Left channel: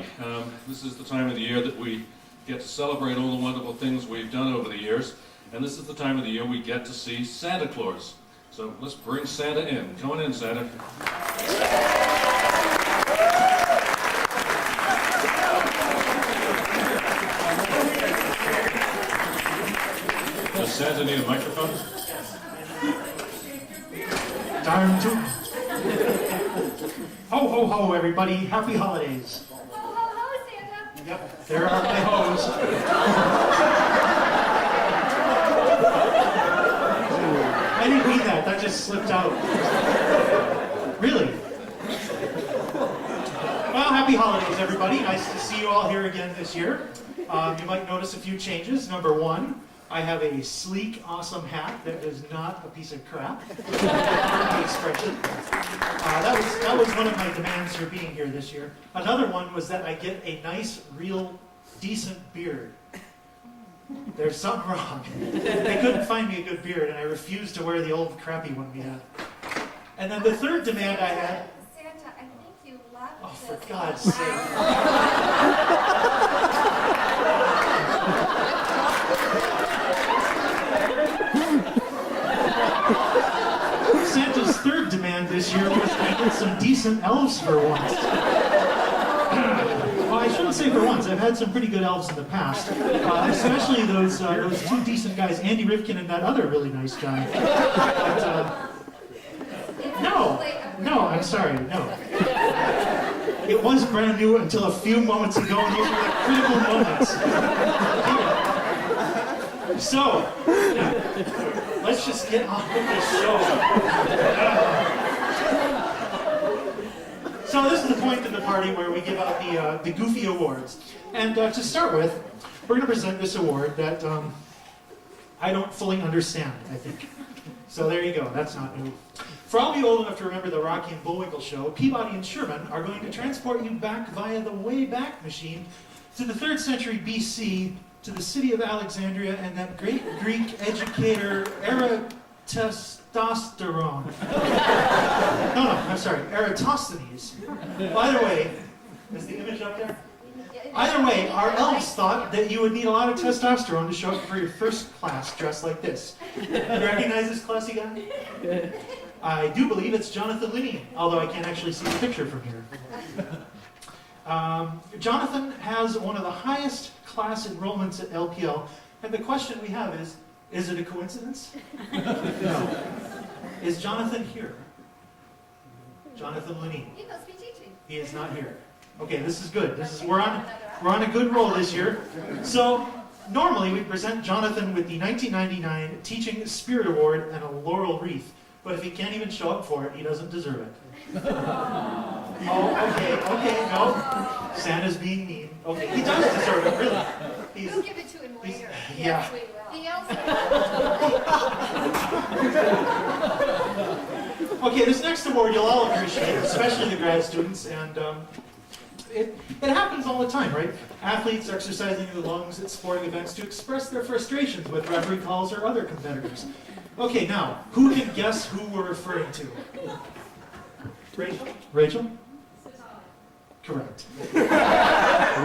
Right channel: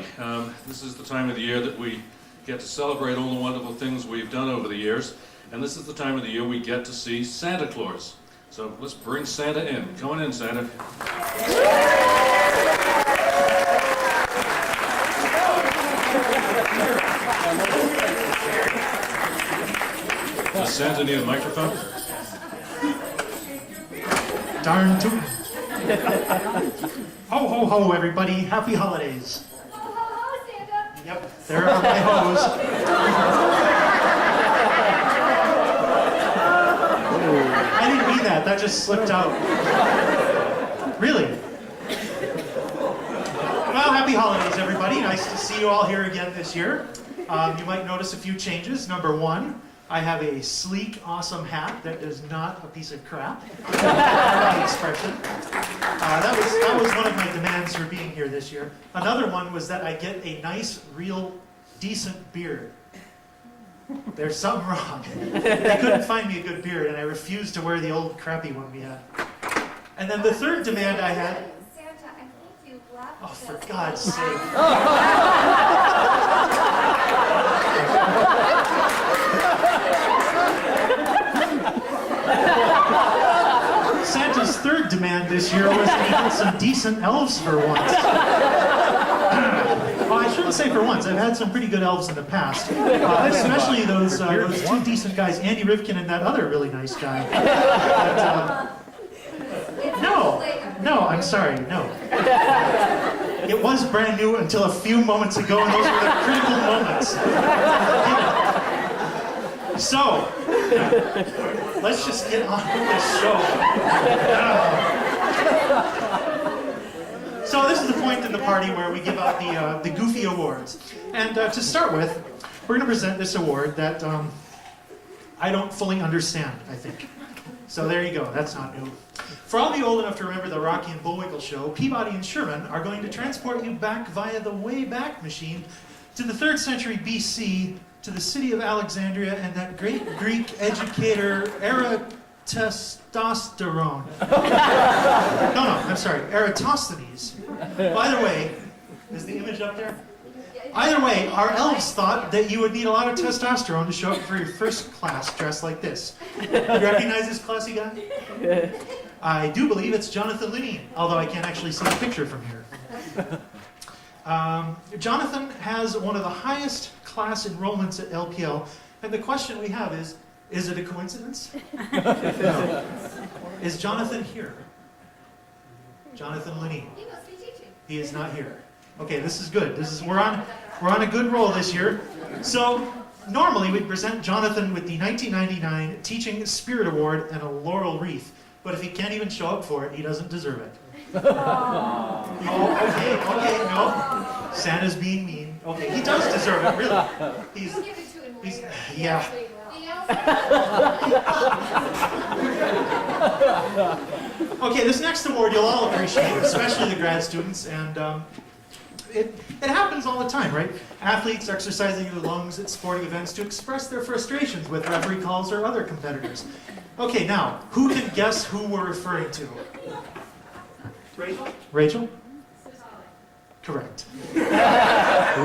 everybody. This is the time of the year that we get to celebrate all the wonderful things we've done over the years, and this is the time of the year we get to see Santa Claus. So let's bring Santa in. Come on in, Santa. Does Santa need a microphone? Darn tootin'. Ho, ho, ho, everybody. Happy holidays. Ho, ho, ho, Santa. Yep, there are my hoes. I didn't mean that. That just slipped out. Really? Well, happy holidays, everybody. Nice to see you all here again this year. You might notice a few changes. Number one, I have a sleek, awesome hat that is not a piece of crap. My expression. That was one of my demands for being here this year. Another one was that I get a nice, real, decent beard. There's something wrong. They couldn't find me a good beard, and I refused to wear the old, crappy one we had. And then the third demand I had... Santa, I think you left. Oh, for God's sake. Santa's third demand this year was to get some decent elves for once. Well, I shouldn't say for once. I've had some pretty good elves in the past, especially those two decent guys, Andy Rivkin and that other really nice guy. No, I'm sorry, no. It was brand new until a few moments ago, and those were the critical moments. So, let's just get on with this show. So this is the point in the party where we give out the Goofy Awards. And to start with, we're going to present this award that I don't fully understand, I think. So there you go, that's not new. For all of you old enough to remember the Rocky and Bullwinkle show, Peabody and Sherman are going to transport you back via the Wayback Machine to the 3rd century BC, to the city of Alexandria and that great Greek educator, Eratosthenes. I'm sorry, Eratosthenes. Either way, is the image up there? Either way, our elves thought that you would need a lot of testosterone to show up for your first class dressed like this. You recognize this classy guy? I do believe it's Jonathan Linney, although I can't actually see the picture from here. Jonathan has one of the highest class enrollments at LPL, and the question we have is it a coincidence? No. Is Jonathan here? Jonathan Linney. He must be teaching. He is not here. Okay, this is good. We're on a good roll this year. So normally we present Jonathan with the 1999 Teaching Spirit Award and a laurel wreath, but if he can't even show up for it, he doesn't deserve it. Oh, okay, no. Santa's being mean. Okay, he does deserve it, really. We'll give it to him later. Yeah. Okay, this next award you'll all appreciate, especially the grad students, and it happens all the time, right? Athletes exercising their lungs at sporting events to express their frustrations with referee calls or other competitors. Okay, now, who can guess who we're referring to? Rachel? Rachel? Correct.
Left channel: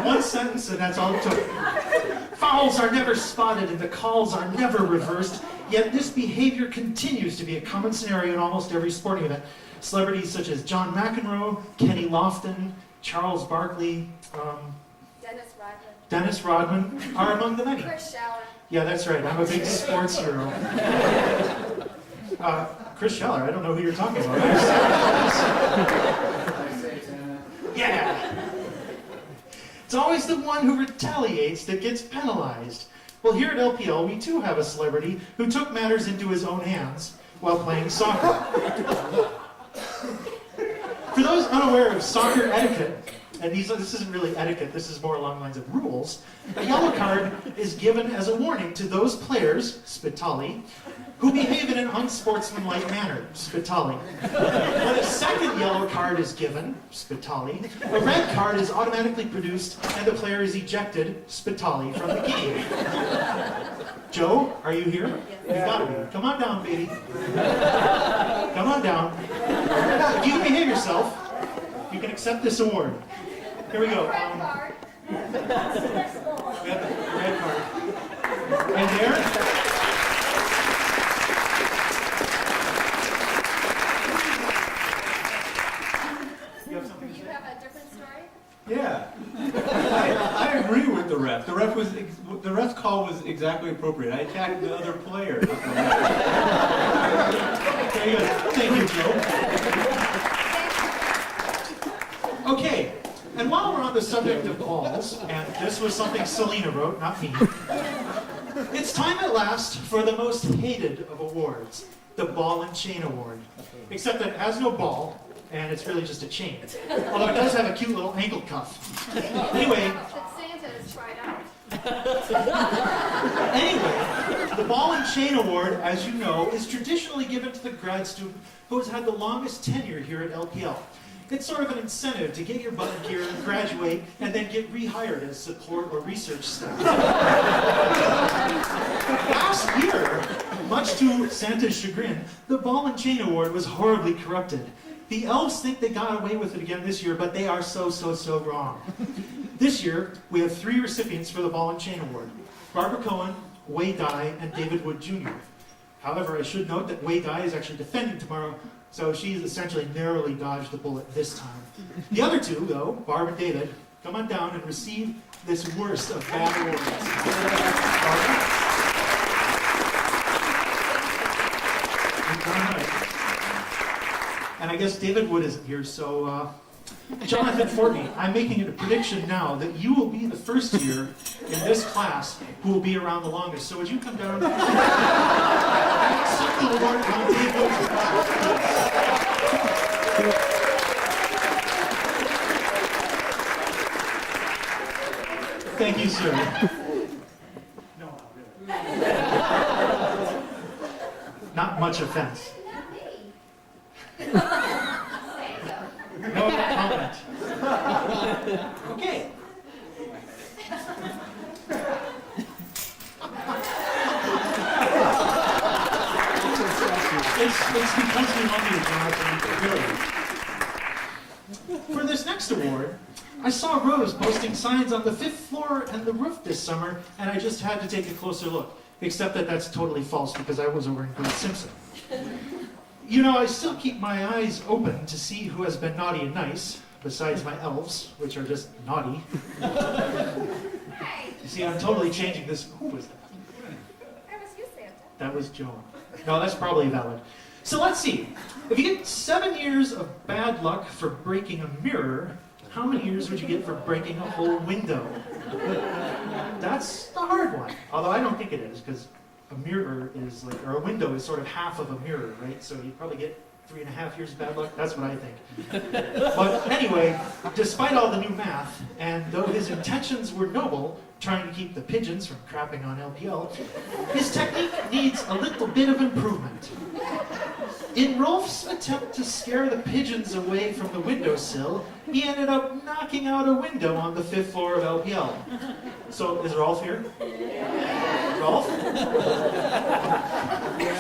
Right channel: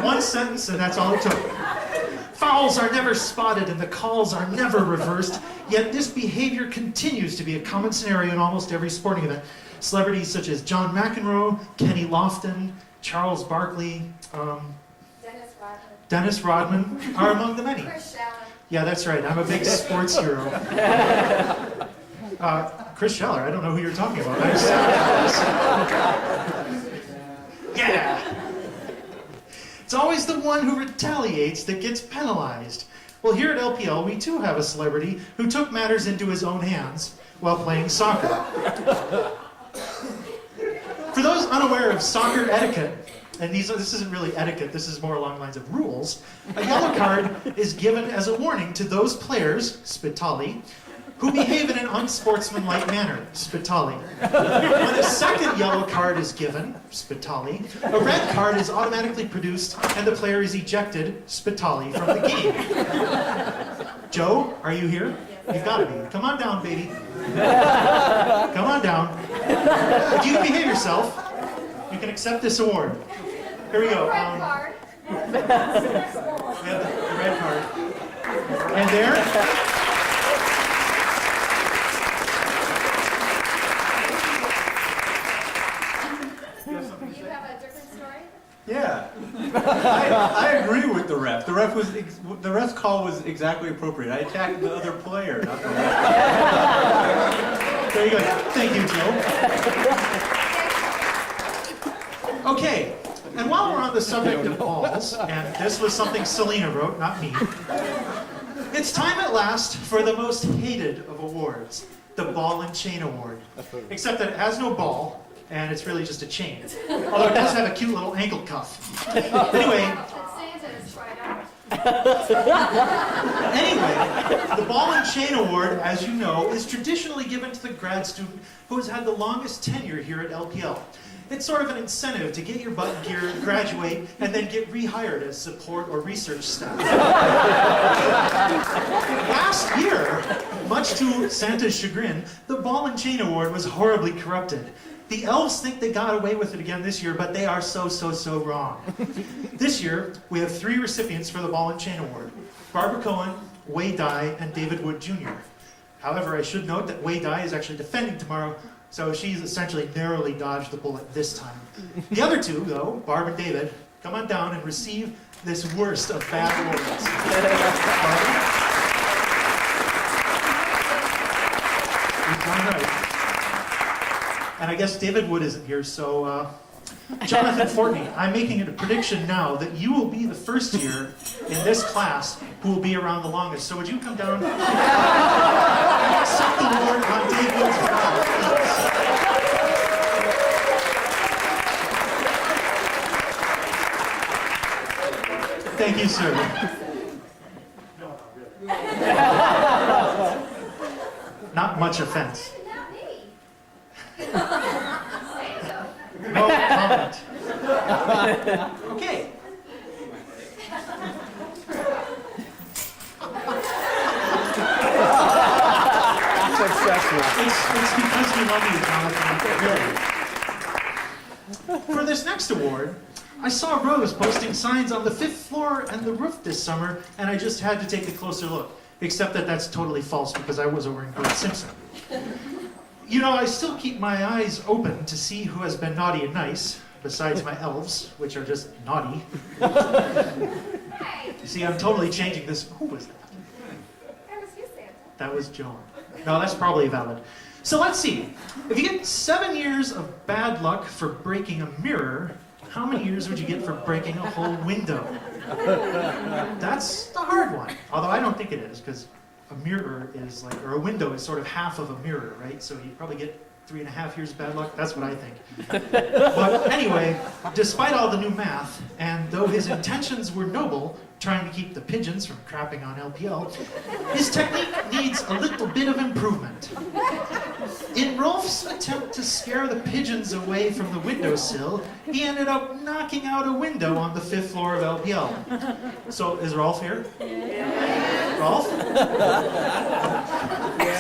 One sentence and that's all it took. Fouls are never spotted and the calls are never reversed, yet this behavior continues to be a common scenario in almost every sporting event. Celebrities such as John McEnroe, Kenny Lofton, Charles Barkley, Dennis Rodman are among the many. Chris Schaller. Yeah, that's right. I'm a big sports hero. Chris Schaller, I don't know who you're talking about. Yeah. It's always the one who retaliates that gets penalized. Well, here at LPL, we too have a celebrity who took matters into his own hands while playing soccer. For those unaware of soccer etiquette, and this isn't really etiquette, this is more along the lines of rules, a yellow card is given as a warning to those players, Spitali, who behave in an unsportsmanlike manner, Spitali. When a second yellow card is given, Spitali, a red card is automatically produced and the player is ejected, Spitali, from the game. Joe, are you here? You've got to be. Come on down, baby. Come on down. If you behave yourself, you can accept this award. Here we go. Red card. We have the red card. And there. You have something to You say? have a different story? Yeah, I agree with the ref. The ref's call was exactly appropriate. I attacked the other player, not the ref. There you go. Thank you, Joe. Okay, and while we're on the subject of balls, and this was something Selena wrote, not me, it's time at last for the most hated of awards, the Ball and Chain Award. Except that it has no ball, and it's really just a chain. Although it does have a cute little ankle cuff. Anyway, That Santa has tried out. Anyway, the Ball and Chain Award, as you know, is traditionally given to the grad student who has had the longest tenure here at LPL. It's sort of an incentive to get your butt in gear, graduate, and then get rehired as support or research staff. Last year, much to Santa's chagrin, the Ball and Chain Award was horribly corrupted. The elves think they got away with it again this year, but they are so wrong. This year, we have 3 recipients for the Ball and Chain Award: Barbara Cohen, Wei Dai, and David Wood Jr. However, I should note that Wei Dai is actually defending tomorrow, so she's essentially narrowly dodged the bullet this time. The other 2, though, Barb and David, come on down and receive this worst of bad awards. Barbara? You're darn right. And I guess David Wood isn't here, so Jonathan Fortney, I'm making a prediction now that you will be the first year in this class who will be around the longest. So would you come down and accept the award on Dave Wood's behalf, please? Thank you, sir. No, not really. Not much offense. Not me. No comment. Okay. It's because you love me, Jonathan. Really. For this next award, I saw Rose posting signs on the 5th floor and the roof this summer, and I just had to take a closer look. Except that that's totally false because I was over in Great Simpson. You know, I still keep my eyes open to see who has been naughty and nice, besides my elves, which are just naughty. Hey, You see, I'm totally changing this. Who was that? that was you, Santa. That was Joan. No, that's probably valid. So let's see. If you get 7 years of bad luck for breaking a mirror, how many years would you get for breaking a whole window? That's the hard one. Although I don't think it is, because a mirror is like, or a window is sort of half of a mirror, right? So you'd probably get 3.5 years of bad luck. That's what I think. But anyway, despite all the new math, and though his intentions were noble, trying to keep the pigeons from crapping on LPL, his technique needs a little bit of improvement. In Rolf's attempt to scare the pigeons away from the windowsill, he ended up knocking out a window on the 5th floor of LPL. So, is Rolf here? Rolf?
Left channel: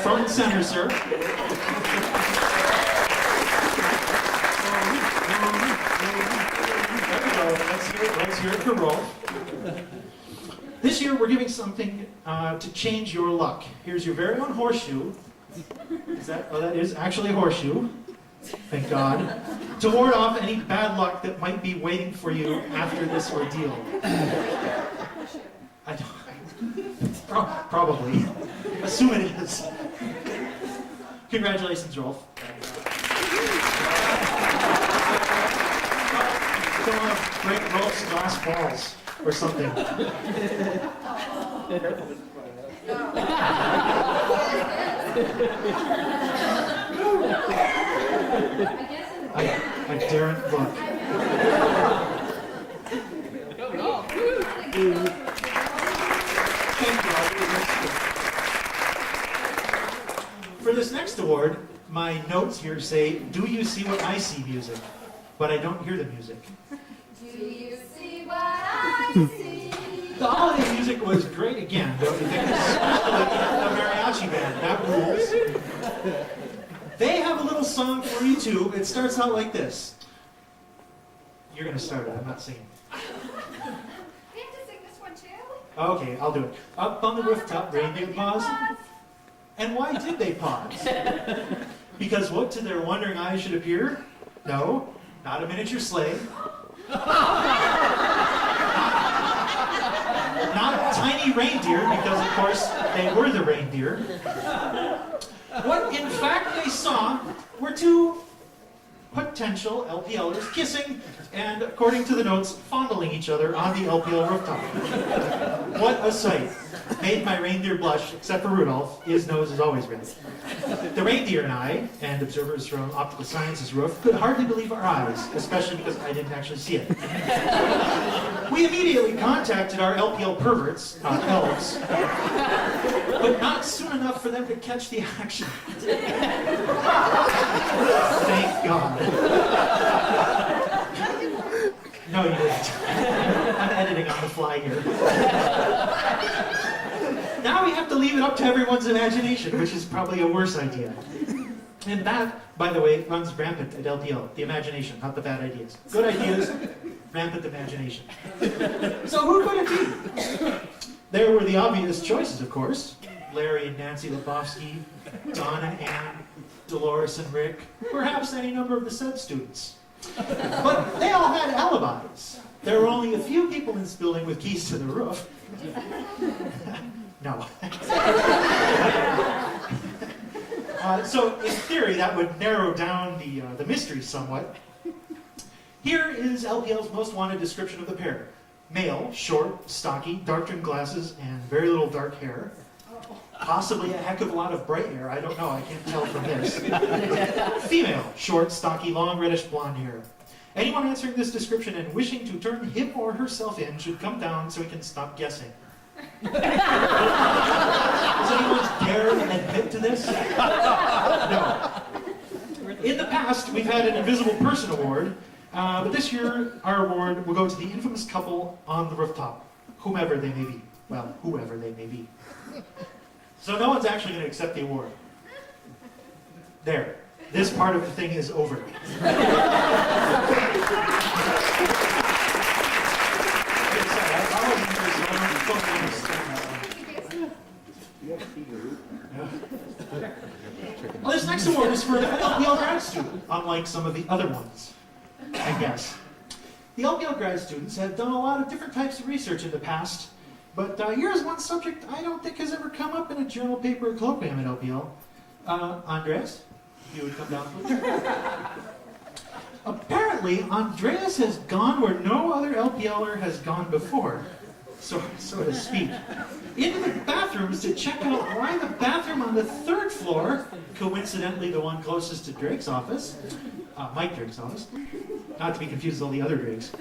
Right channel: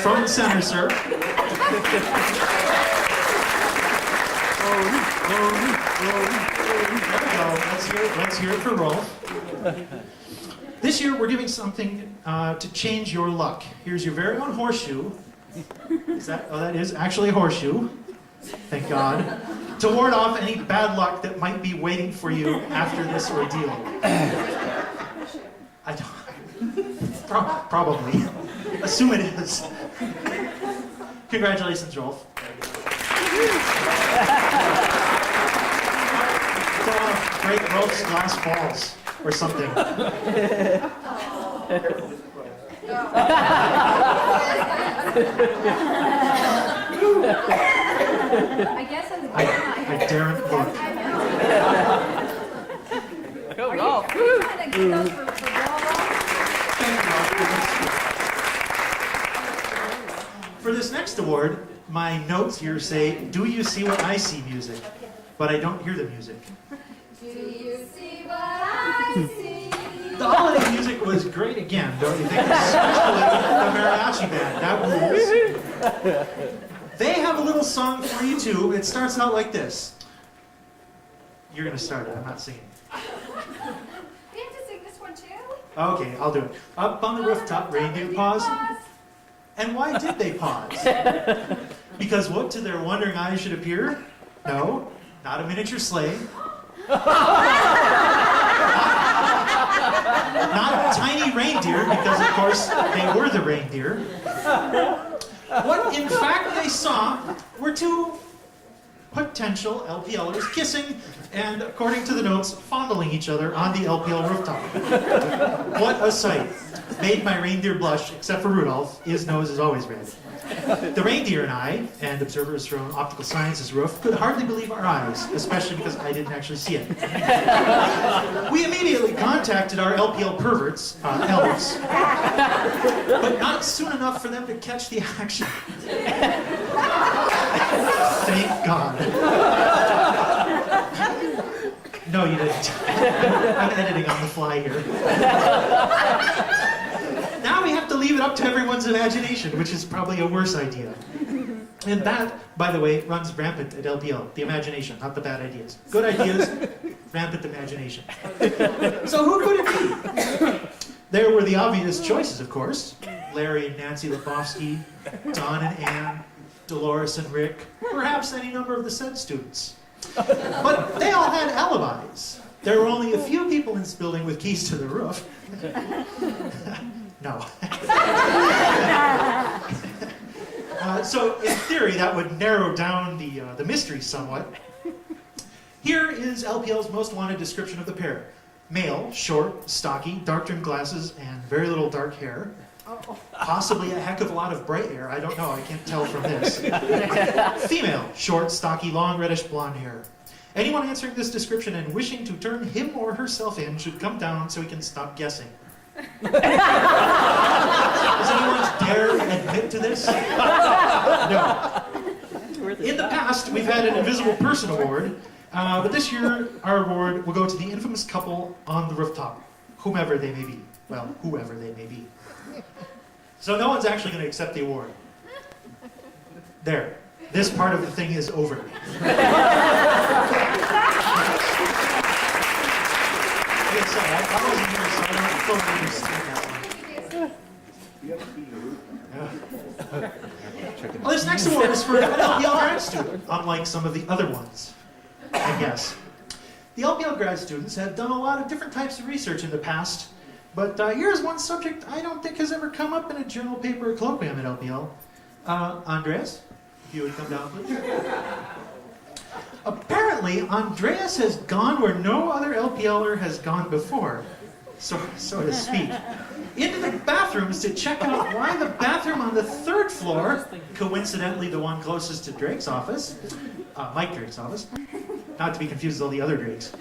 From the center, sir. There we go. Let's hear it for Rolf. This year, we're doing something to change your luck. Here's your very own horseshoe. That is actually a horseshoe. Thank God. To ward off any bad luck that might be waiting for you after this ordeal. I don't. Probably. Assume it is. Congratulations, Rolf. Break Rolf's glass balls or something. I guess it's I daren't look. Go, Rolf. For this next award, my notes here say, "Do you see what I see?" music, but I don't hear the music. Do you see what I see? The holiday music was great again, don't you think? Especially the mariachi band. That rules. They have a little song for you too. It starts out like this. You're going to start it. I'm not singing. We have to sing this one too? Okay, I'll do it. Up on the rooftop, reindeer pause. And why did they pause? Because what to their wondering eyes should appear? No, not a miniature sleigh. Not a tiny reindeer, because of course they were the reindeer. What in fact they saw were two potential LPLers kissing and, according to the notes, fondling each other on the LPL rooftop. What a sight. Made my reindeer blush, except for Rudolph. His nose is always red. The reindeer and I, and observers from Optical Sciences roof, could hardly believe our eyes, especially because I didn't actually see it. We immediately contacted our LPL perverts, elves, but not soon enough for them to catch the action. Thank God. No, you didn't. I'm editing on the fly here. Now we have to leave it up to everyone's imagination, which is probably a worse idea. And that, by the way, runs rampant at LPL. The imagination, not the bad ideas. Good ideas, rampant imagination. So who could it be? There were the obvious choices, of course. Larry and Nancy Lebowski, Don and Ann, Dolores and Rick, perhaps any number of the said students. But they all had alibis. There were only a few people in this building with keys to the roof. No. So in theory, that would narrow down the mystery somewhat. Here is LPL's most wanted description of the pair. Male, short, stocky, dark-trimmed glasses, and very little dark hair. Possibly a heck of a lot of bright hair. I don't know. I can't tell from this. Female, short, stocky, long, reddish blonde hair. Anyone answering this description and wishing to turn him or herself in should come down so we can stop guessing. Does anyone dare admit to this? No. In the past, we've had an Invisible Person Award, but this year our award will go to the infamous couple on the rooftop, whomever they may be. Well, whoever they may be. So no one's actually going to accept the award. There. This part of the thing is over. Sorry, I wasn't here, so I don't fully understand that one. Well, this next award is for an LPL grad student, unlike some of the other ones, I guess. The LPL grad students have done a lot of different types of research in the past, but here's one subject I don't think has ever come up in a journal paper or colloquium at LPL. Andreas, if you would come down, please. Apparently, Andreas has gone where no other LPLer has gone before, so to speak. Into the bathrooms to check out why the bathroom on the third floor, coincidentally the one closest to Drake's office, Mike Drake's office, not to be confused with all the other Drakes,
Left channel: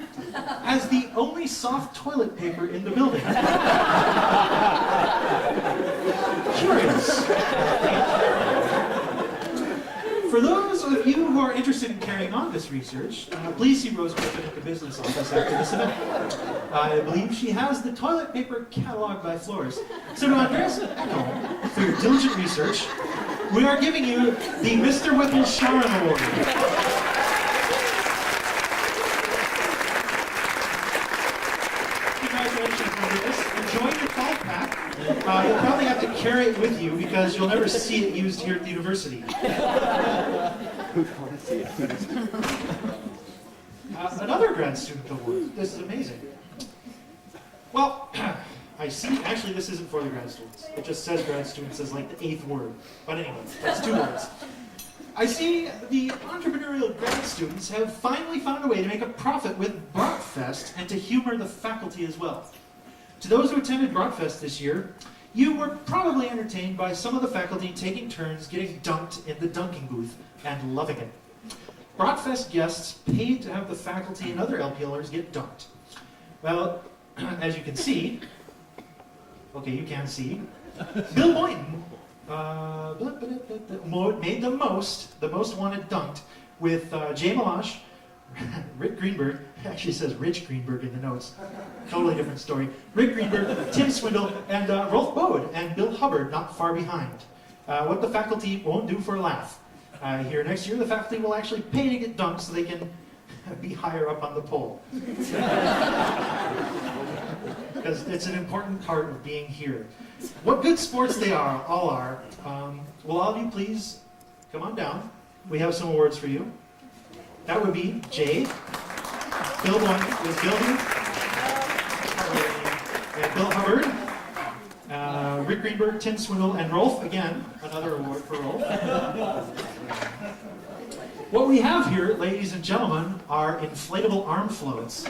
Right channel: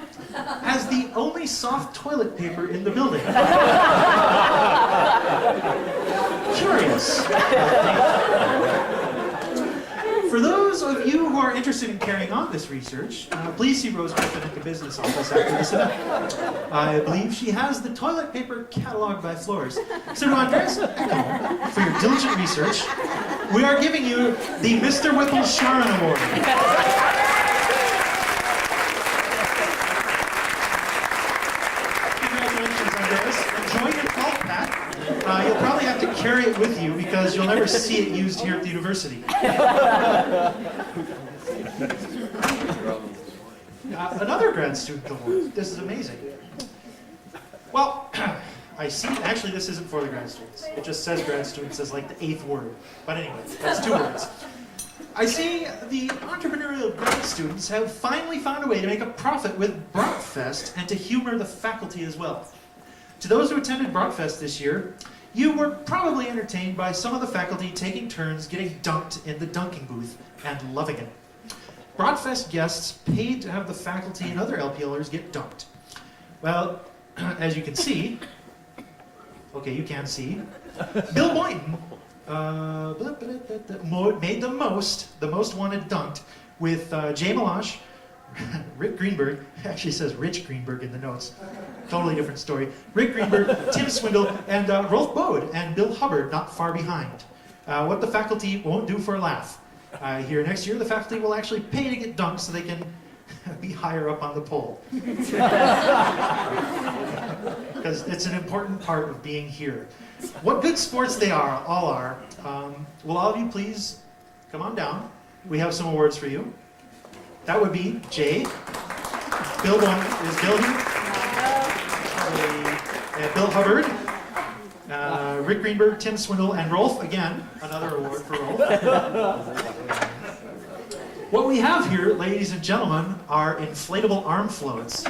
has the only soft toilet paper in the building. Curious. For those of you who are interested in carrying on this research, please see Rose Griffin at the business office after this event. I believe she has the toilet paper cataloged by floors. So to Andreas Eckel, for your diligent research, we are giving you the Mr. Whipple Sharon Award. Congratulations, Andreas. Enjoy your felt pack. You'll probably have to carry it with you because you'll never see it used here at the university. Another grad student award. This is amazing. Well, I see. Actually, this isn't for the grad students. It just says grad students as like the 8th word. But anyway, that's 2 words. I see the entrepreneurial grad students have finally found a way to make a profit with Brockfest and to humor the faculty as well. To those who attended Brockfest this year, you were probably entertained by some of the faculty taking turns getting dunked in the dunking booth and loving it. Brockfest guests paid to have the faculty and other LPLers get dunked. Well, as you can see, okay, you can see, Bill Boynton made the most wanted dunked with Jay Malash, Rick Greenberg, actually says Rich Greenberg in the notes, totally different story, Rick Greenberg, Tim Swindle, and Rolf Bode, and Bill Hubbard not far behind. What the faculty won't do for a laugh. Here next year, the faculty will actually pay to get dunked so they can be higher up on the pole. Because it's an important part of being here. What good sports they all are. Will all of you please come on down? We have some awards for you. That would be Jay. Bill is Bill here? And Bill Hubbard. Rick Greenberg, Tim Swindle, and Rolf. Again, another award for Rolf. What we have here, ladies and gentlemen, are inflatable arm floats.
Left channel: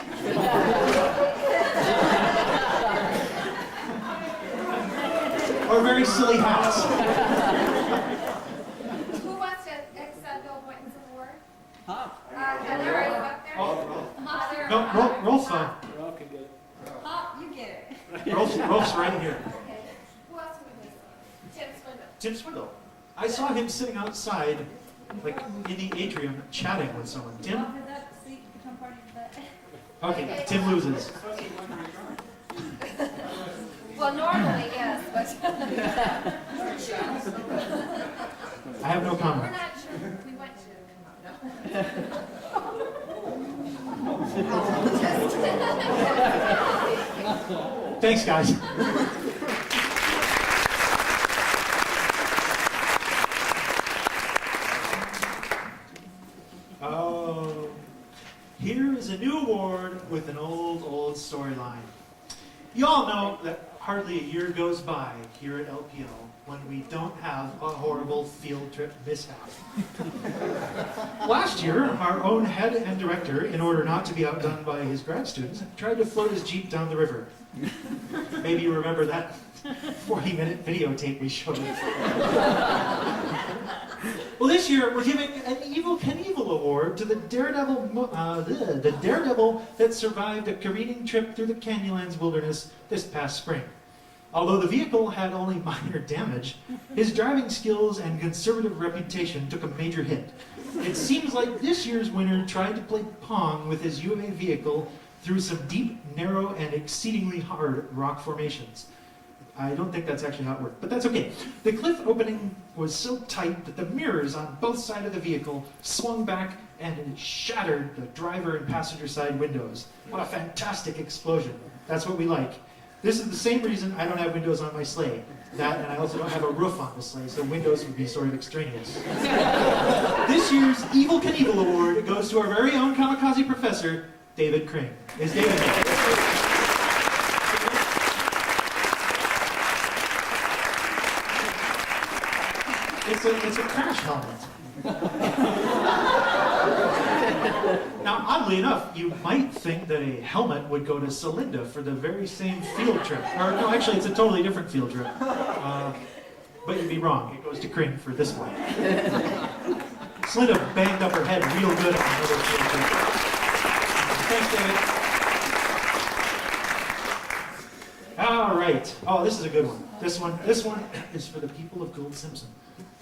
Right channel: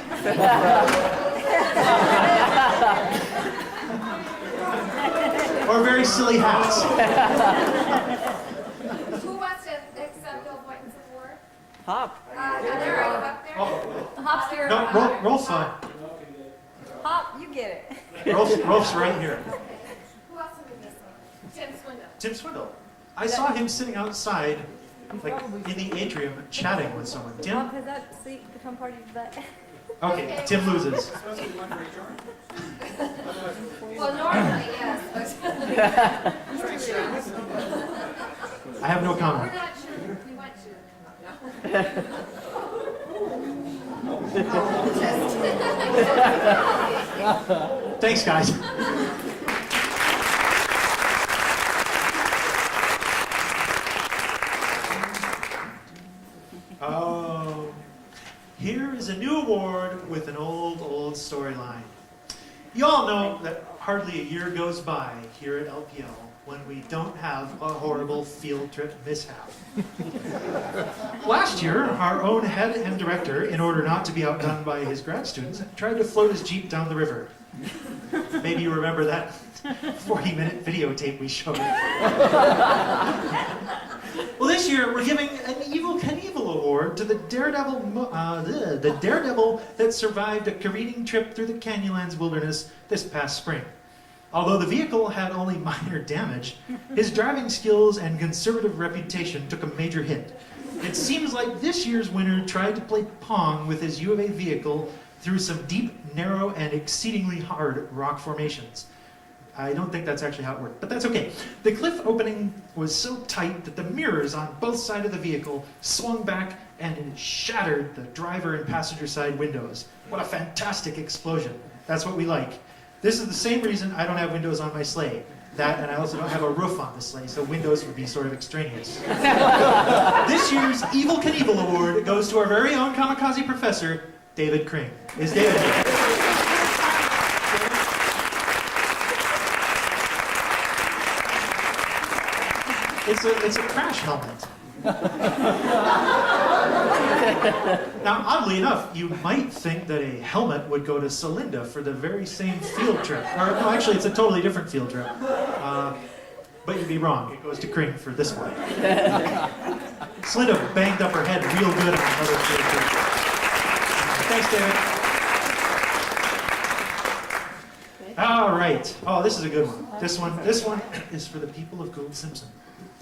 Or very silly hats. Who wants to accept Bill Boynton's award? Hop. Heather, are you up there? Heather, No, Rolf's Hop, you get it. Rolf's right here. Okay. Who else are we missing? Tim Swindle. Tim Swindle. I saw him sitting outside, like in the atrium, chatting with someone. Tim? Okay, Tim loses. Well, normally, yes, but I have no we're comment. not sure. We went to. Just Thanks, guys. Oh, here is a new award with an old storyline. You all know that hardly a year goes by here at LPL when we don't have a horrible field trip mishap. Last year, our own head and director, in order not to be outdone by his grad students, tried to float his Jeep down the river. Maybe you remember that 40-minute videotape we showed. Well, this year we're giving an Evel Knievel award to the daredevil that survived a careening trip through the Canyonlands wilderness this past spring. Although the vehicle had only minor damage, his driving skills and conservative reputation took a major hit. It seems like this year's winner tried to play pong with his U of A vehicle through some deep, narrow, and exceedingly hard rock formations. I don't think that's actually how it worked, but that's okay. The cliff opening was so tight that the mirrors on both sides of the vehicle swung back and it shattered the driver and passenger side windows. What a fantastic explosion. That's what we like. This is the same reason I don't have windows on my sleigh. That, and I also don't have a roof on the sleigh, so windows would be sort of extraneous. This year's Evel Knievel Award goes to our very own kamikaze professor, David Kring. Is David here? It's a crash helmet. Now, oddly enough, you might think that a helmet would go to Celinda for the very same field trip. Or, no, actually, it's a totally different field trip. But you'd be wrong. It goes to Kring for this one. Celinda banged up her head real good on another field trip. Thanks, David. All right. Oh, this is a good one. This one is for the people of Gould Simpson.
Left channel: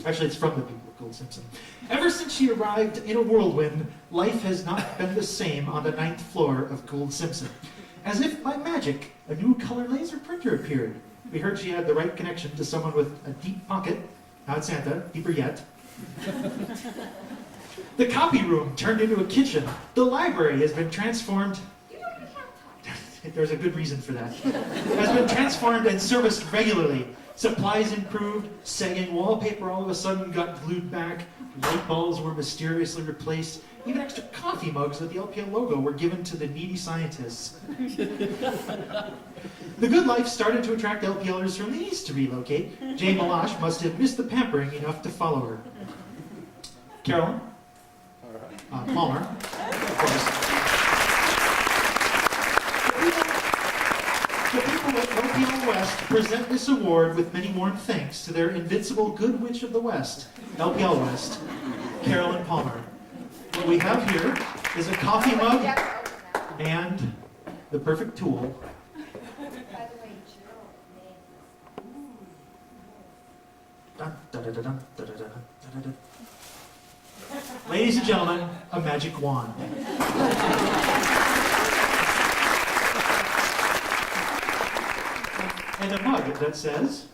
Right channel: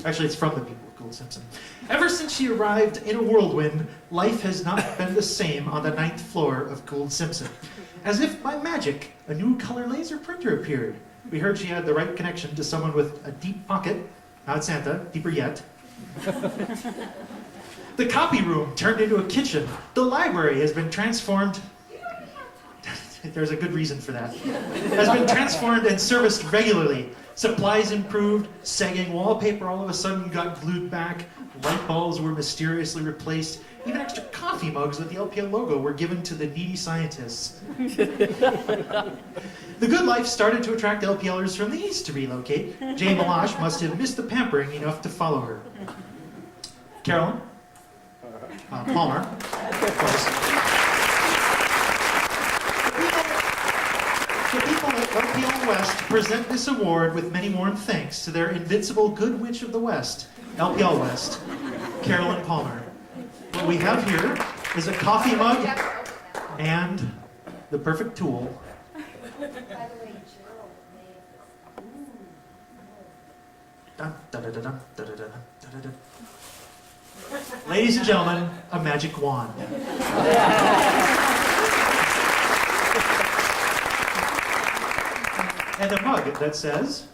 Actually, it's from the people of Gould Simpson. Ever since she arrived in a whirlwind, life has not been the same on the 9th floor of Gould Simpson. As if by magic, a new color laser printer appeared. We heard she had the right connection to someone with a deep pocket, not Santa, deeper yet. The copy room turned into a kitchen. The library has been transformed. There's a good reason for that. Has been transformed and serviced regularly. Supplies improved, sagging wallpaper all of a sudden got glued back, light bulbs were mysteriously replaced, even extra coffee mugs with the LPL logo were given to the needy scientists. The good life started to attract LPLers from the east to relocate. Jay Malash must have missed the pampering enough to follow her. Carolyn? Palmer, of course. The people at LPL West present this award with many warm thanks to their invincible good witch of the West, LPL West, Carolyn Palmer. What we have here is a coffee mug and the perfect tool. by the way, Gerald made Dun, dun, dun, dun, dun, dun, dun, dun, dun, dun. Ladies and gentlemen, a magic wand. And a mug that says,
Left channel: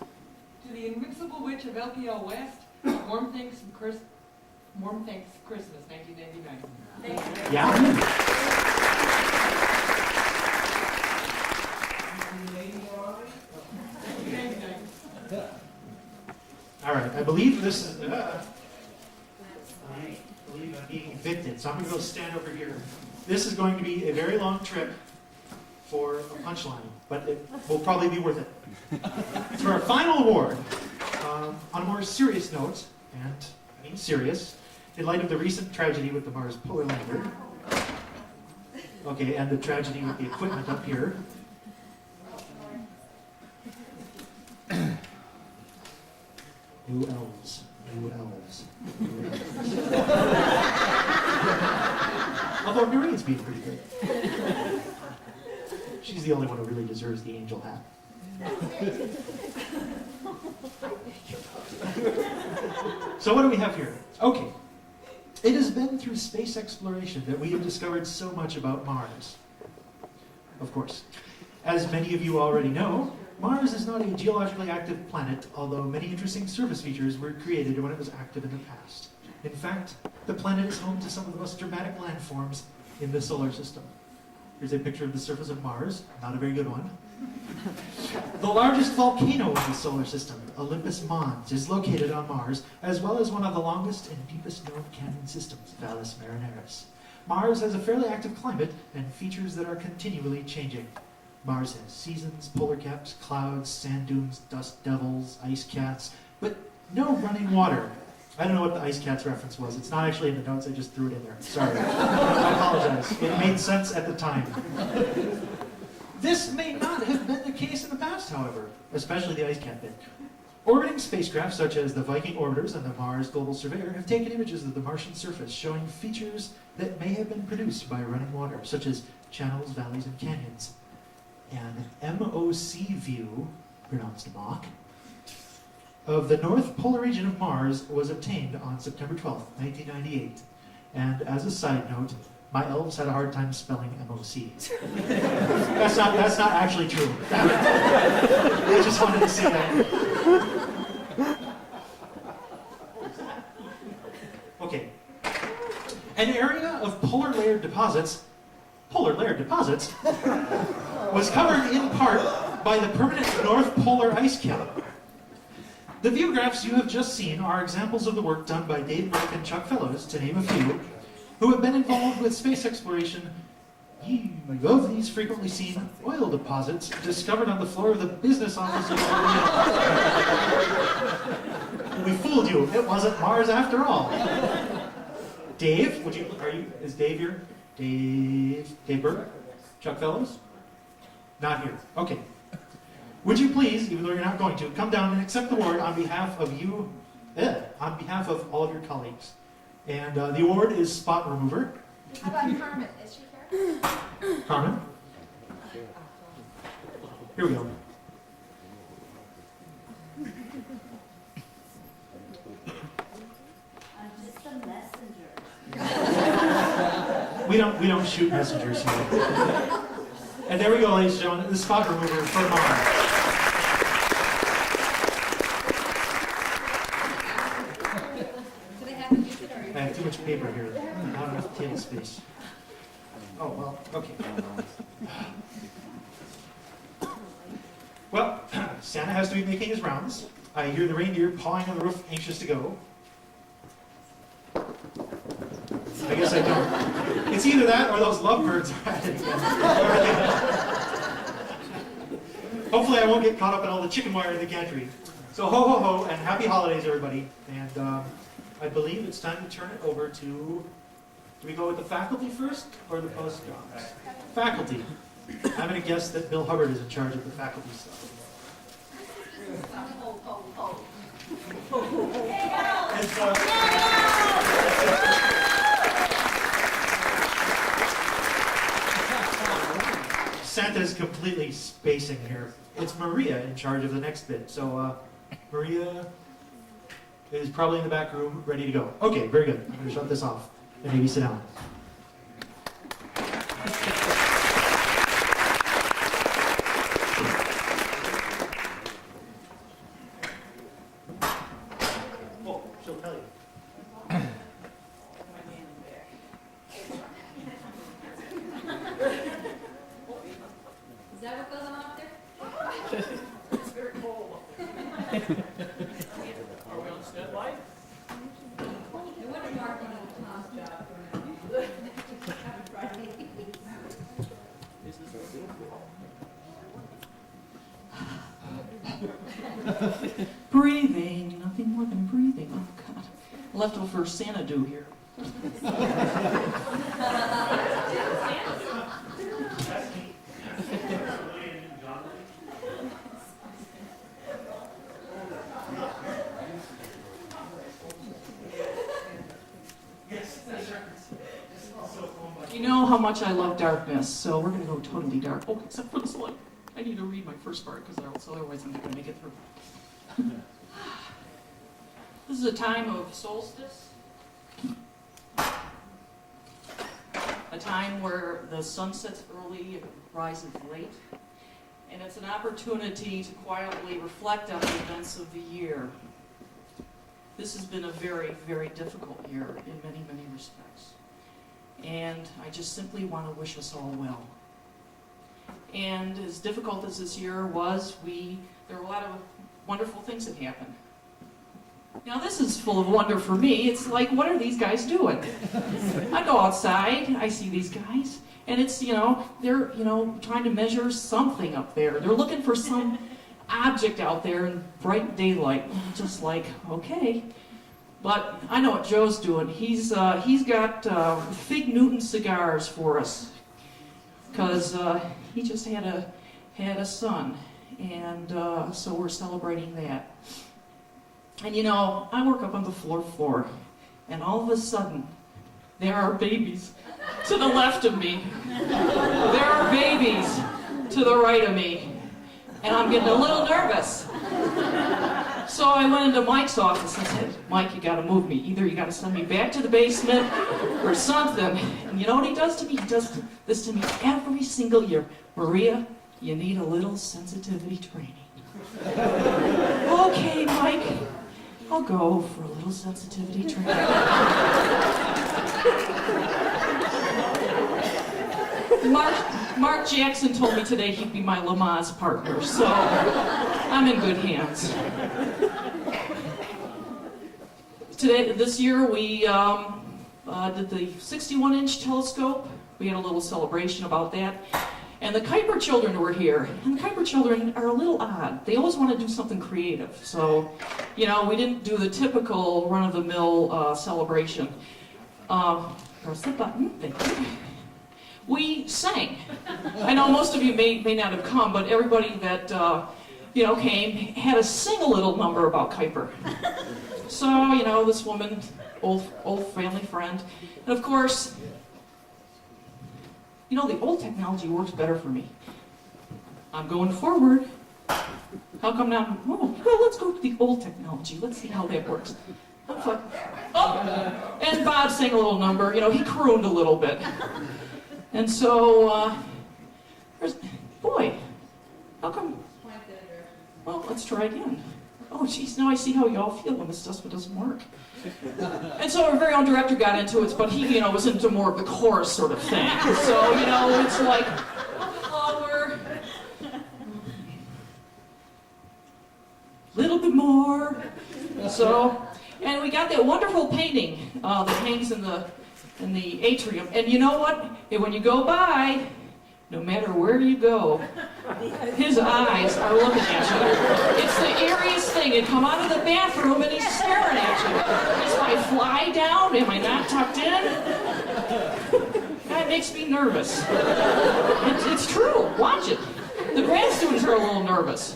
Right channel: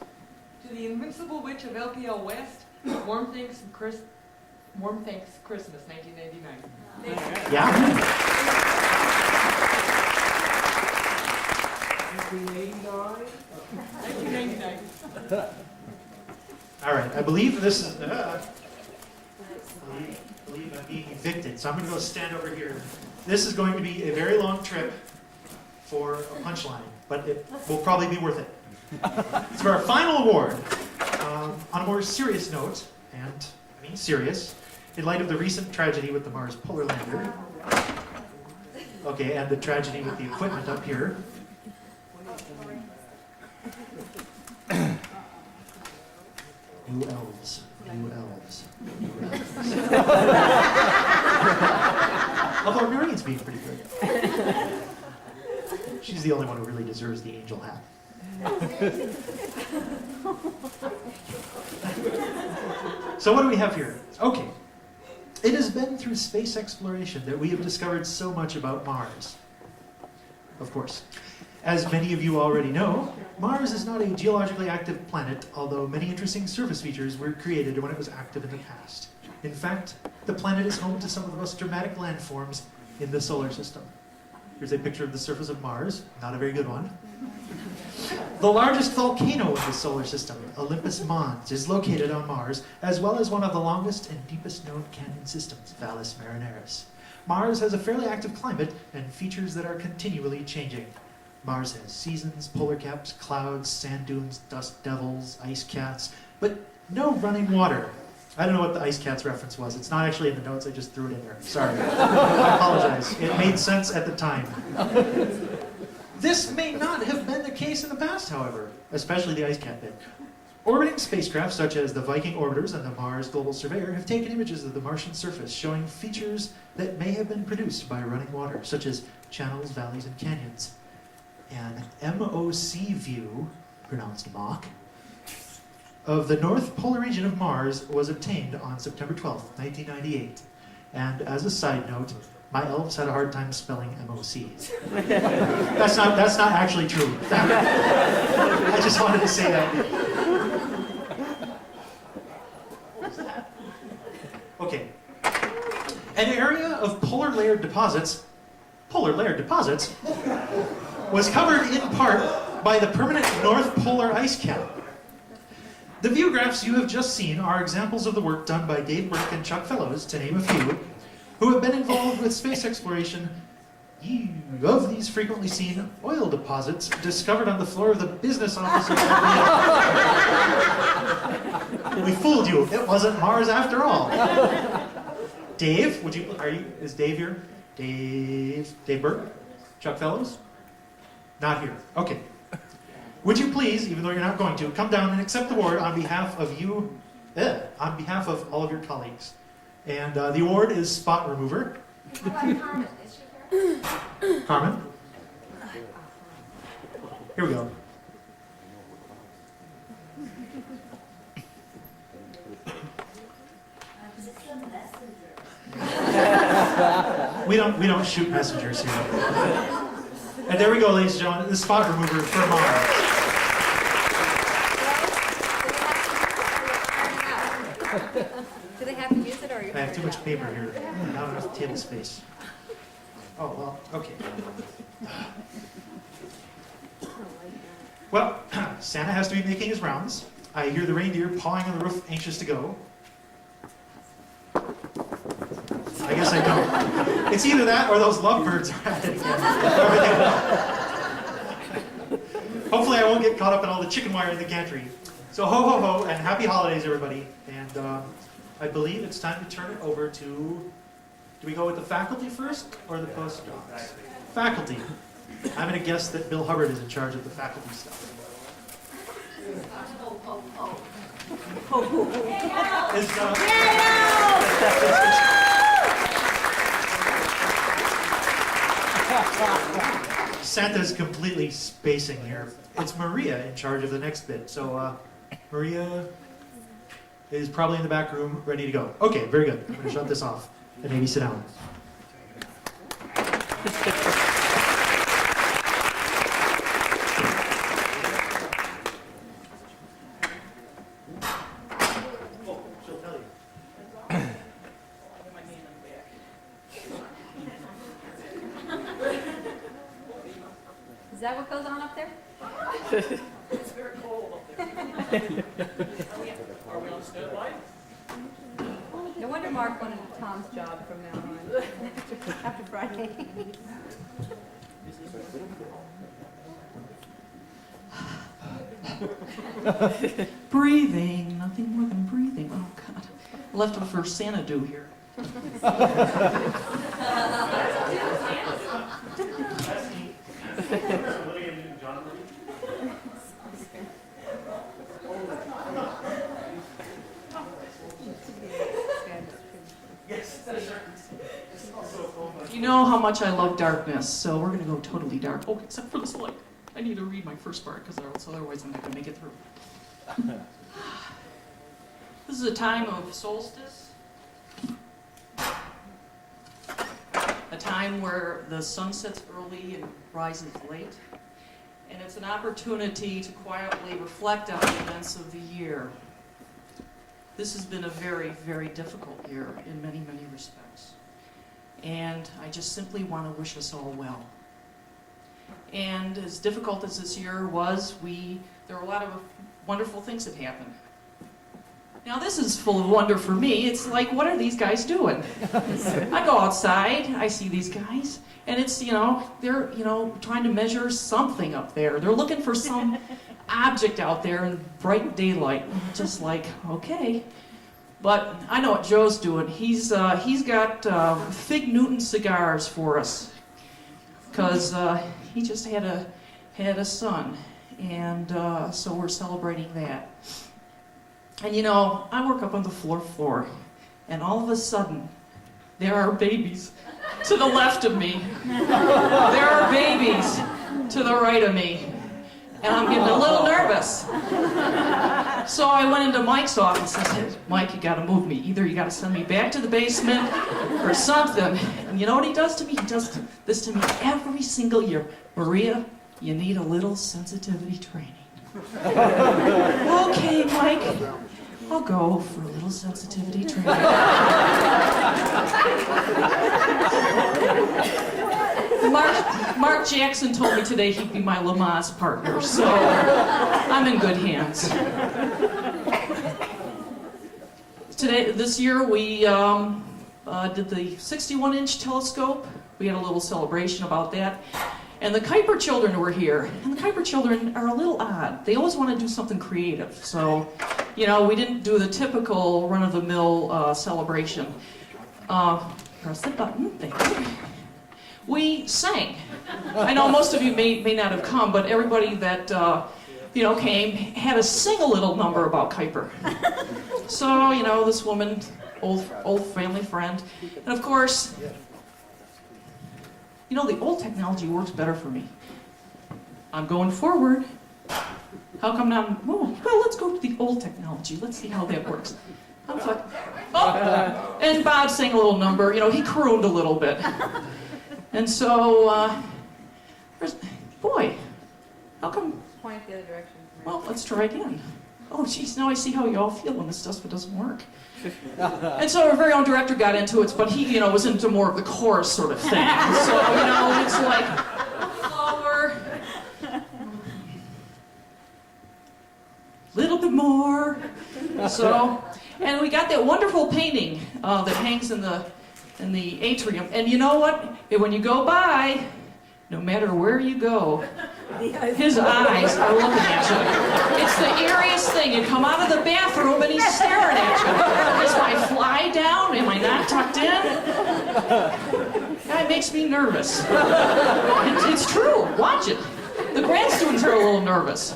To the invincible witch of LPL West, warm thanks from Chris Warm Thanks Christmas, 1999. Yeah? All right, I believe this is, I believe I'm being evicted, so I'm gonna go stand over here. This is going to be a very long trip for a punchline, but it will probably be worth it. So for our final award, on a more serious note, and I mean serious, in light of the recent tragedy with the Mars Polar Lander, okay, and the tragedy with the equipment up here, New elves. New elves. New elves. Although Noreen's being pretty good. She's the only one who really deserves the angel hat. So what do we have here? Okay. It has been through space exploration that we have discovered so much about Mars. Of course. As many of you already know, Mars is not a geologically active planet, although many interesting surface features were created when it was active in the past. In fact, the planet is home to some of the most dramatic landforms in the solar system. Here's a picture of the surface of Mars, not a very good one. The largest volcano in the solar system, Olympus Mons, is located on Mars, as well as one of the longest and deepest known canyon systems, Valles Marineris. Mars has a fairly active climate and features that are continually changing. Mars has seasons, polar caps, clouds, sand dunes, dust devils, ice cats, but no running water. I don't know what the ice cats reference was. It's not actually in the notes, I just threw it in there. Sorry. I apologize. It made sense at the time. This may not have been the case in the past, however, especially the ice cat bit. Orbiting spacecraft such as the Viking orbiters and the Mars Global Surveyor have taken images of the Martian surface showing features that may have been produced by running water, such as channels, valleys, and canyons. An MOC view, pronounced Mach, of the North Polar region of Mars was obtained on September 12th, 1998. And as a side note, my elves had a hard time spelling MOC. That's not actually true. I just wanted to say that. What was that? Okay. An area of polar layered deposits was covered in part by the permanent North Polar ice cap. The view graphs you have just seen are examples of the work done by Dave Burke and Chuck Fellows, to name a few, who have been involved with space exploration of these frequently seen oil deposits discovered on the floor of the business office of RBL. We fooled you. It wasn't Mars after all. Dave, is Dave here? Dave Burke? Chuck Fellows? Not here. Okay. Would you please, even though you're not going to, come down and accept the award on behalf of you, on behalf of all of your colleagues. And the award is Spot Remover. How about Carmen? Is she here? Carmen? Here we go. I'm just a messenger. We don't shoot messengers here. And there we go, ladies and gentlemen, the Spot Remover for Mars. Do they have to use it or you? I have too much paper here, not enough table space. Oh, well, okay. Well, Santa has to be making his rounds. I hear the reindeer pawing on the roof, anxious to go. I guess I don't. It's either that or those lovebirds are at it again. Hopefully I won't get caught up in all the chicken wire in the gantry. So ho ho ho and happy holidays, everybody. And I believe it's time to turn it over to, do we go with the faculty first or the postdocs? Faculty. I'm going to guess that Bill Hubbard is in charge of the faculty stuff. Santa's completely spacing here. It's Maria in charge of the next bit. So Maria is probably in the back room, ready to go. Okay, very good. I'm going to shut this off and maybe sit down. Oh, she'll tell you. that what goes on up there? It's very cold up there. Are we on standby? No wonder Mark wanted a Tom's job from now on. After Friday. Breathing, nothing more than breathing. Oh, God. Left him for Santa do here. You know how much I love darkness, so we're going to go totally dark. Oh, except for this light. I need to read my first part because otherwise I'm not going to make it through. This is a time of solstice, a time where the sun sets early and rises late, and it's an opportunity to quietly reflect on the events of the year. This has been a very, very difficult year in many, many respects, and I just simply want to wish us all well. And as difficult as this year was, there were a lot of wonderful things that happened. Now this is full of wonder for me. It's like, what are these guys doing? I go outside, I see these guys, and it's, they're, trying to measure something up there. They're looking for some object out there in bright daylight. Just like, okay. But I know what Joe's doing. He's got Fig Newton cigars for us, because he just had a son, and so we're celebrating that. And I work up on the fourth floor, and all of a sudden, there are babies to the left of me. There are babies to the right of me, and I'm getting a little nervous. So I went into Mike's office and said, Mike, you gotta move me. Either you gotta send me back to the basement or something. And you know what he does to me? He does this to me every single year. Maria, you need a little sensitivity training. Okay, Mike, I'll go for a little sensitivity training. Mark Jackson told me today he'd be my Lamaze partner, so I'm in good hands. This year, we did the 61-inch telescope. We had a little celebration about that. And the Kuiper children were here. And the Kuiper children are a little odd. They always want to do something creative. So, we didn't do the typical run-of-the-mill celebration. Press the button. Thank you. We sang. I know most of you may not have come, but everybody that came had to sing a little number about Kuiper. So, this woman, old family friend, and of course, the old technology works better for me. I'm going forward. How come now? Well, let's go to the old technology. Let's see how that works. I'm like, oh! And Bob sang a little number. He crooned a little bit. And so, boy, how come? Point the other direction. Well, let's try again. Oh, geez, now I see how you all feel when this stuff doesn't work. And so our very own director got into it, but he, was into more of the chorus sort of thing. So, it's like, lower, little bit more. So, and we got that wonderful painting that hangs in the atrium. And you know what? When you go by, no matter where you go, his eyes are looking at you. It's the eeriest thing. You come out of the bathroom and he's staring at you. Is my fly down? Am I not tucked in? That makes me nervous. It's true. Watch it. The grad students are a little nervous.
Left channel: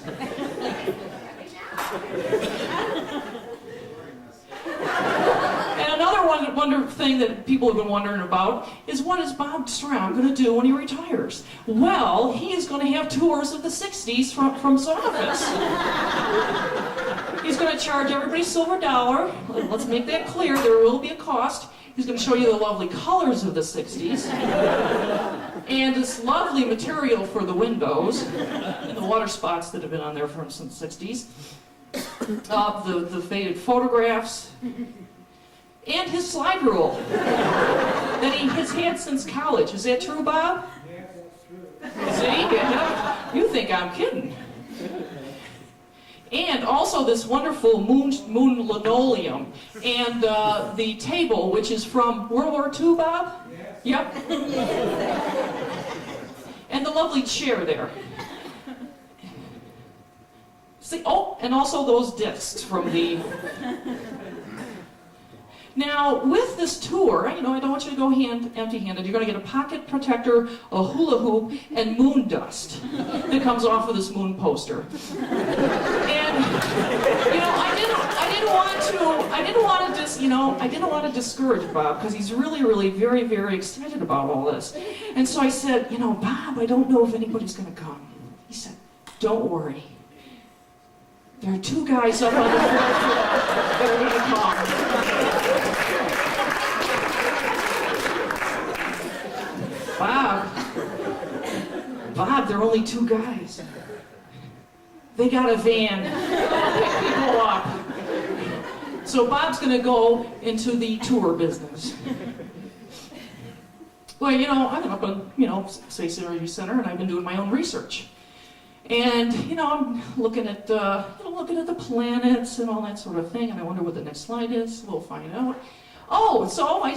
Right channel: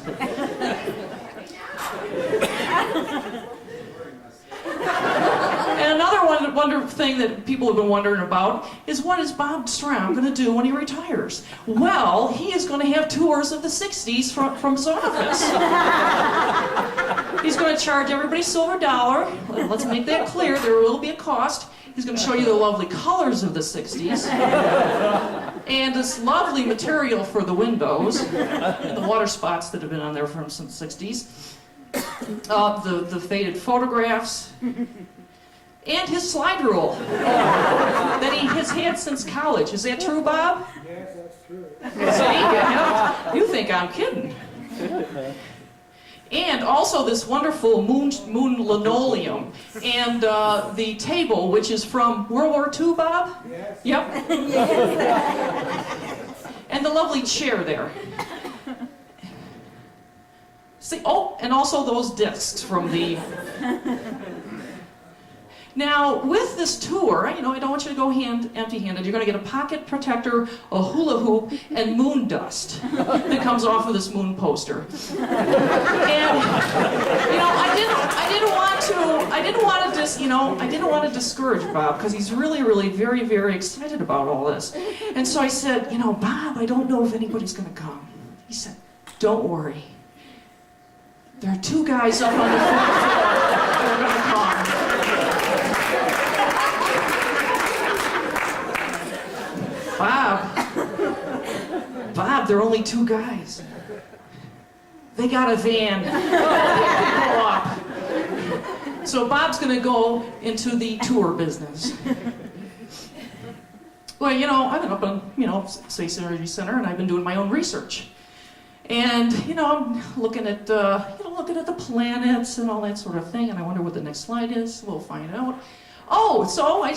And another wonder thing that people have been wondering about is, what is Bob Stram going to do when he retires? Well, he is going to have tours of the 60s from his office. He's going to charge everybody silver dollar. Let's make that clear. There will be a cost. He's going to show you the lovely colors of the 60s. And this lovely material for the windows and the water spots that have been on there from some 60s. The faded photographs. and his slide rule that he has had since college. Is that true, Bob? Yes, that's true. See, you think I'm kidding. And also this wonderful moon linoleum and the table, which is from World War II, Bob? Yes. Yep. And the lovely chair there. See, oh, and also those discs from the... Now, with this tour, you know, I don't want you to go empty-handed. You're going to get a pocket protector, a hula hoop, and moon dust that comes off of this moon poster. And, you know, I didn't want to discourage Bob because he's really, very, very excited about all this. And so I said, you know, Bob, I don't know if anybody's going to come. He said, don't worry. There are 2 guys up on the 4th floor that are going to come. Bob, there are only 2 guys. They got a van. They pull up. So Bob's going to go into the tour business. Well, you know, I've been up on, you know, Space Energy Center, and I've been doing my own research. And, you know, I'm looking at the planets and all that sort of thing, and I wonder what the next slide is. We'll find out. Oh, so I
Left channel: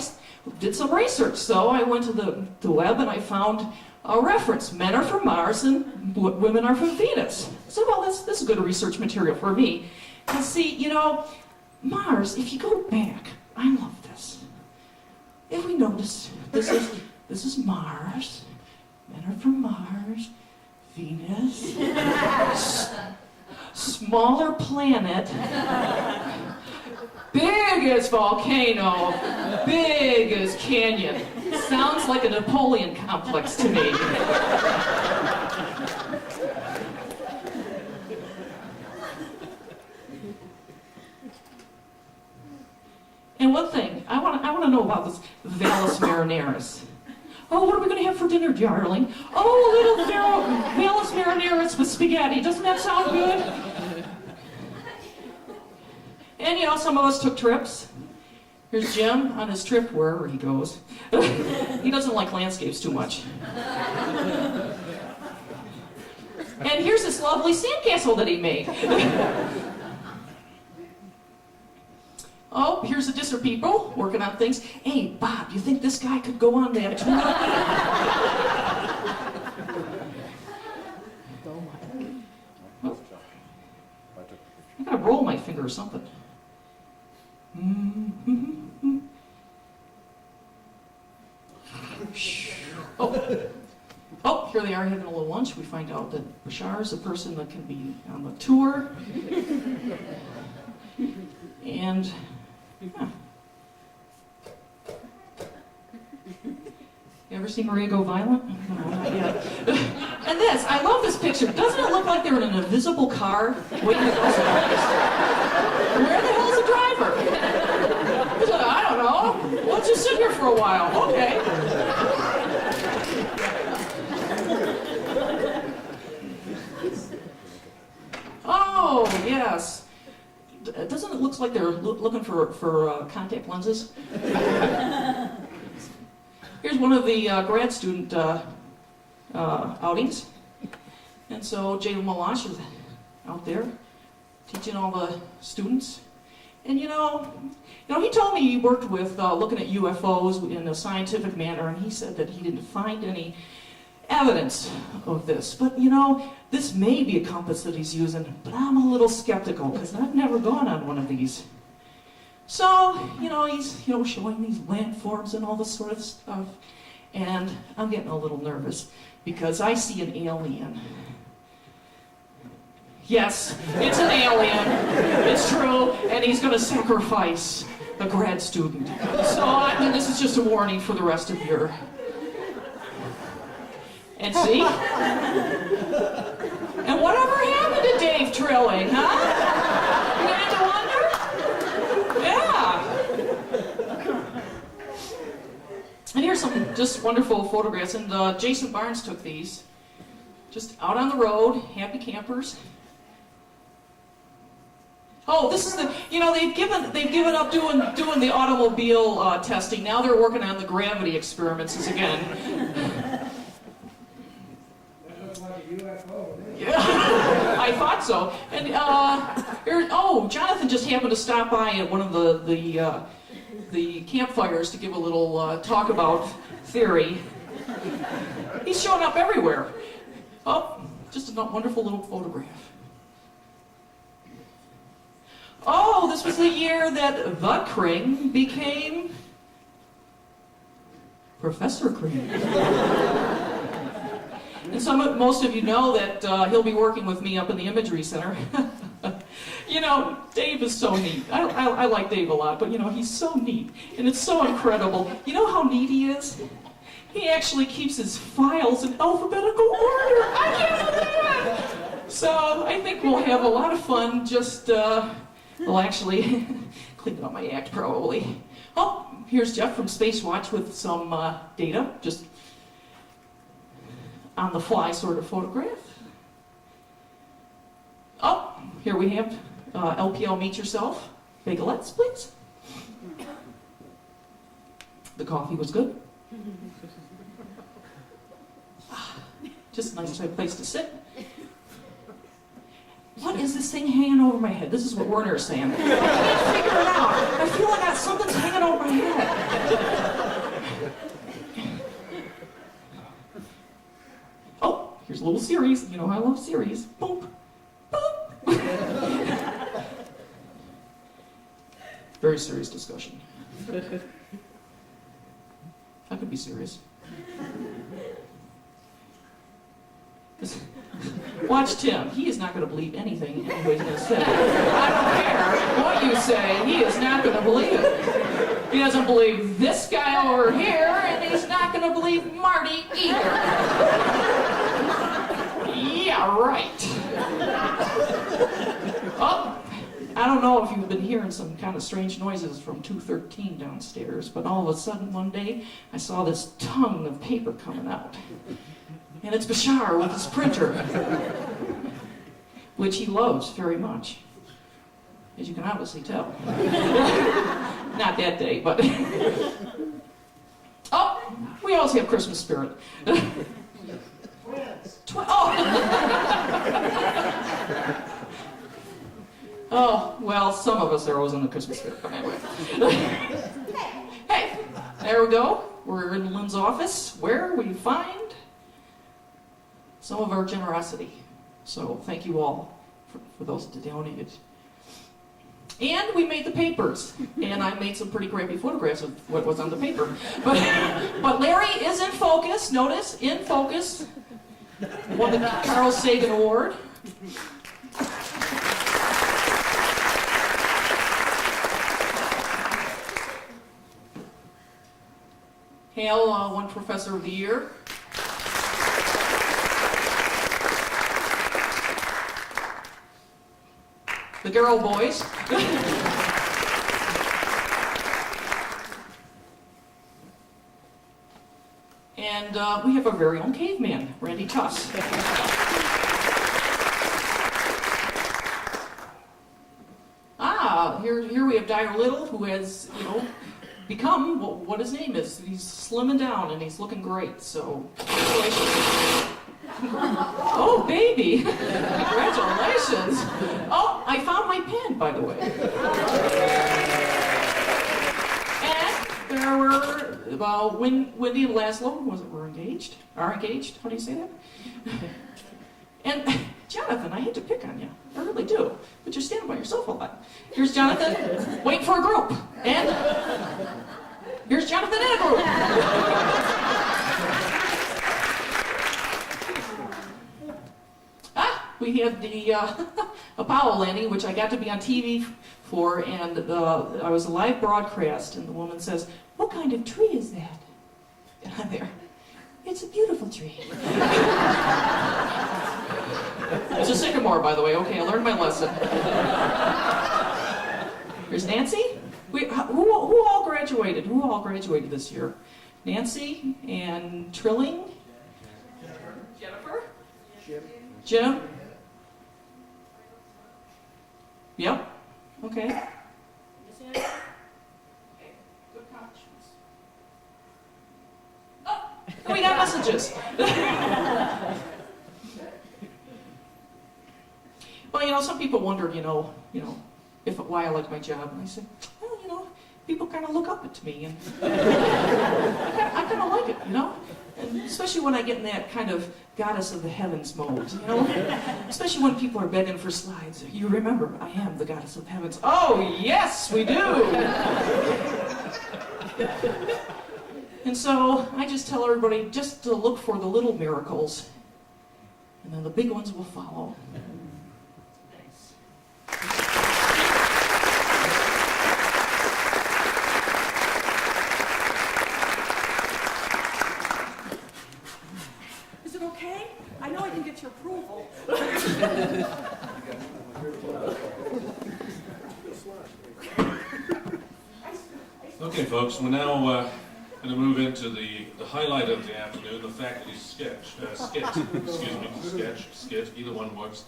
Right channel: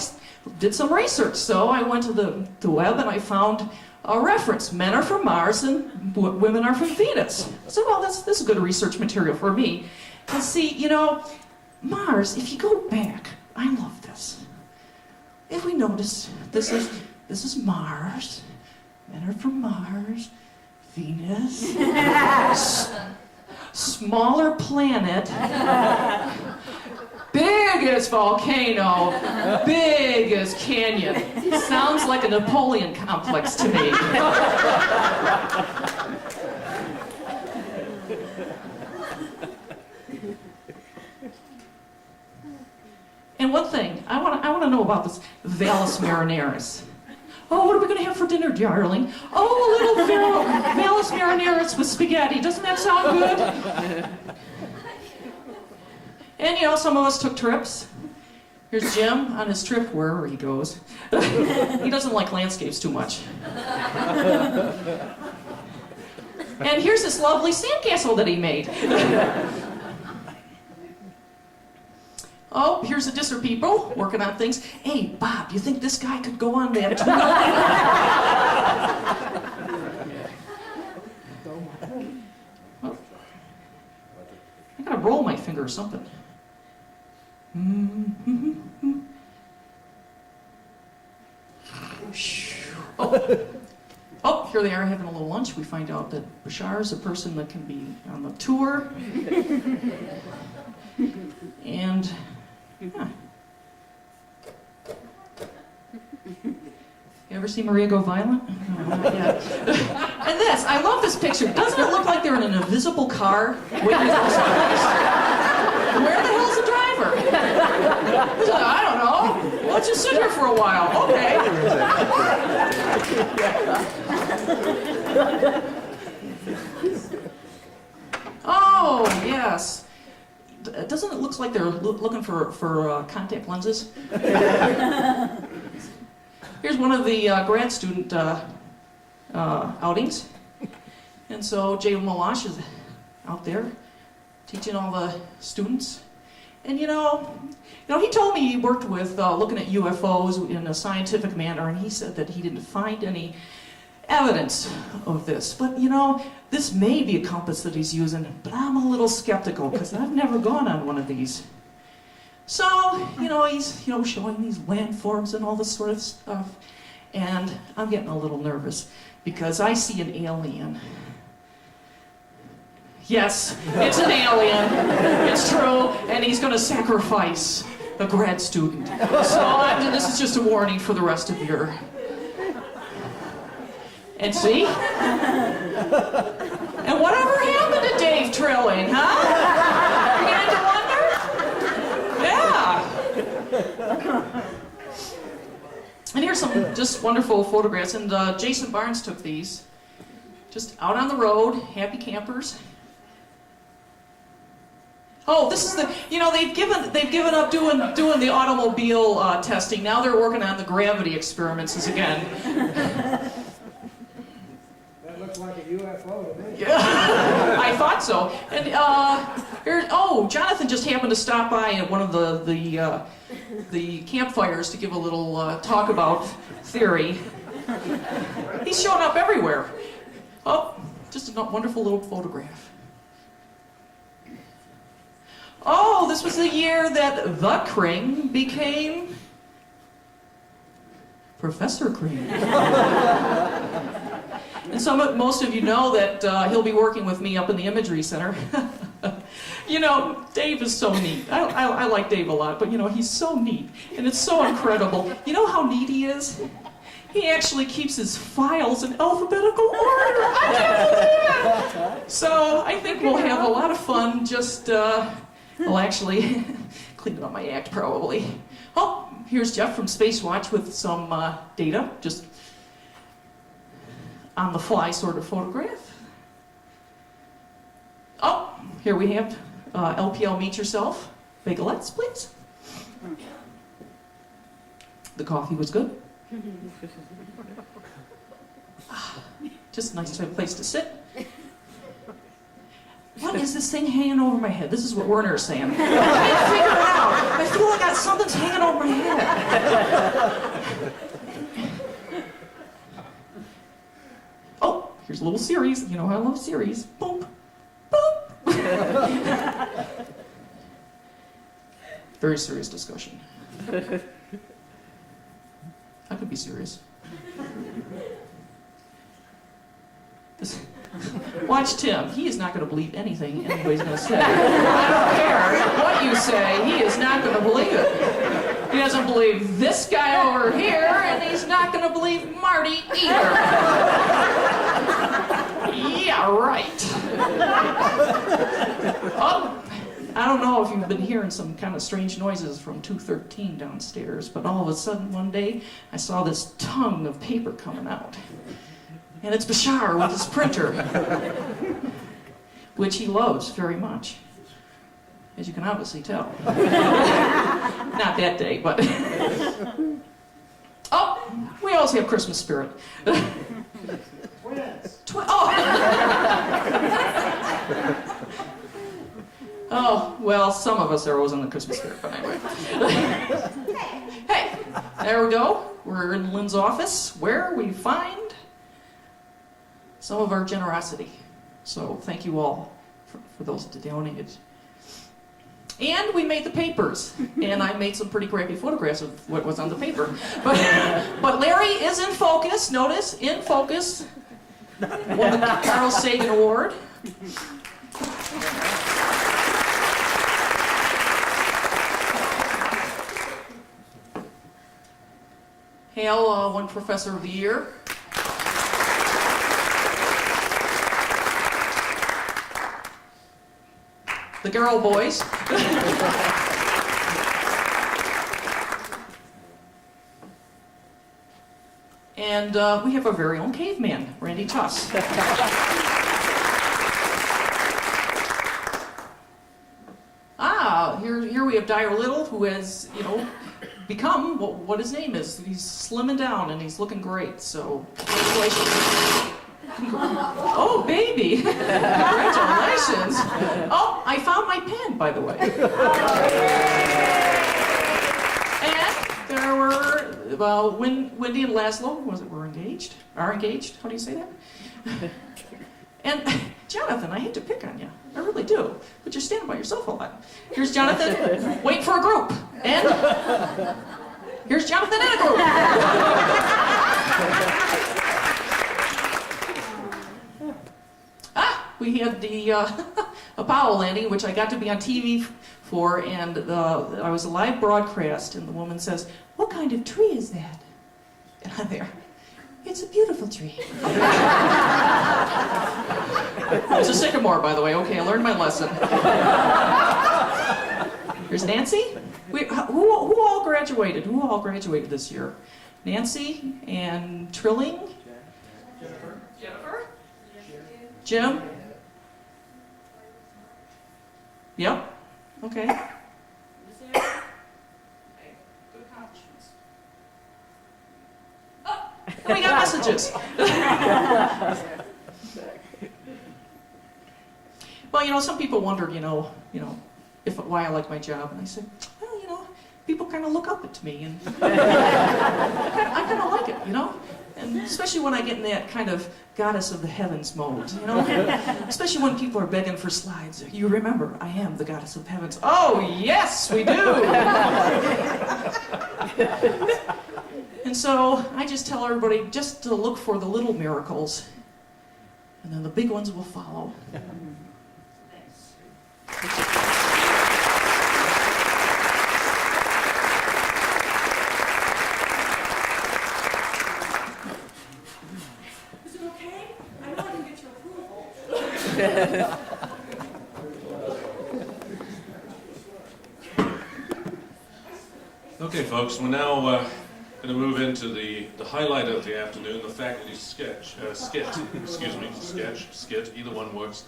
did some research. So I went to the web and I found a reference. Men are from Mars and women are from Venus. So, well, this is good research material for me. And see, you know, Mars, if you go back, I love this. If we notice, this is Mars. Men are from Mars. Venus. Smaller planet. Biggest volcano, biggest canyon. Sounds like a Napoleon complex to me. And one thing, I want to know about this Valles Marineris. Oh, what are we going to have for dinner, darling? Oh, a little Valles Marineris with spaghetti. Doesn't that sound good? And, you know, some of us took trips. Here's Jim on his trip, wherever he goes. He doesn't like landscapes too much. And here's this lovely sandcastle that he made. Oh, here's the Disser people working on things. Hey, Bob, do you think this guy could go on that tour? Well, I gotta roll my finger or something. Oh, here they are having a little lunch. We find out that Bashar is a person that can be on the tour. And, yeah. You ever see Maria go violent? No, not yet. And this, I love this picture. Doesn't it look like they're in an invisible car waiting to go someplace? Where the hell's the driver? I don't know. Let's just sit here for a while. Okay. Oh, yes. Doesn't it look like they're looking for contact lenses? Here's one of the grad student outings. And so Jay Malash is out there teaching all the students. And you know, he told me he worked with looking at UFOs in a scientific manner, and he said that he didn't find any evidence of this. But you know, this may be a compass that he's using, but I'm a little skeptical because I've never gone on one of these. So, you know, he's showing these landforms and all this sort of stuff, and I'm getting a little nervous because I see an alien. Yes, it's an alien. It's true, and he's going to sacrifice a grad student. So this is just a warning for the rest of your... And see? And whatever happened to Dave Trilling, huh? You had to wonder? Yeah. And here's some just wonderful photographs, and Jason Barnes took these. Just out on the road, happy campers. Oh, this is the, they've given up doing the automobile testing. Now they're working on the gravity experiments again. That looks like a UFO to me. Yeah, I thought so. And Jonathan just happened to stop by at one of the campfires to give a little talk about theory. He's showing up everywhere. Oh, just a wonderful little photograph. Oh, this was the year that the Kring became Professor Kring. And most of you know that he'll be working with me up in the Imagery Center. Dave is so neat. I like Dave a lot, but he's so neat. And it's so incredible. You know how neat he is? He actually keeps his files in alphabetical order. I can't believe it! So I think we'll have a lot of fun just... Well, actually, clean up my act, probably. Oh, here's Jeff from Space Watch with some data, just on the fly sort of photograph. Oh, here we have LPL Meet Yourself. Bagelettes, please. The coffee was good. Just a nice place to sit. What is this thing hanging over my head? This is what Werner is saying. I can't figure it out. I feel like something's hanging over my head. Oh, here's a little series. You know how I love series. Boop. Boop. Very serious discussion. I could be serious. Watch Tim. He is not going to believe anything anybody's going to say. I don't care what you say. He is not going to believe it. He doesn't believe this guy over here, and he's not going to believe Marty either. Yeah, right. Oh, I don't know if you've been hearing some kind of strange noises from 213 downstairs, but all of a sudden one day I saw this tongue of paper coming out. And it's Bashar with his printer, which he loves very much, as you can obviously tell. Not that day, but... Oh, we also have Christmas spirit. Oh, well, some of us are always in the Christmas spirit, but anyway. Hey, there we go. We're in Lynn's office, where we find some of our generosity. So thank you all for those that donated. And we made the papers. And I made some pretty crappy photographs of what was on the paper. But Larry is in focus. Notice, in focus. Won the Carl Sagan Award. Hale won Professor of the Year. The Girl Boys. And we have our very own caveman, Randy Tuss. Here we have Dyer Little, who has, become what his name is. He's slimming down and he's looking great, so congratulations. Oh, baby! Congratulations! Oh, I found my pen, by the way. And there were Wendy and Laszlo. Were engaged? Are engaged? How do you say that? And Jonathan, I hate to pick on you. I really do. But you're standing by yourself a lot. Here's Jonathan, waiting for a group. And here's Jonathan in a group. We had the Apollo landing, which I got to be on TV for, and I was a live broadcast, and the woman says, "What kind of tree is that?" And I'm there, "It's a beautiful tree." It's a sycamore, by the way. Okay, I learned my lesson. Here's Nancy. Who all graduated? Who all graduated this year? Nancy and Trilling? Jennifer? Jim? Yep. Okay? Missing anything? Okay, good accomplishments. Oh, and we got messages. Well, some people wondered, why I like my job, and I said, well, people kind of look up to me, and I kind of like it, and especially when I get in that kind of goddess of the heavens mode, especially when people are begging for slides. You remember, I am the goddess of heavens. Oh, yes, we do. And so I just tell everybody just to look for the little miracles, and then the big ones will follow. Is it okay? I know I can get your approval. Okay, folks, we're now going to move into the highlight of the afternoon, the faculty skit, either one works.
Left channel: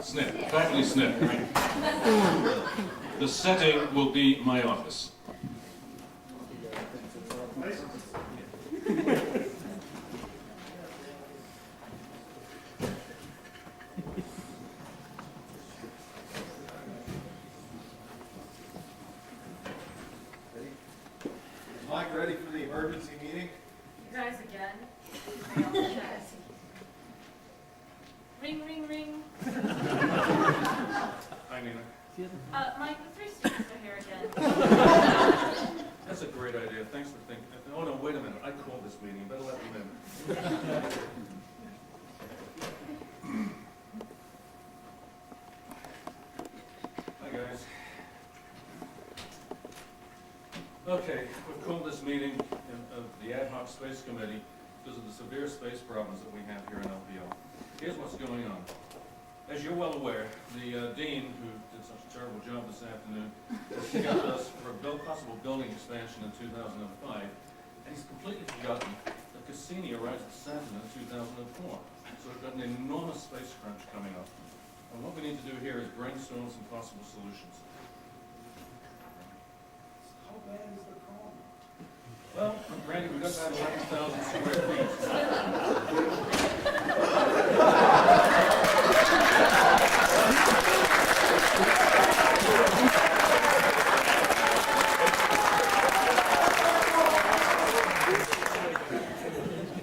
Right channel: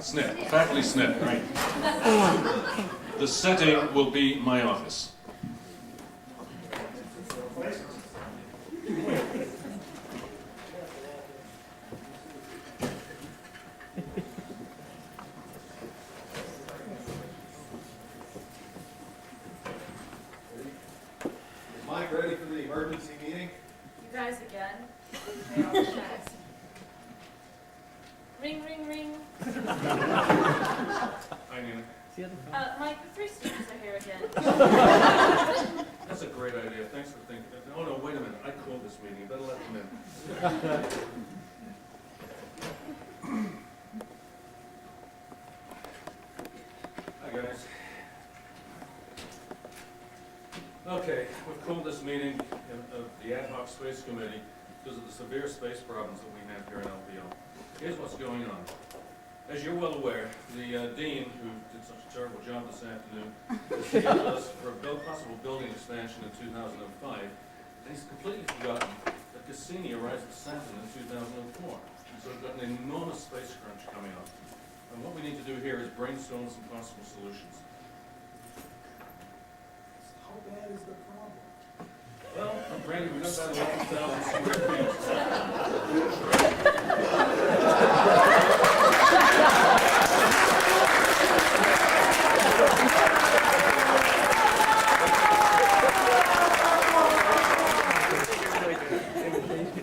SNIT, faculty SNIT, right. The setting will be my office. Mike, ready for the emergency meeting? You guys again? They all mess. Ring, ring, ring. Hi, Nina. Mike, the 3 students are here again. That's a great idea. Thanks for thinking. Oh, no, wait a minute. I called this meeting. You better let them in. Hi, guys. Okay, we've called this meeting of the Ad Hoc Space Committee because of the severe space problems that we have here in LPO. Here's what's going on. As you're well aware, the dean, who did such a terrible job this afternoon, has scheduled us for a possible building expansion in 2005, and he's completely forgotten that Cassini arrived at Saturn in 2004. So we've got an enormous space crunch coming up. And what we need to do here is brainstorm some possible solutions. How bad is the problem? Well, Randy, we've got about 11,000 square feet.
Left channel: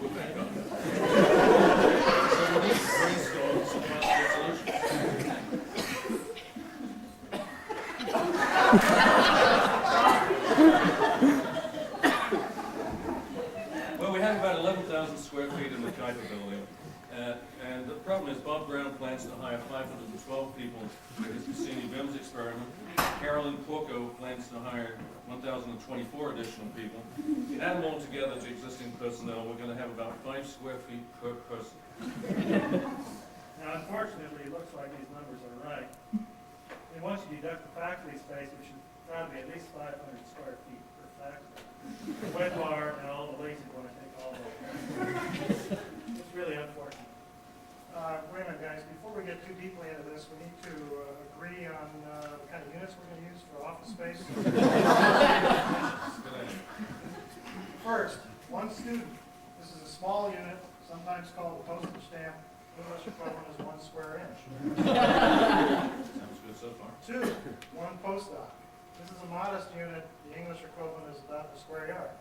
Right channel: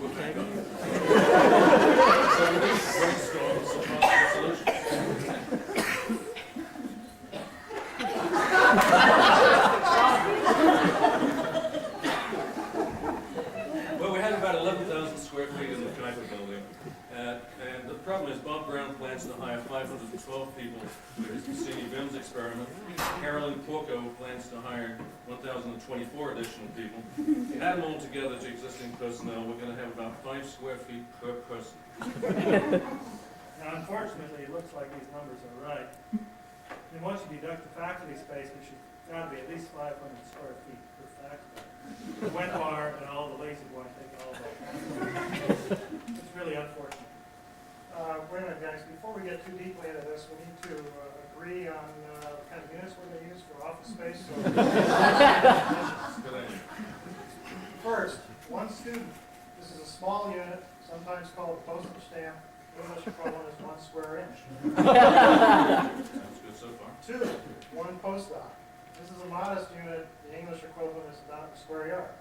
We're back up. So we need to brainstorm some possible solutions. Well, we have about 11,000 square feet in the Kuiper building, and the problem is Bob Brown plans to hire 512 people for his Cassini BIMS experiment. Carolyn Porco plans to hire 1,024 additional people. Add them all together to existing personnel, we're going to have about 5 square feet per person. Now, unfortunately, it looks like these numbers are right. I mean, once you deduct the faculty space, which has got to be at least 500 square feet per faculty, the wet bar and all the lazy boy take all that. It's really unfortunate. Wait a minute, guys. Before we get too deeply into this, we need to agree on the kind of units we're going to use for office space. So Good idea. first, 1 student. This is a small unit, sometimes called a postage stamp. English equivalent is 1 square inch. Sounds good so far. 2, 1 postdoc. This is a modest unit. The English equivalent is about a square yard.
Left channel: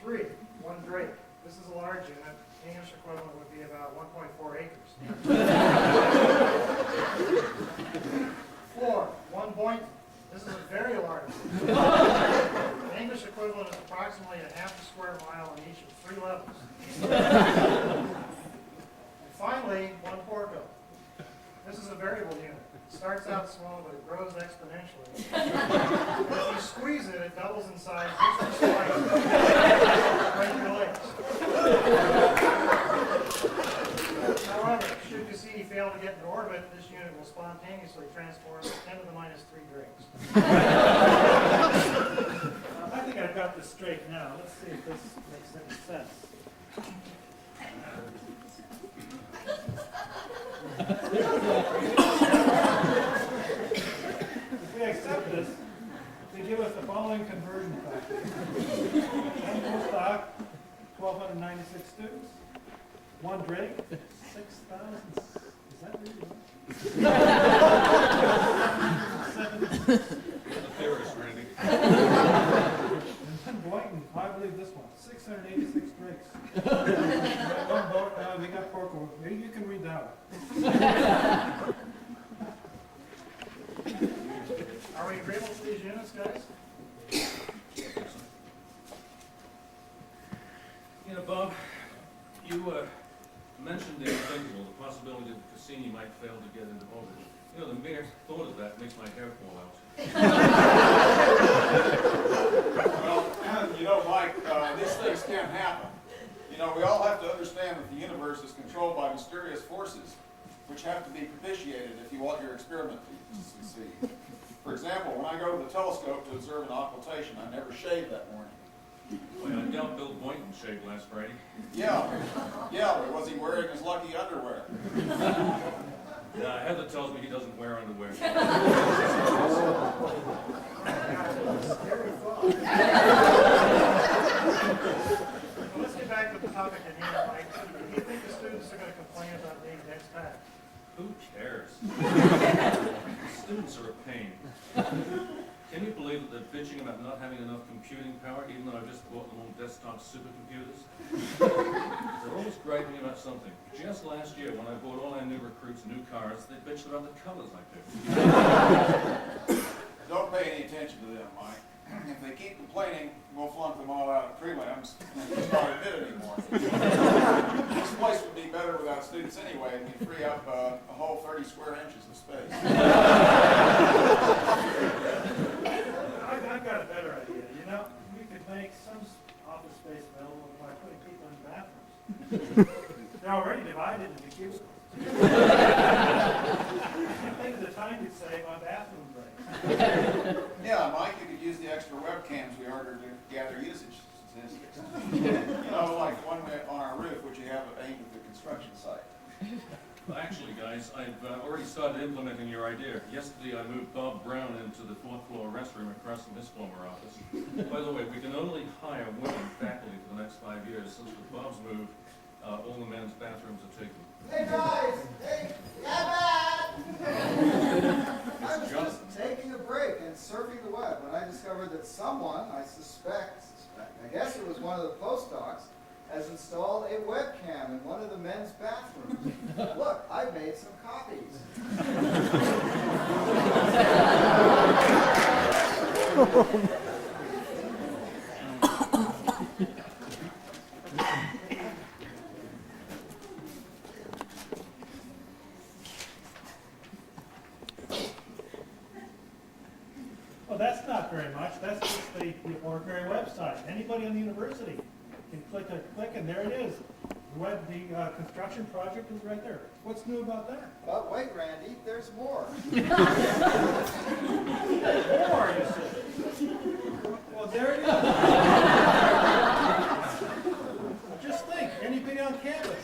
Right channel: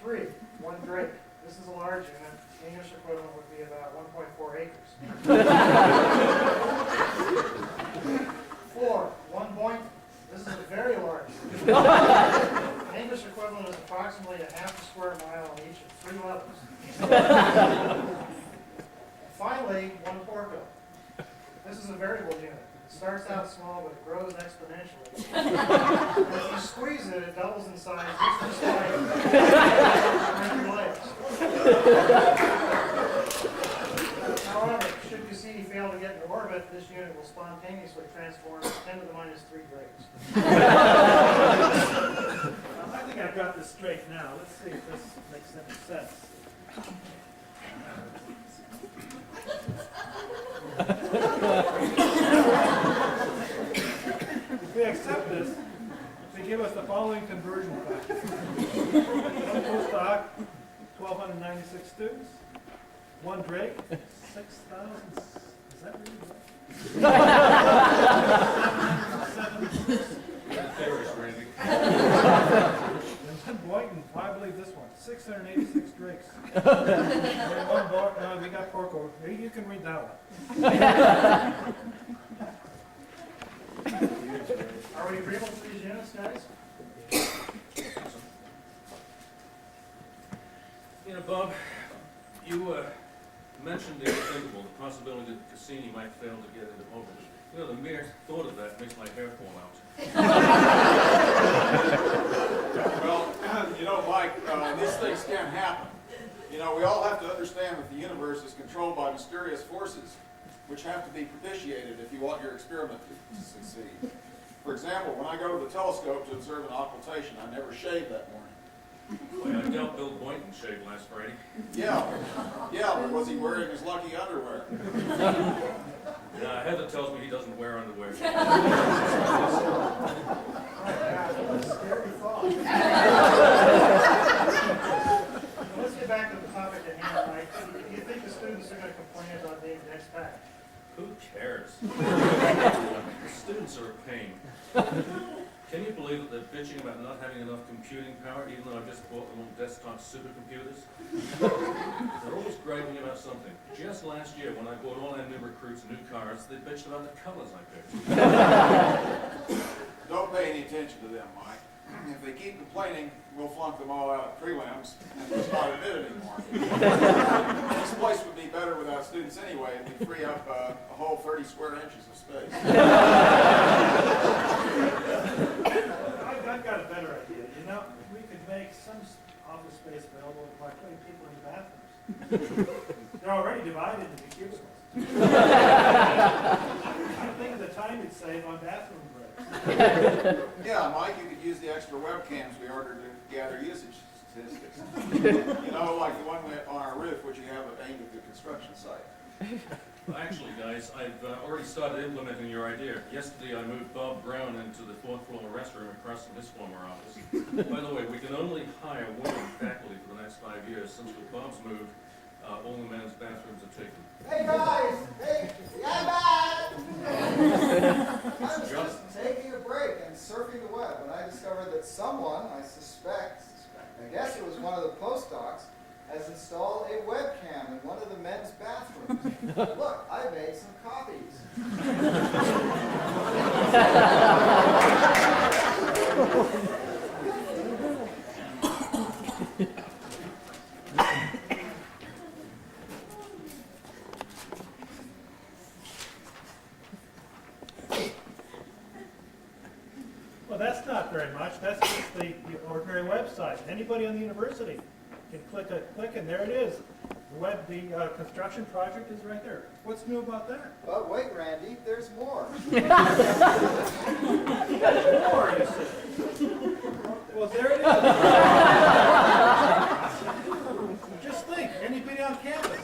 3, 1 drake. This is a large unit. The English equivalent would be about 1.4 acres. 4, 1 Boynton. This is a very large unit. The English equivalent is approximately a half a square mile on each of 3 levels. And finally, 1 Porco. This is a variable unit. It starts out small, but it grows exponentially. And if you squeeze it, it doubles in size just for break your legs. However, should Cassini fail to get into orbit, this unit will spontaneously transform to 10 to the minus 3 drakes. I think I've got this straight now. Let's see if this makes any sense. the following conversion factors. One postdoc, 1,296 students. One Drake, 6,000. Is that really right? 7. Theorist, Randy. And then Boynton, I believe this one, 686 Drakes. And then one we got Porco. Maybe you can read that one. Are we agreeable to these units, guys? You know, Bob, you mentioned the unthinkable, the possibility that Cassini might fail to get into orbit. You know, the mere thought of that makes my hair fall out. Well, you know, Mike, these things can happen. You know, we all have to understand that the universe is controlled by mysterious forces, which have to be propitiated if you want your experiment to succeed. For example, when I go to the telescope to observe an occultation, I never shave that morning. Boy, I doubt Bill Boynton shaved last Friday. Yeah, but was he wearing his lucky underwear? Nah, Heather tells me he doesn't wear underwear. Scary thought. Let's get back to the topic at hand, Mike. Do you think the students are going to complain about being next back? Who cares? The students are a pain. Can you believe that they're bitching about not having enough computing power, even though I've just bought them all desktop supercomputers? They're always griping about something. Just last year, when I bought all our new recruits new cars, they bitched about the colors I picked. Don't pay any attention to them, Mike. If they keep complaining, we'll flunk them all out of prelims and just not admit anymore. This place would be better without students anyway, and we'd free up a whole 30 square inches of space. I've got a better idea. You know, we could make some office space available by putting people in bathrooms. They're already divided into cubicles. Think of the time you'd save on bathroom breaks. Yeah, Mike, you could use the extra webcams we ordered to gather usage statistics. You know, like the one on our roof, which you have aimed at the construction site. Well, actually, guys, I've already started implementing your idea. Yesterday, I moved Bob Brown into the 4th floor restroom across from his former office. By the way, we can only hire women faculty for the next 5 years. Since with Bob's move, all the men's bathrooms are taken. Hey guys! Hey! Yeah, back! I was Jonathan. just taking a break and surfing the web when I discovered that someone, I guess it was one of the postdocs, has installed a webcam in one of the men's bathrooms. Look, I made some copies. Well, that's not very much. That's just the ordinary website. Anybody on the university can click and there it is. The construction project is right there. What's new about that? But wait, Randy, there's more. More, you say. Well, there it is. Just think, anybody on campus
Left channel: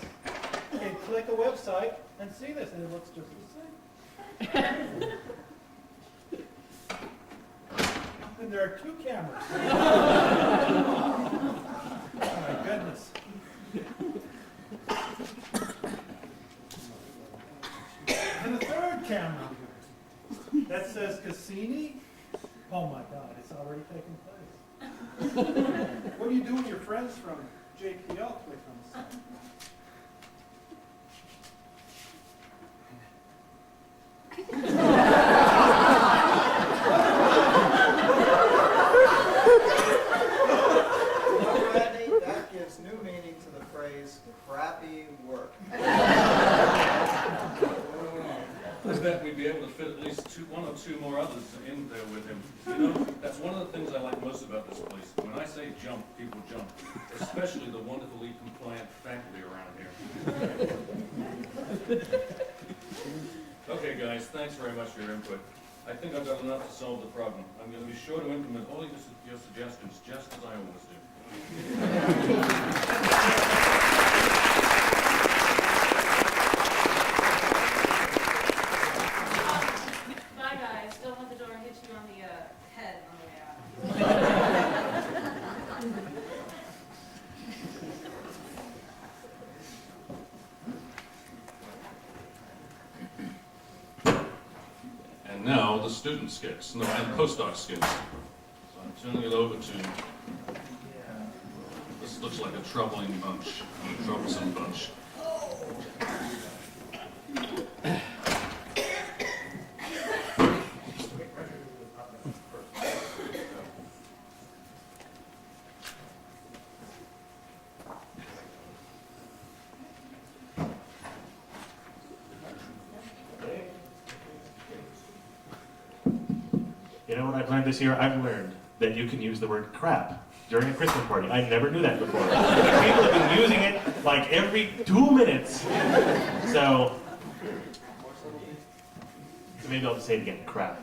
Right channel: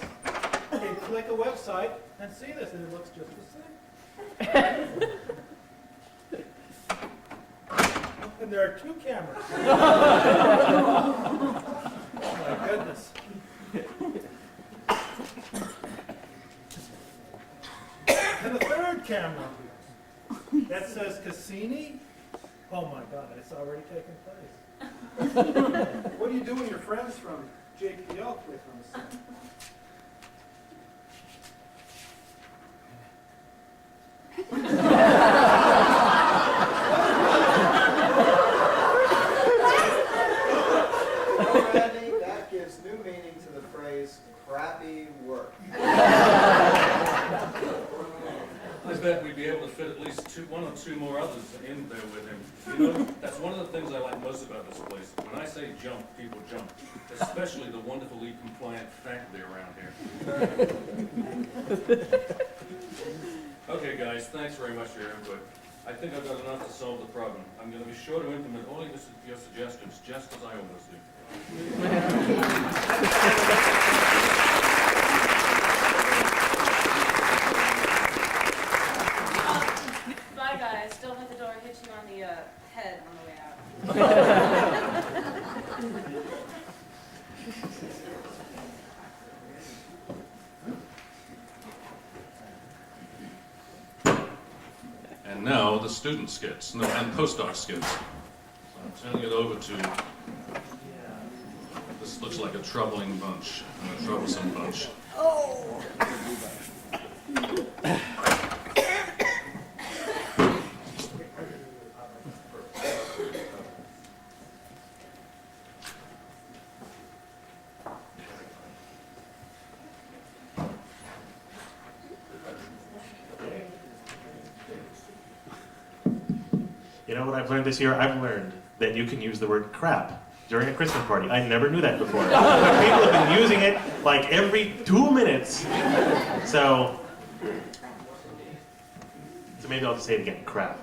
can click a website and see this, and it looks just the same. And there are 2 cameras. Oh my goodness. And a 3rd camera that says Cassini. Oh my God, it's already taken place. What do you do when your friends from JPL click on the site? Randy, that gives new meaning to the phrase crappy work. I bet we'd be able to fit at least 1 or 2 more others in there with him. You know, that's one of the things I like most about this place. When I say jump, people jump. Especially the wonderfully compliant faculty around here. Okay, guys, thanks very much for your input. I think I've got enough to solve the problem. I'm going to be sure to implement all of your suggestions, just as I always do. Bye, guys. Don't let the door hit you on the head on the way out. now the student skits, no, and postdoc skits. So I'm turning it over to, this looks like a troubling bunch, a troublesome bunch. You know what I've learned this year? I've learned that you can use the word crap during a Christmas party. I never knew that before. But people have been using it like every 2 minutes. So maybe I'll just say it again, crap.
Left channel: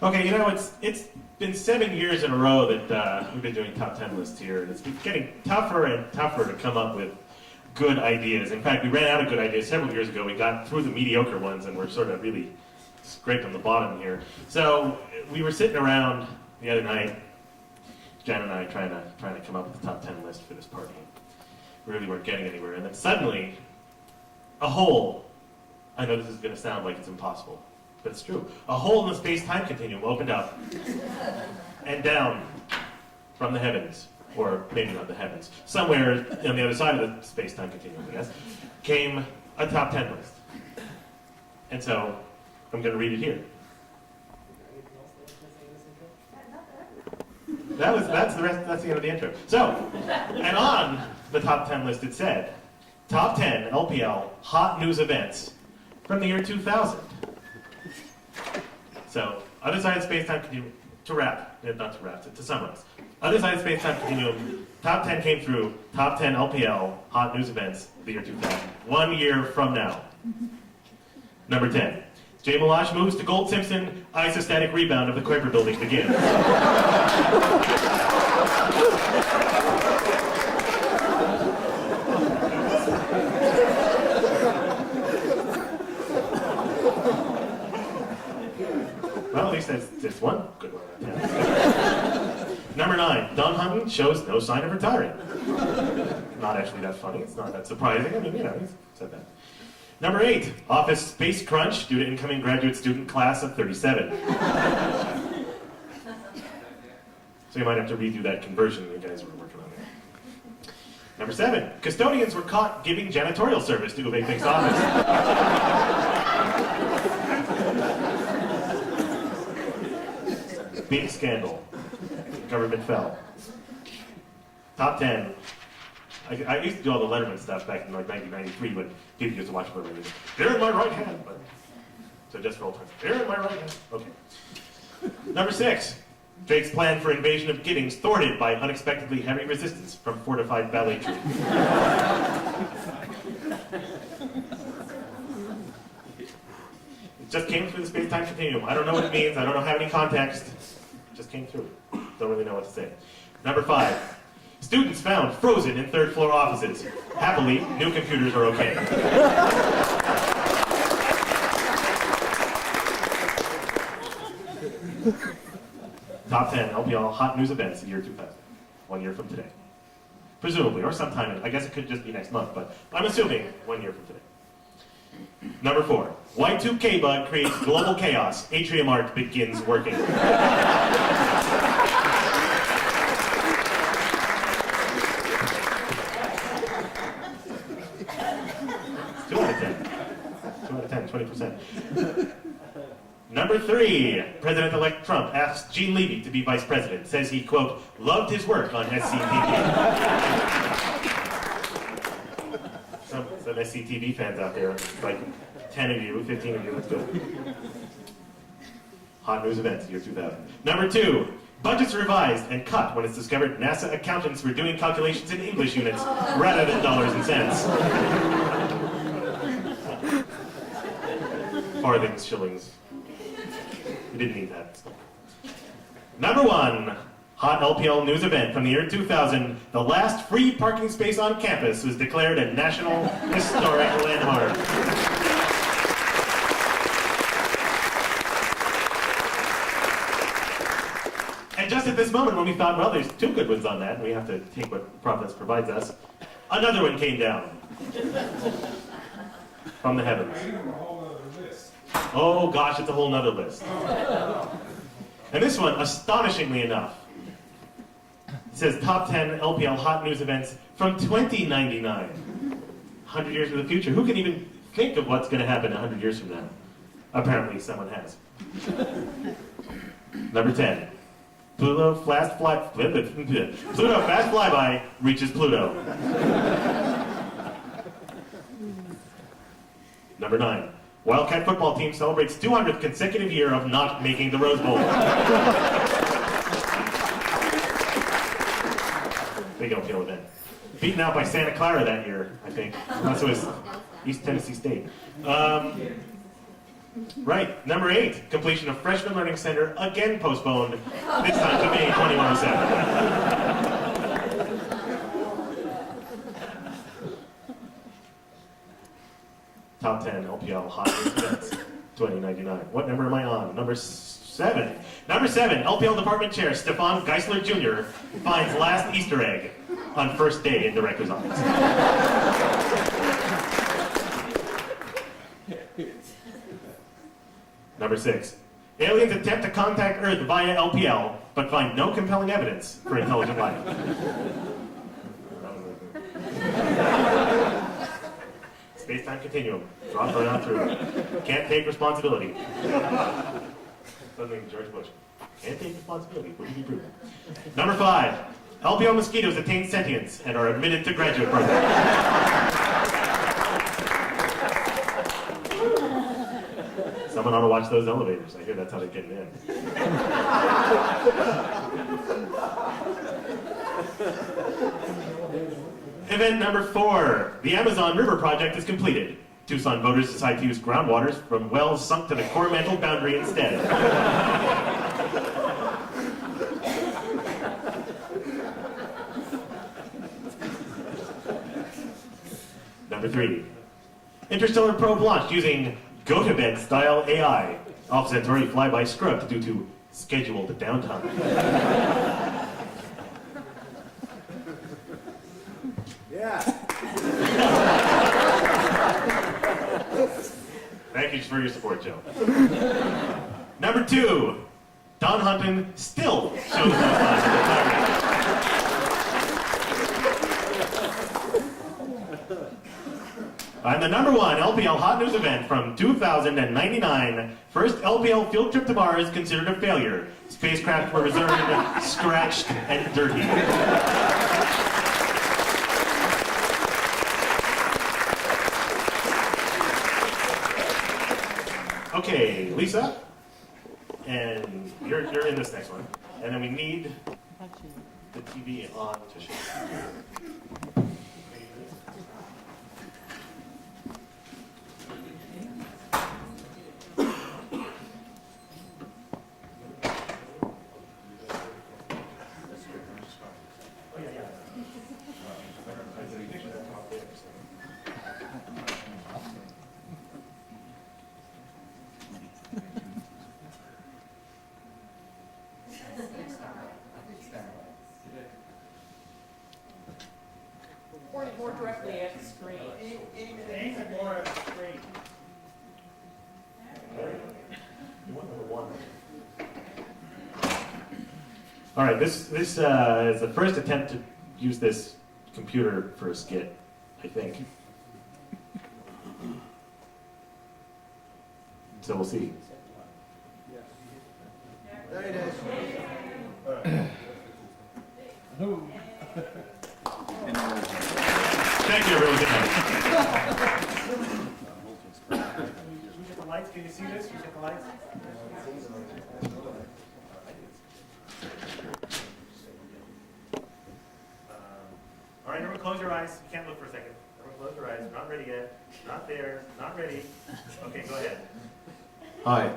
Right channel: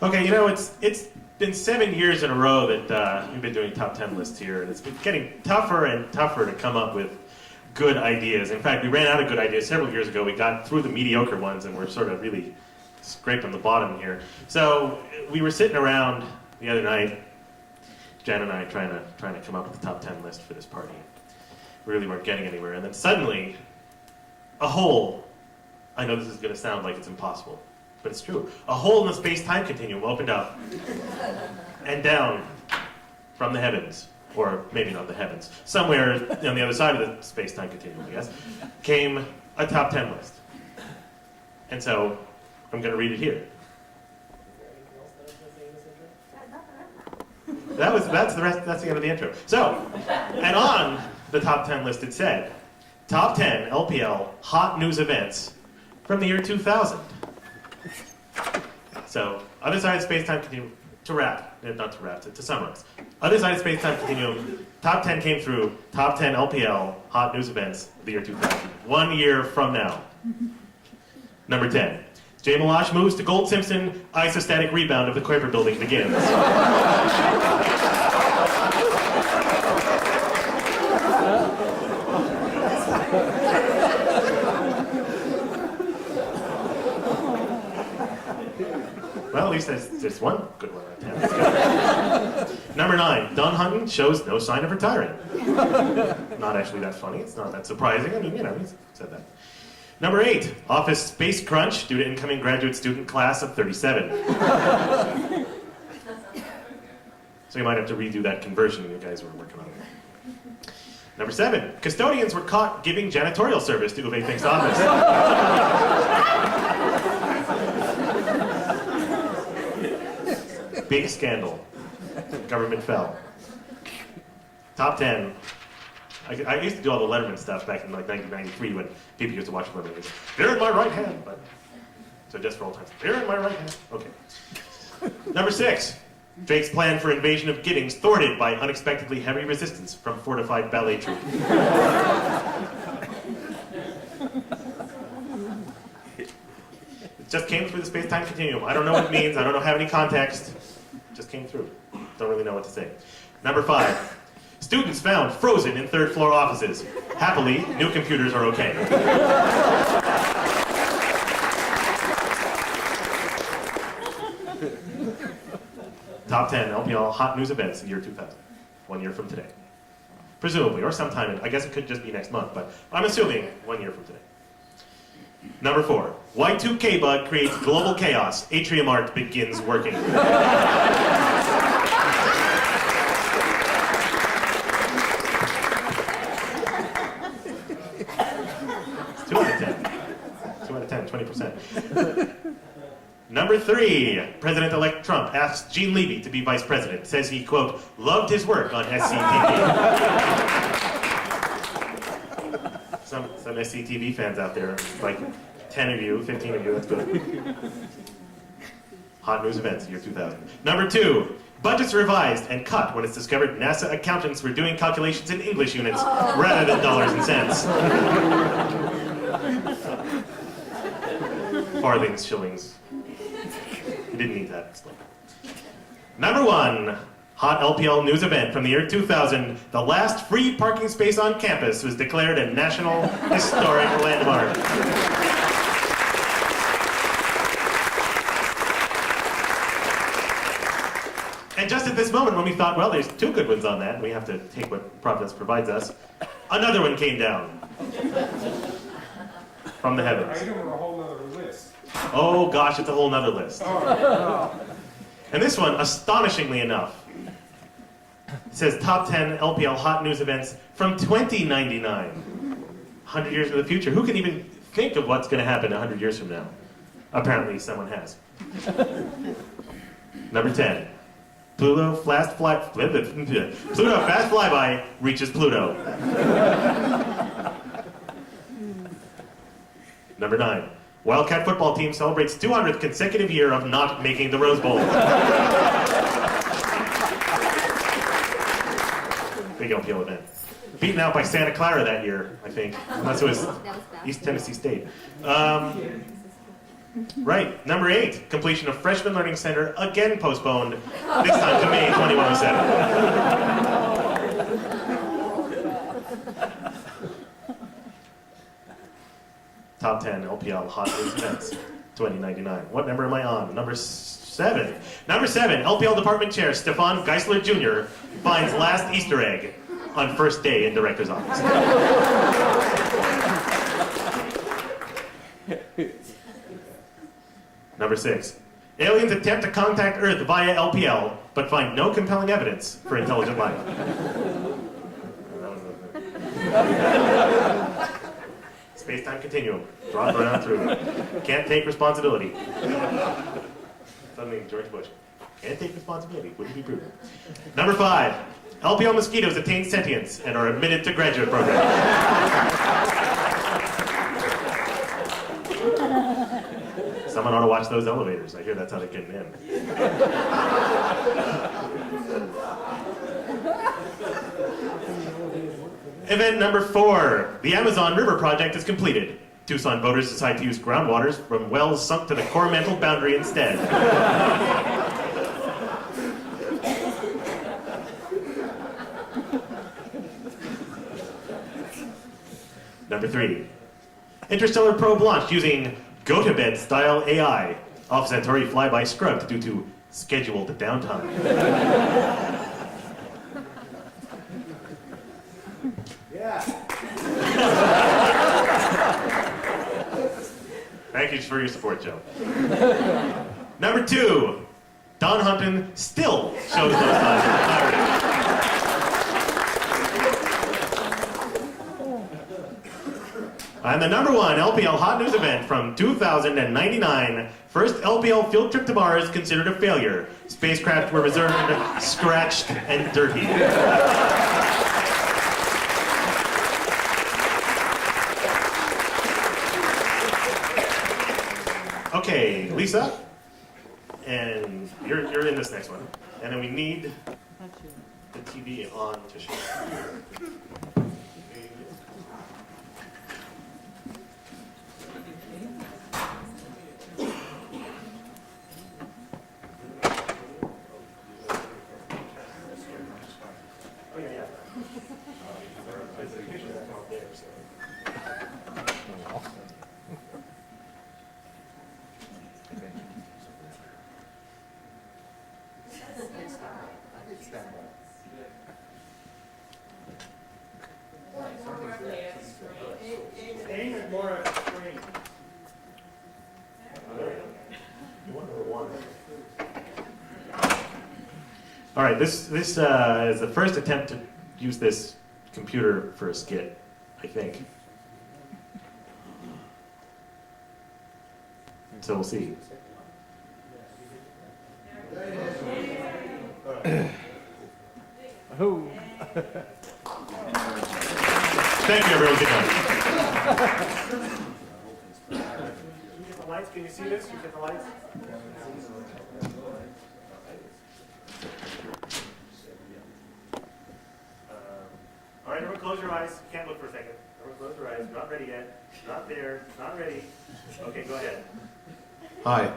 Okay, you know, it's been 7 years in a row that we've been doing top 10 lists here, and it's been getting tougher and tougher to come up with good ideas. In fact, we ran out of good ideas several years ago. We got through the mediocre ones, and we're sort of really scraped on the bottom here. So we were sitting around the other night, Jen and I trying to come up with the top 10 list for this party. We really weren't getting anywhere, and then suddenly, a hole. I know this is going to sound like it's impossible, but it's true. A hole in the space-time continuum opened up, and down from the heavens, or maybe not the heavens, somewhere on the other side of the space-time continuum, I guess, came a top 10 list. And so, I'm going to read it here. That's the end of the intro. So, and on the top 10 list it said, top 10 LPL hot news events from the year 2000. So, other side of space-time continuum, to summarize. Other side of space-time continuum, top 10 came through, top 10 LPL hot news events the year 2000. 1 year from now. Number 10. Jay Milosh moves to Gold Simpson, isostatic rebound of the Kuiper building begins. Well, at least there's one good one right there. Number 9, Don Hutton shows no sign of retiring. Not actually that funny. It's not that surprising. I mean, you know, he said that. Number 8, Office space crunch due to incoming graduate student class of 37. So you might have to redo that conversion you guys were working on there. Number 7, custodians were caught giving janitorial service to Uwe Fink's office. Big scandal. Government fell. Top 10. I used to do all the Letterman stuff back in like 1993 when people used to watch Letterman movies. They're in my right hand. But, so just for old times. They're in my right hand. Okay. Number 6. Drake's plan for invasion of Giddings thwarted by unexpectedly heavy resistance from fortified ballet troupe. It just came through the space-time continuum. I don't know what it means. I don't have any context. It just came through. Don't really know what to say. Number 5. Students found frozen in third-floor offices. Happily, new computers are okay. Top 10 LPL hot news events the year 2000. 1 year from today. Presumably, or sometime, I guess it could just be next month, but I'm assuming 1 year from today. Number 4. Y2K bug creates global chaos. Atrium Art begins working. 2 out of 10. 2 out of 10, 20%. Number 3, President-elect Trump asks Gene Levy to be vice president. Says he, quote, loved his work on SCTV. Some SCTV fans out there, like 10 of you, 15 of you, that's good. Hot news events, year 2000. Number 2, budgets revised and cut when it's discovered NASA accountants were doing calculations in English units rather than dollars and cents. Farthings, shillings. You didn't need that. Number 1, hot LPL news event from the year 2000. The last free parking space on campus was declared a National Historic Landmark. And just at this moment when we thought, well, there's 2 good ones on that, and we have to take what Providence provides us, Another one came down from the heavens. I give them a whole other list. Oh gosh, it's a whole nother list. And this one, astonishingly enough, it says top 10 LPL hot news events from 2099. 100 years in the future. Who can even think of what's going to happen 100 years from now? Apparently someone has. Number 10. Pluto fast flyby reaches Pluto. Number 9. Wildcat football team celebrates 200th consecutive year of not making the Rose Bowl. Big LPL event. Beaten out by Santa Clara that year, I think. Unless it was East Tennessee State. Right, number 8. Completion of Freshman Learning Center again postponed, this time to May 2107. Top 10 LPL hot news events, 2099. What number am I on? Number 7. Number 7, LPL Department Chair Stefan Geisler Jr. finds last Easter egg on first day in Director's office. Number 6, aliens attempt to contact Earth via LPL, but find no compelling evidence for intelligent life. Space-time continuum. Drop around through. Can't take responsibility. Something George Bush. Can't take responsibility. Wouldn't be proven. Number 5. LPL mosquitoes attain sentience and are admitted to graduate program. Someone ought to watch those elevators. I hear that's how they're getting in. Event number 4. The Amazon River project is completed. Tucson voters decide to use groundwaters from wells sunk to the Coromandel boundary instead. Number 3. Interstellar probe launched using go-to-bed-style AI. Off Centauri flyby scrubbed due to scheduled downtime. Thank you for your support, Joe. Number 2. Don Hunton still shows those signs of retirement. And the number 1 LPL hot news event from 2099, first LPL field trip to Mars considered a failure. Spacecraft were returned scratched and dirty. Okay, Lisa, and you're in this next one, and then we need the TV on to show. Oh yeah, yeah. More directly at the screen. Aim it more at the screen. All right, this is the first attempt to use this computer for a skit, I think. So we'll see. Thank you, everyone. Good night. Can you get the lights? Can you see this? Can you get the lights? All right, everyone close your eyes. You can't look for a second. Everyone close your eyes. Not ready yet. Not there. Not ready. Okay, go ahead. Hi.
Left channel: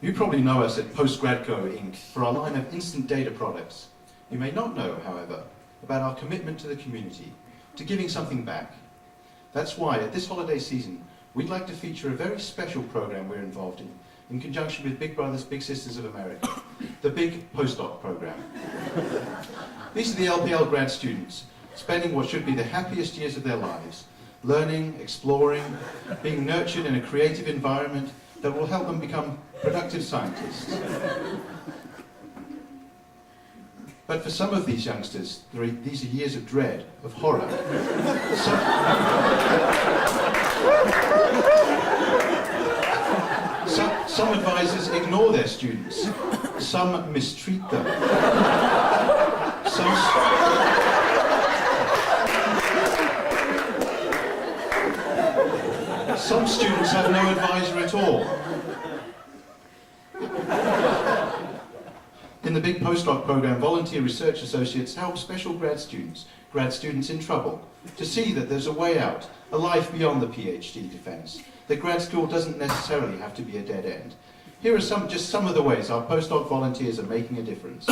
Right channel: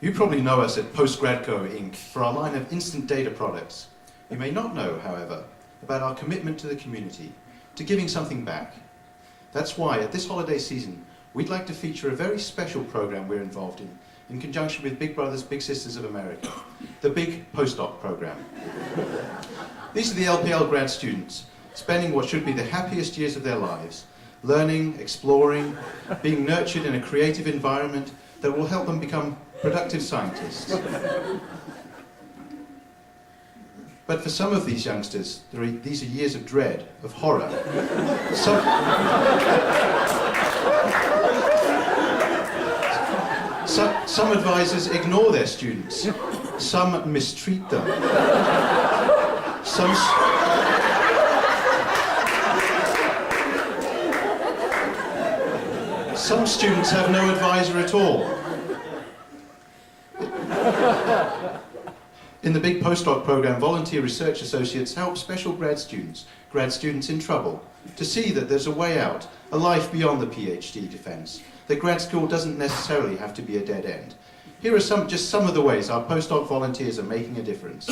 You probably know us at Postgradco Inc. for our line of instant data products. You may not know, however, about our commitment to the community, to giving something back. That's why, at this holiday season, we'd like to feature a very special program we're involved in conjunction with Big Brothers Big Sisters of America, the Big Postdoc Program. These are the LPL grad students spending what should be the happiest years of their lives, learning, exploring, being nurtured in a creative environment that will help them become productive scientists. But for some of these youngsters, these are years of dread, of horror. Some advisors ignore their students. Some mistreat them. Some students have no advisor at all. In the big postdoc program, volunteer research associates help special grad students in trouble, to see that there's a way out, a life beyond the PhD defense, that grad school doesn't necessarily have to be a dead end. Here are just some of the ways our postdoc volunteers are making a difference.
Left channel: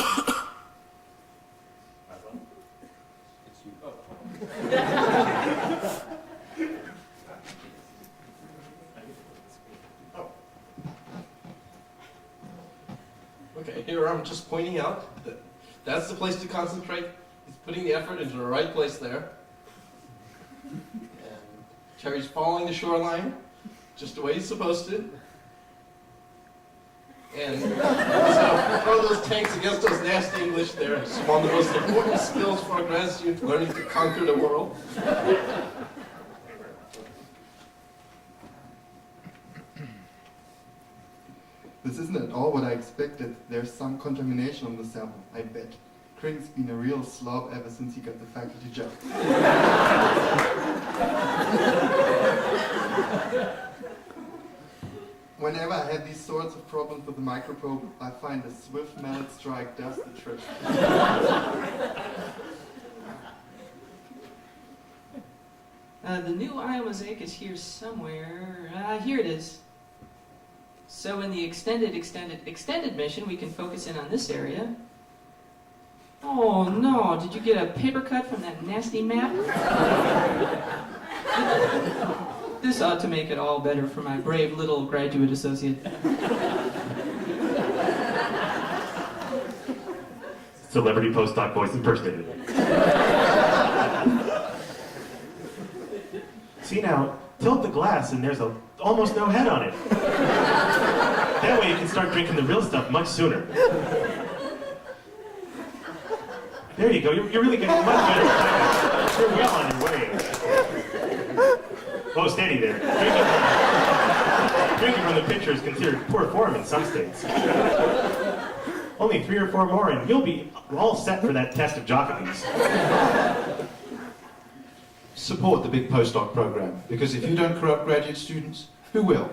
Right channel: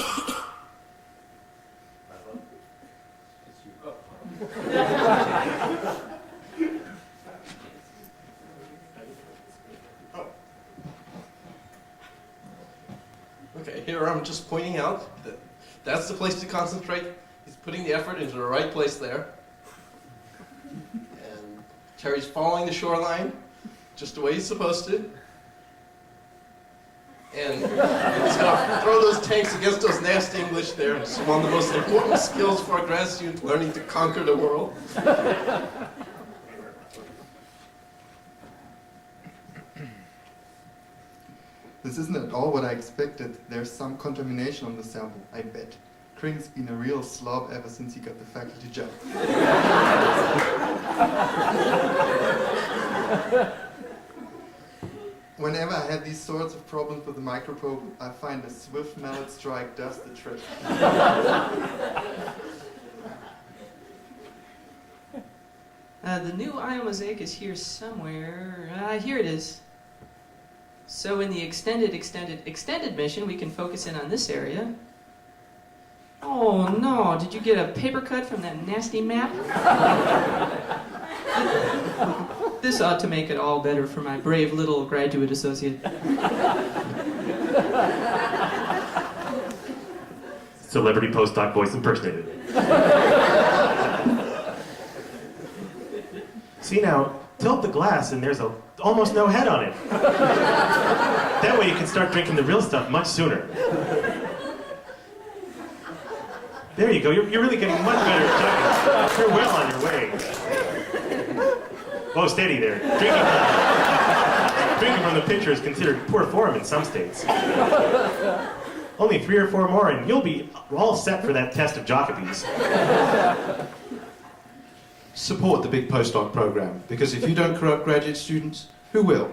Okay, here I'm just pointing out that that's the place to concentrate. He's putting the effort into the right place there. And Terry's following the shoreline just the way he's supposed to. And he's gonna throw those tanks against those nasty English there. It's one of the most important skills for a grad student, learning to conquer the world. This isn't at all what I expected. There's some contamination on the sample, I bet. Kring's been a real slob ever since he got the faculty job. Whenever I have these sorts of problems with the microprobe, I find a swift mallet strike does the trick. The new iomosaic is here somewhere. Here it is. So in the extended mission, we can focus in on this area. Oh no, did you get a paper cut from that nasty map? This ought to make it all better for my brave little graduate associate. Celebrity postdoc voice impersonator. See now, tilt the glass and there's almost no head on it. That way you can start drinking the real stuff much sooner. There you go, you're really getting much better at drinking. You're well on your way. Oh, steady there. Drinking from the pitcher is considered poor form in some states. Only 3 or 4 more and you'll be all set for that test of Jacobi's. Support the big postdoc program, because if you don't corrupt graduate students, who will?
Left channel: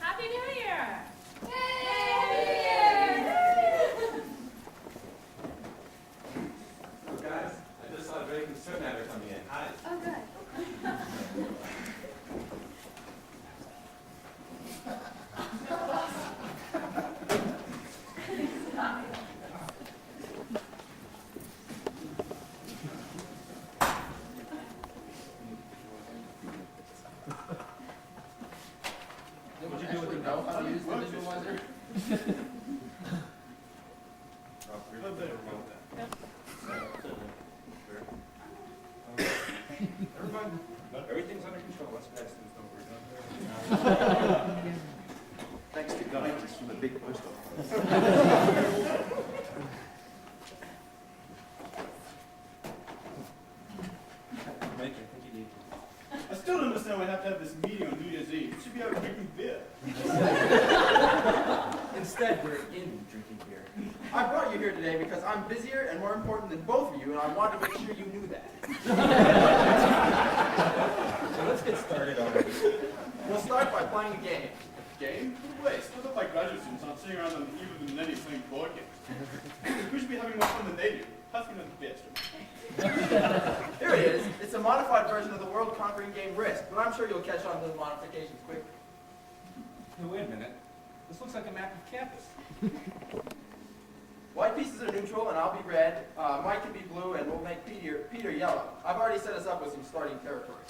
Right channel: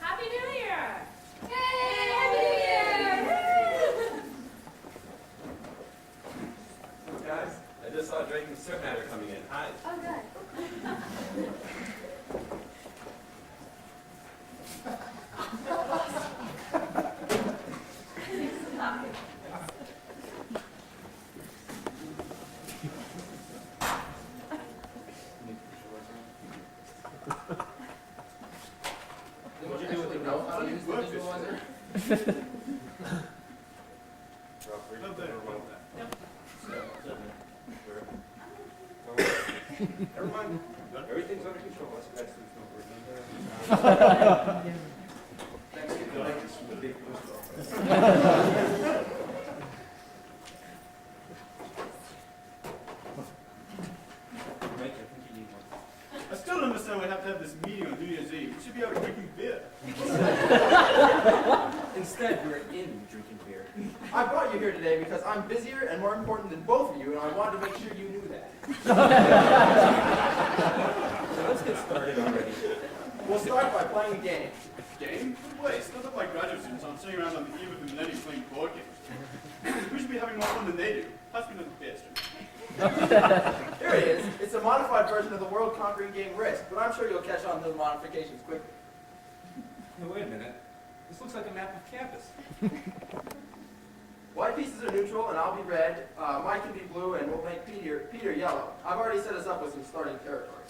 Happy New Year! Guys, I just saw Dragon's Swim Matter coming in. Hi. Oh, good. What you do with the know how to use the visualizer? Everyone, everything's under control. Let's grad students know what we're doing. Thanks to the latest from the big postdoc. Thank you. I think you need one. I still don't understand why we have to have this meeting on New Year's Eve. We should be out drinking beer. Instead, we're in drinking beer. I brought you here today because I'm busier and more important than both of you, and I wanted to make sure you knew that. So let's get started already. We'll start by playing a game. Game? No way. It's not that my graduate students aren't sitting around on the eve of the millennium playing board games. Who should be having more fun than they do? Has to be another bitch. Here it is. It's a modified version of the world-conquering game Risk, but I'm sure you'll catch on to the modifications quickly. Hey, wait a minute. This looks like a map of campus. White pieces are neutral, and I'll be red. Mike can be blue, and we'll make Peter yellow. I've already set us up with some starting territory.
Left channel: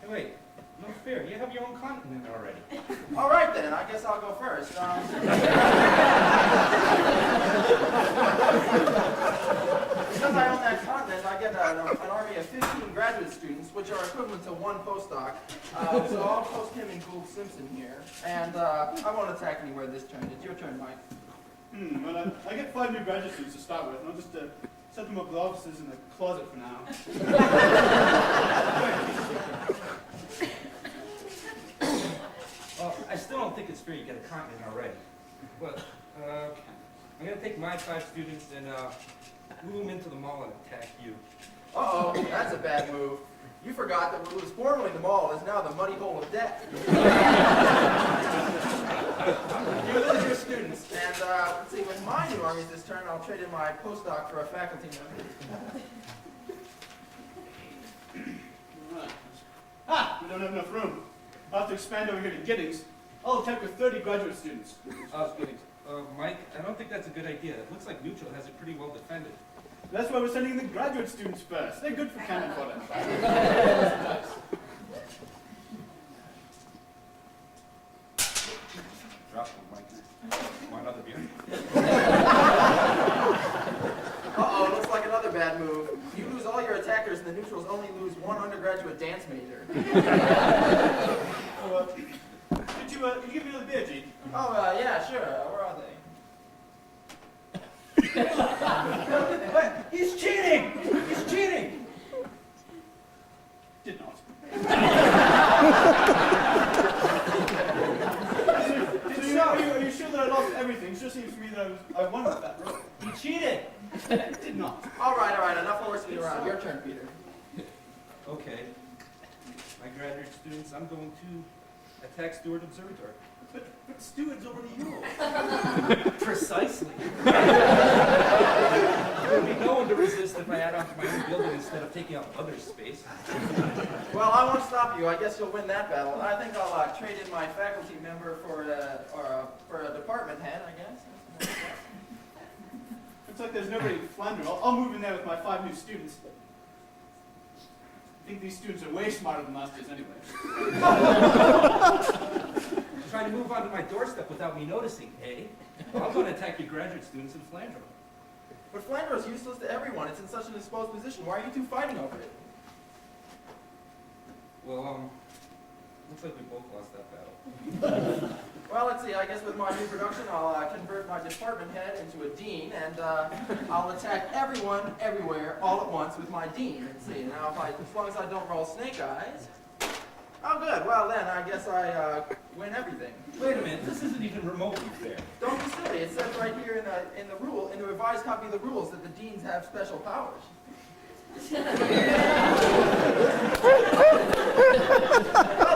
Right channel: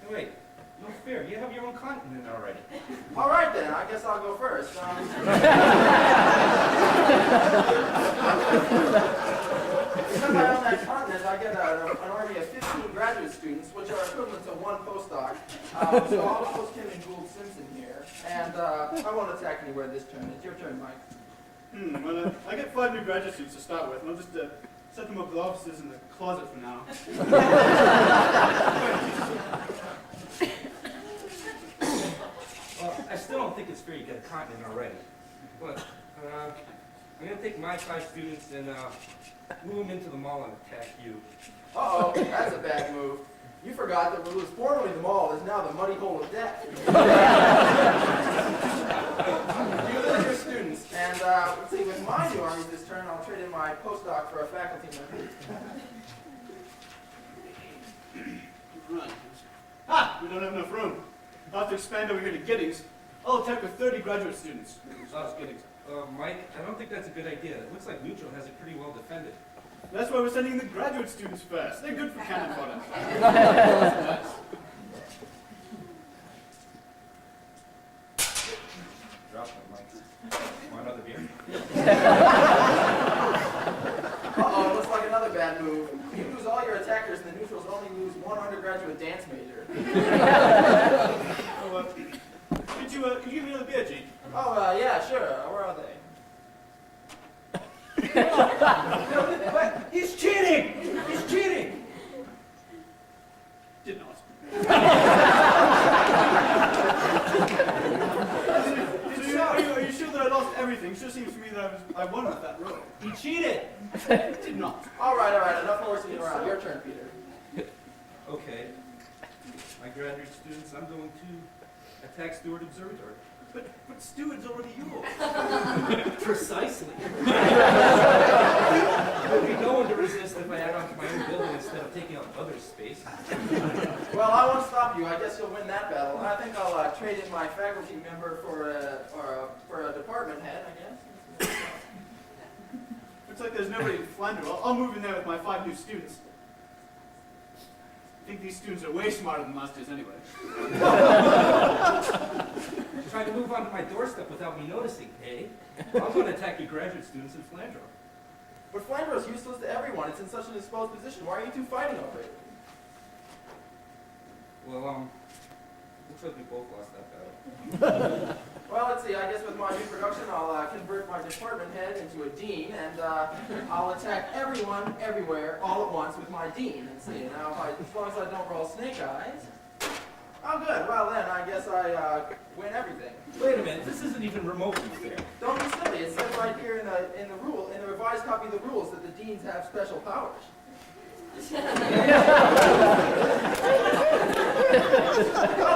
Hey, wait. No fair. You have your own continent already. All right, then. I guess I'll go first. Because I own that continent, I get an army of 15 graduate students, which are equivalent to one postdoc. So I'll post him and Gould Simpson here. And I won't attack anywhere this turn. It's your turn, Mike. Well, I get 5 new graduate students to start with, and I'll just set them up with offices in the closet for now. Well, I still don't think it's fair you get a continent already. But I'm going to take my 5 students and move them into the mall and attack you. Uh-oh, that's a bad move. You forgot that what was formerly the mall is now the muddy hole of death. You lose your students, and let's see, with my new armies this turn, I'll trade in my postdoc for a faculty member. Right. Ah! We don't have enough room. I'll have to expand over here to Giddings. I'll attack with 30 graduate students. Mike, I don't think that's a good idea. It looks like Neutral has it pretty well defended. That's why we're sending in the graduate students first. They're good for cannon fodder. Drop one, Mike. Want another beer? Uh-oh, looks like another bad move. You lose all your attackers, and the neutrals only lose one undergraduate dance major. Could you give me another beer, G? Oh, yeah, sure. Where are they? But he's cheating! He's cheating! Did not. Are you sure that I lost everything? It sure seems to me that I won with that roll. He cheated! Did not. All right, enough horsing around. Your turn, Peter. Okay. My graduate students, I'm going to attack Stewart Observatory. But Stewart's already yours. Precisely. There'll be no one to resist if I add on to my own building instead of taking up others' space. Well, I won't stop you. I guess you'll win that battle. I think I'll trade in my faculty member for a department head, I guess. Looks like there's nobody in Flanders. I'll move in there with my 5 new students. I think these students are way smarter than last year's anyway. Trying to move onto my doorstep without me noticing, eh? Well, I'm going to attack your graduate students in Flandreau. But Flandreau is useless to everyone. It's in such an exposed position. Why are you two fighting over it? Well, looks like we both lost that battle. Well, let's see. I guess with my new production, I'll convert my department head into a dean, and I'll attack everyone, everywhere, all at once with my dean. And see, now as long as I don't roll snake eyes. Oh, good. Well, then I guess I win everything. Wait a minute. This isn't even remotely fair. Don't be silly. It says right here in the revised copy of the rules that the deans have special powers. Well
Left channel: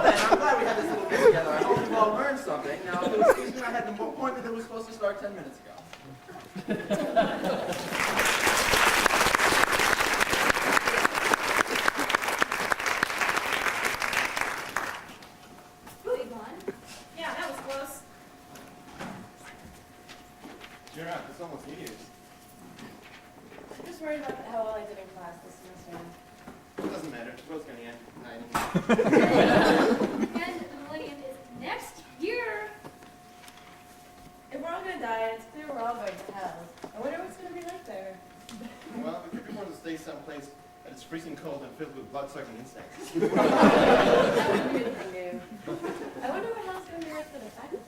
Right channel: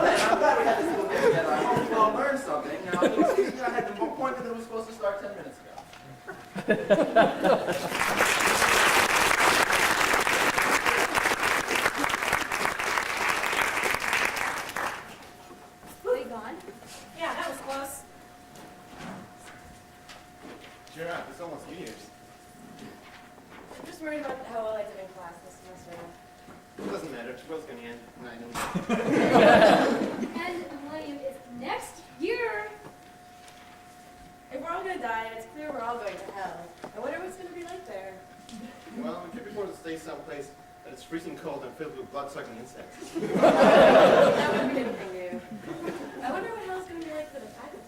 then, I'm glad we had this little get together. I hope you all learned something. Now, if you'll excuse me, I had an appointment that was supposed to start 10 minutes ago. They gone? Yeah, that was close. Cheer up. It's almost New Year's. I'm just worried about how well I did in class this semester. It doesn't matter. Will's going to end 9. And the millennium is next year. If we're all going to die, and it's clear we're all going to hell, I wonder what's going to be like there. Well, we could be forced to stay someplace that is freezing cold and filled with blood-sucking insects. That wouldn't be anything new. I wonder what hell's going to be like for the faculty.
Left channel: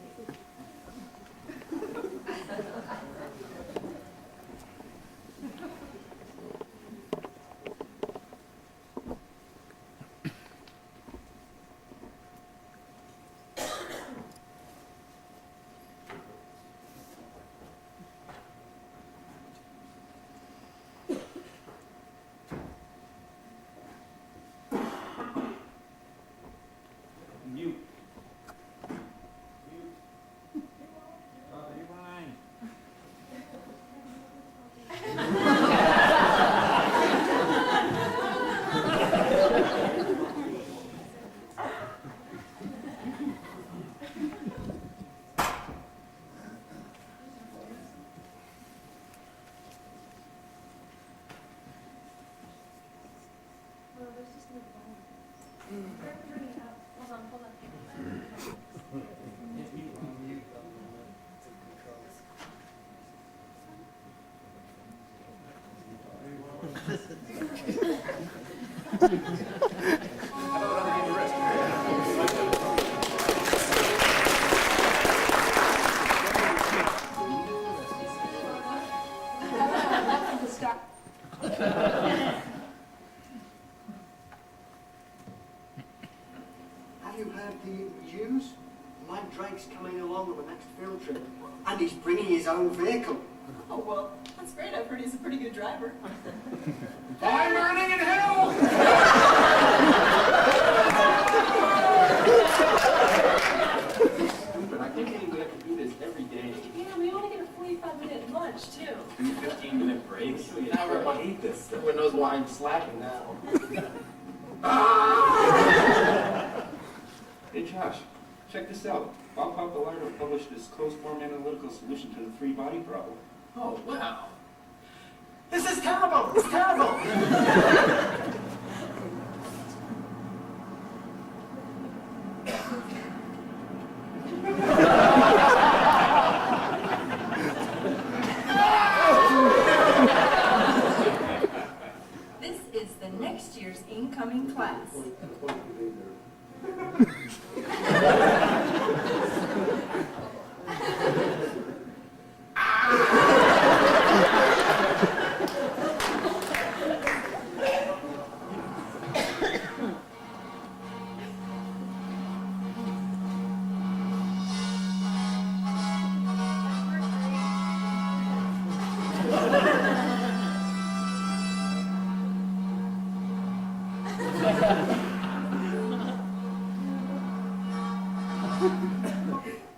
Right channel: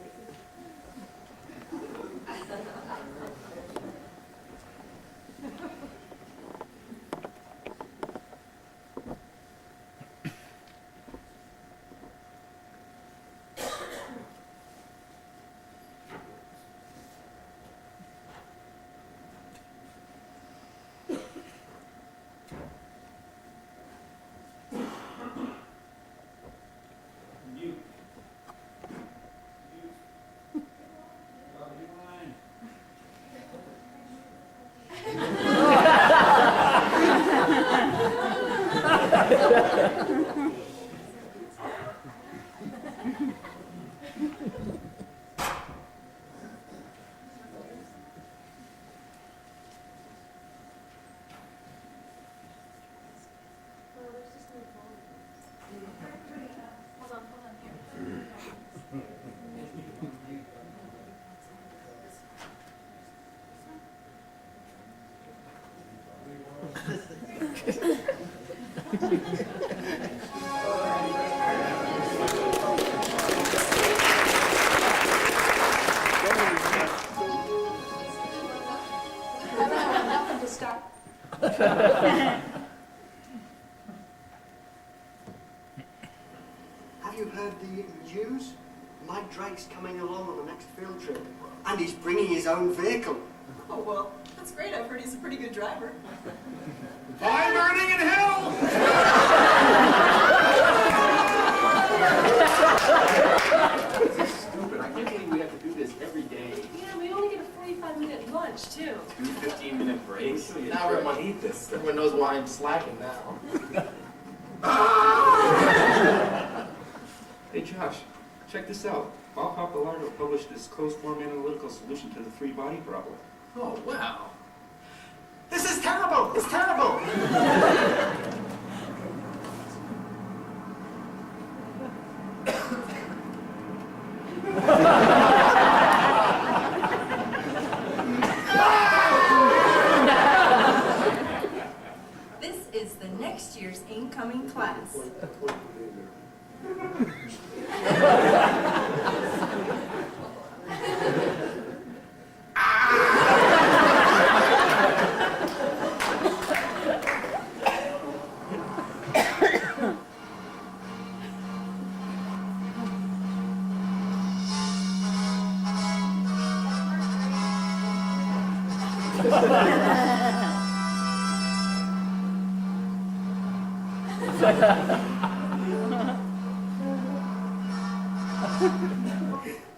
Nothing to start. Have you heard the news? Mike Drake's coming along on the next field trip, and he's bringing his own vehicle. Oh, well, that's great. I've heard he's a pretty good driver. I'm burning in hell! Stupid, I keep thinking we have to do this every day. Yeah, we only get a 45-minute lunch, too. 2 15-minute breaks. Now everyone hate this. Everyone knows why I'm slacking now. Hey Josh, check this out. Bob Pappalardo published this closed-form analytical solution to the three-body problem. Oh, wow. This is terrible! It's terrible! This is the next year's incoming class.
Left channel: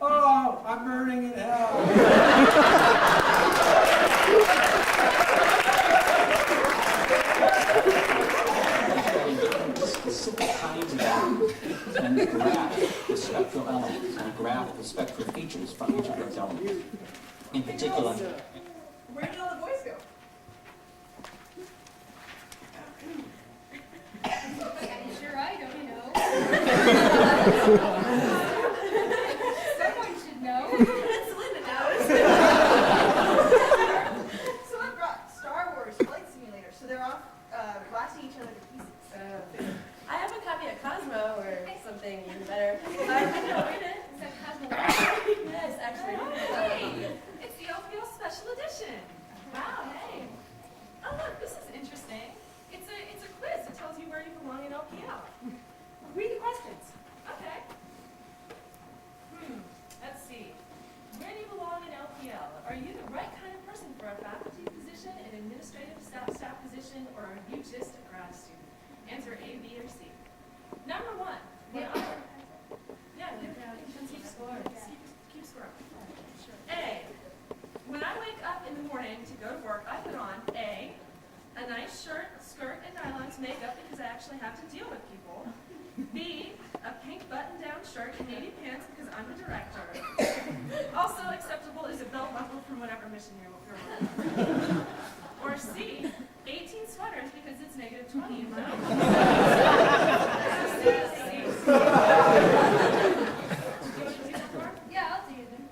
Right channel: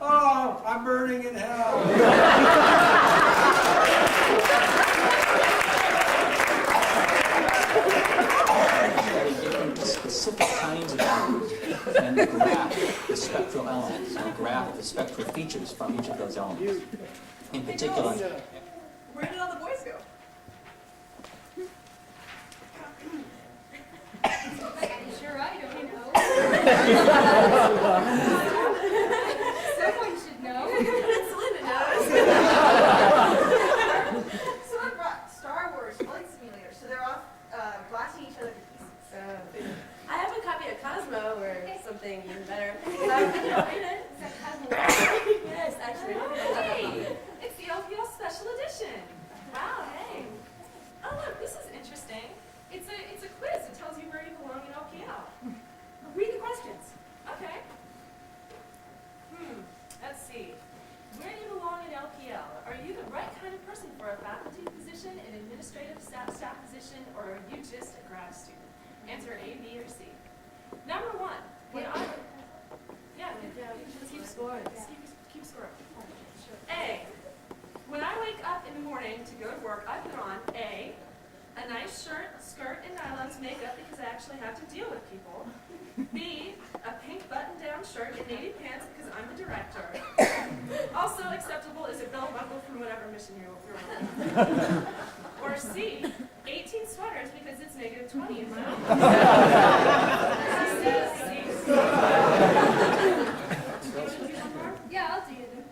Oh, I'm burning in hell. Study different specific kinds of elements and graph the spectral elements and graph the spectral features from each of those elements. In particular, Where did all the boys go? Sure, I don't know. Someone should know. Linda knows. Someone brought Star Wars Flight Simulator, so they're off blasting each other to pieces. I have a copy of Cosmo or something even better. I don't read it. Is that Cosmo? Yes, actually. Hey, it's the LPL Special Edition. Wow, hey. Oh, look, this is interesting. It's a quiz. It tells you where you belong in LPL. Read the questions. Okay. Let's see. Where do you belong in LPL? Are you the right kind of person for a faculty position, an administrative staff position, or are you just a grad student? Answer A, B, or C. Number one. When keep score. Keep score. A. When I wake up in the morning to go to work, I put on A, a nice shirt, skirt, and nylons makeup because I actually have to deal with people. B, a pink button-down shirt and navy pants because I'm the director. Also acceptable is a belt buckle from whatever mission you're on. Or C, 18 sweaters because it's -20 in Rome. Yeah, I'll do them.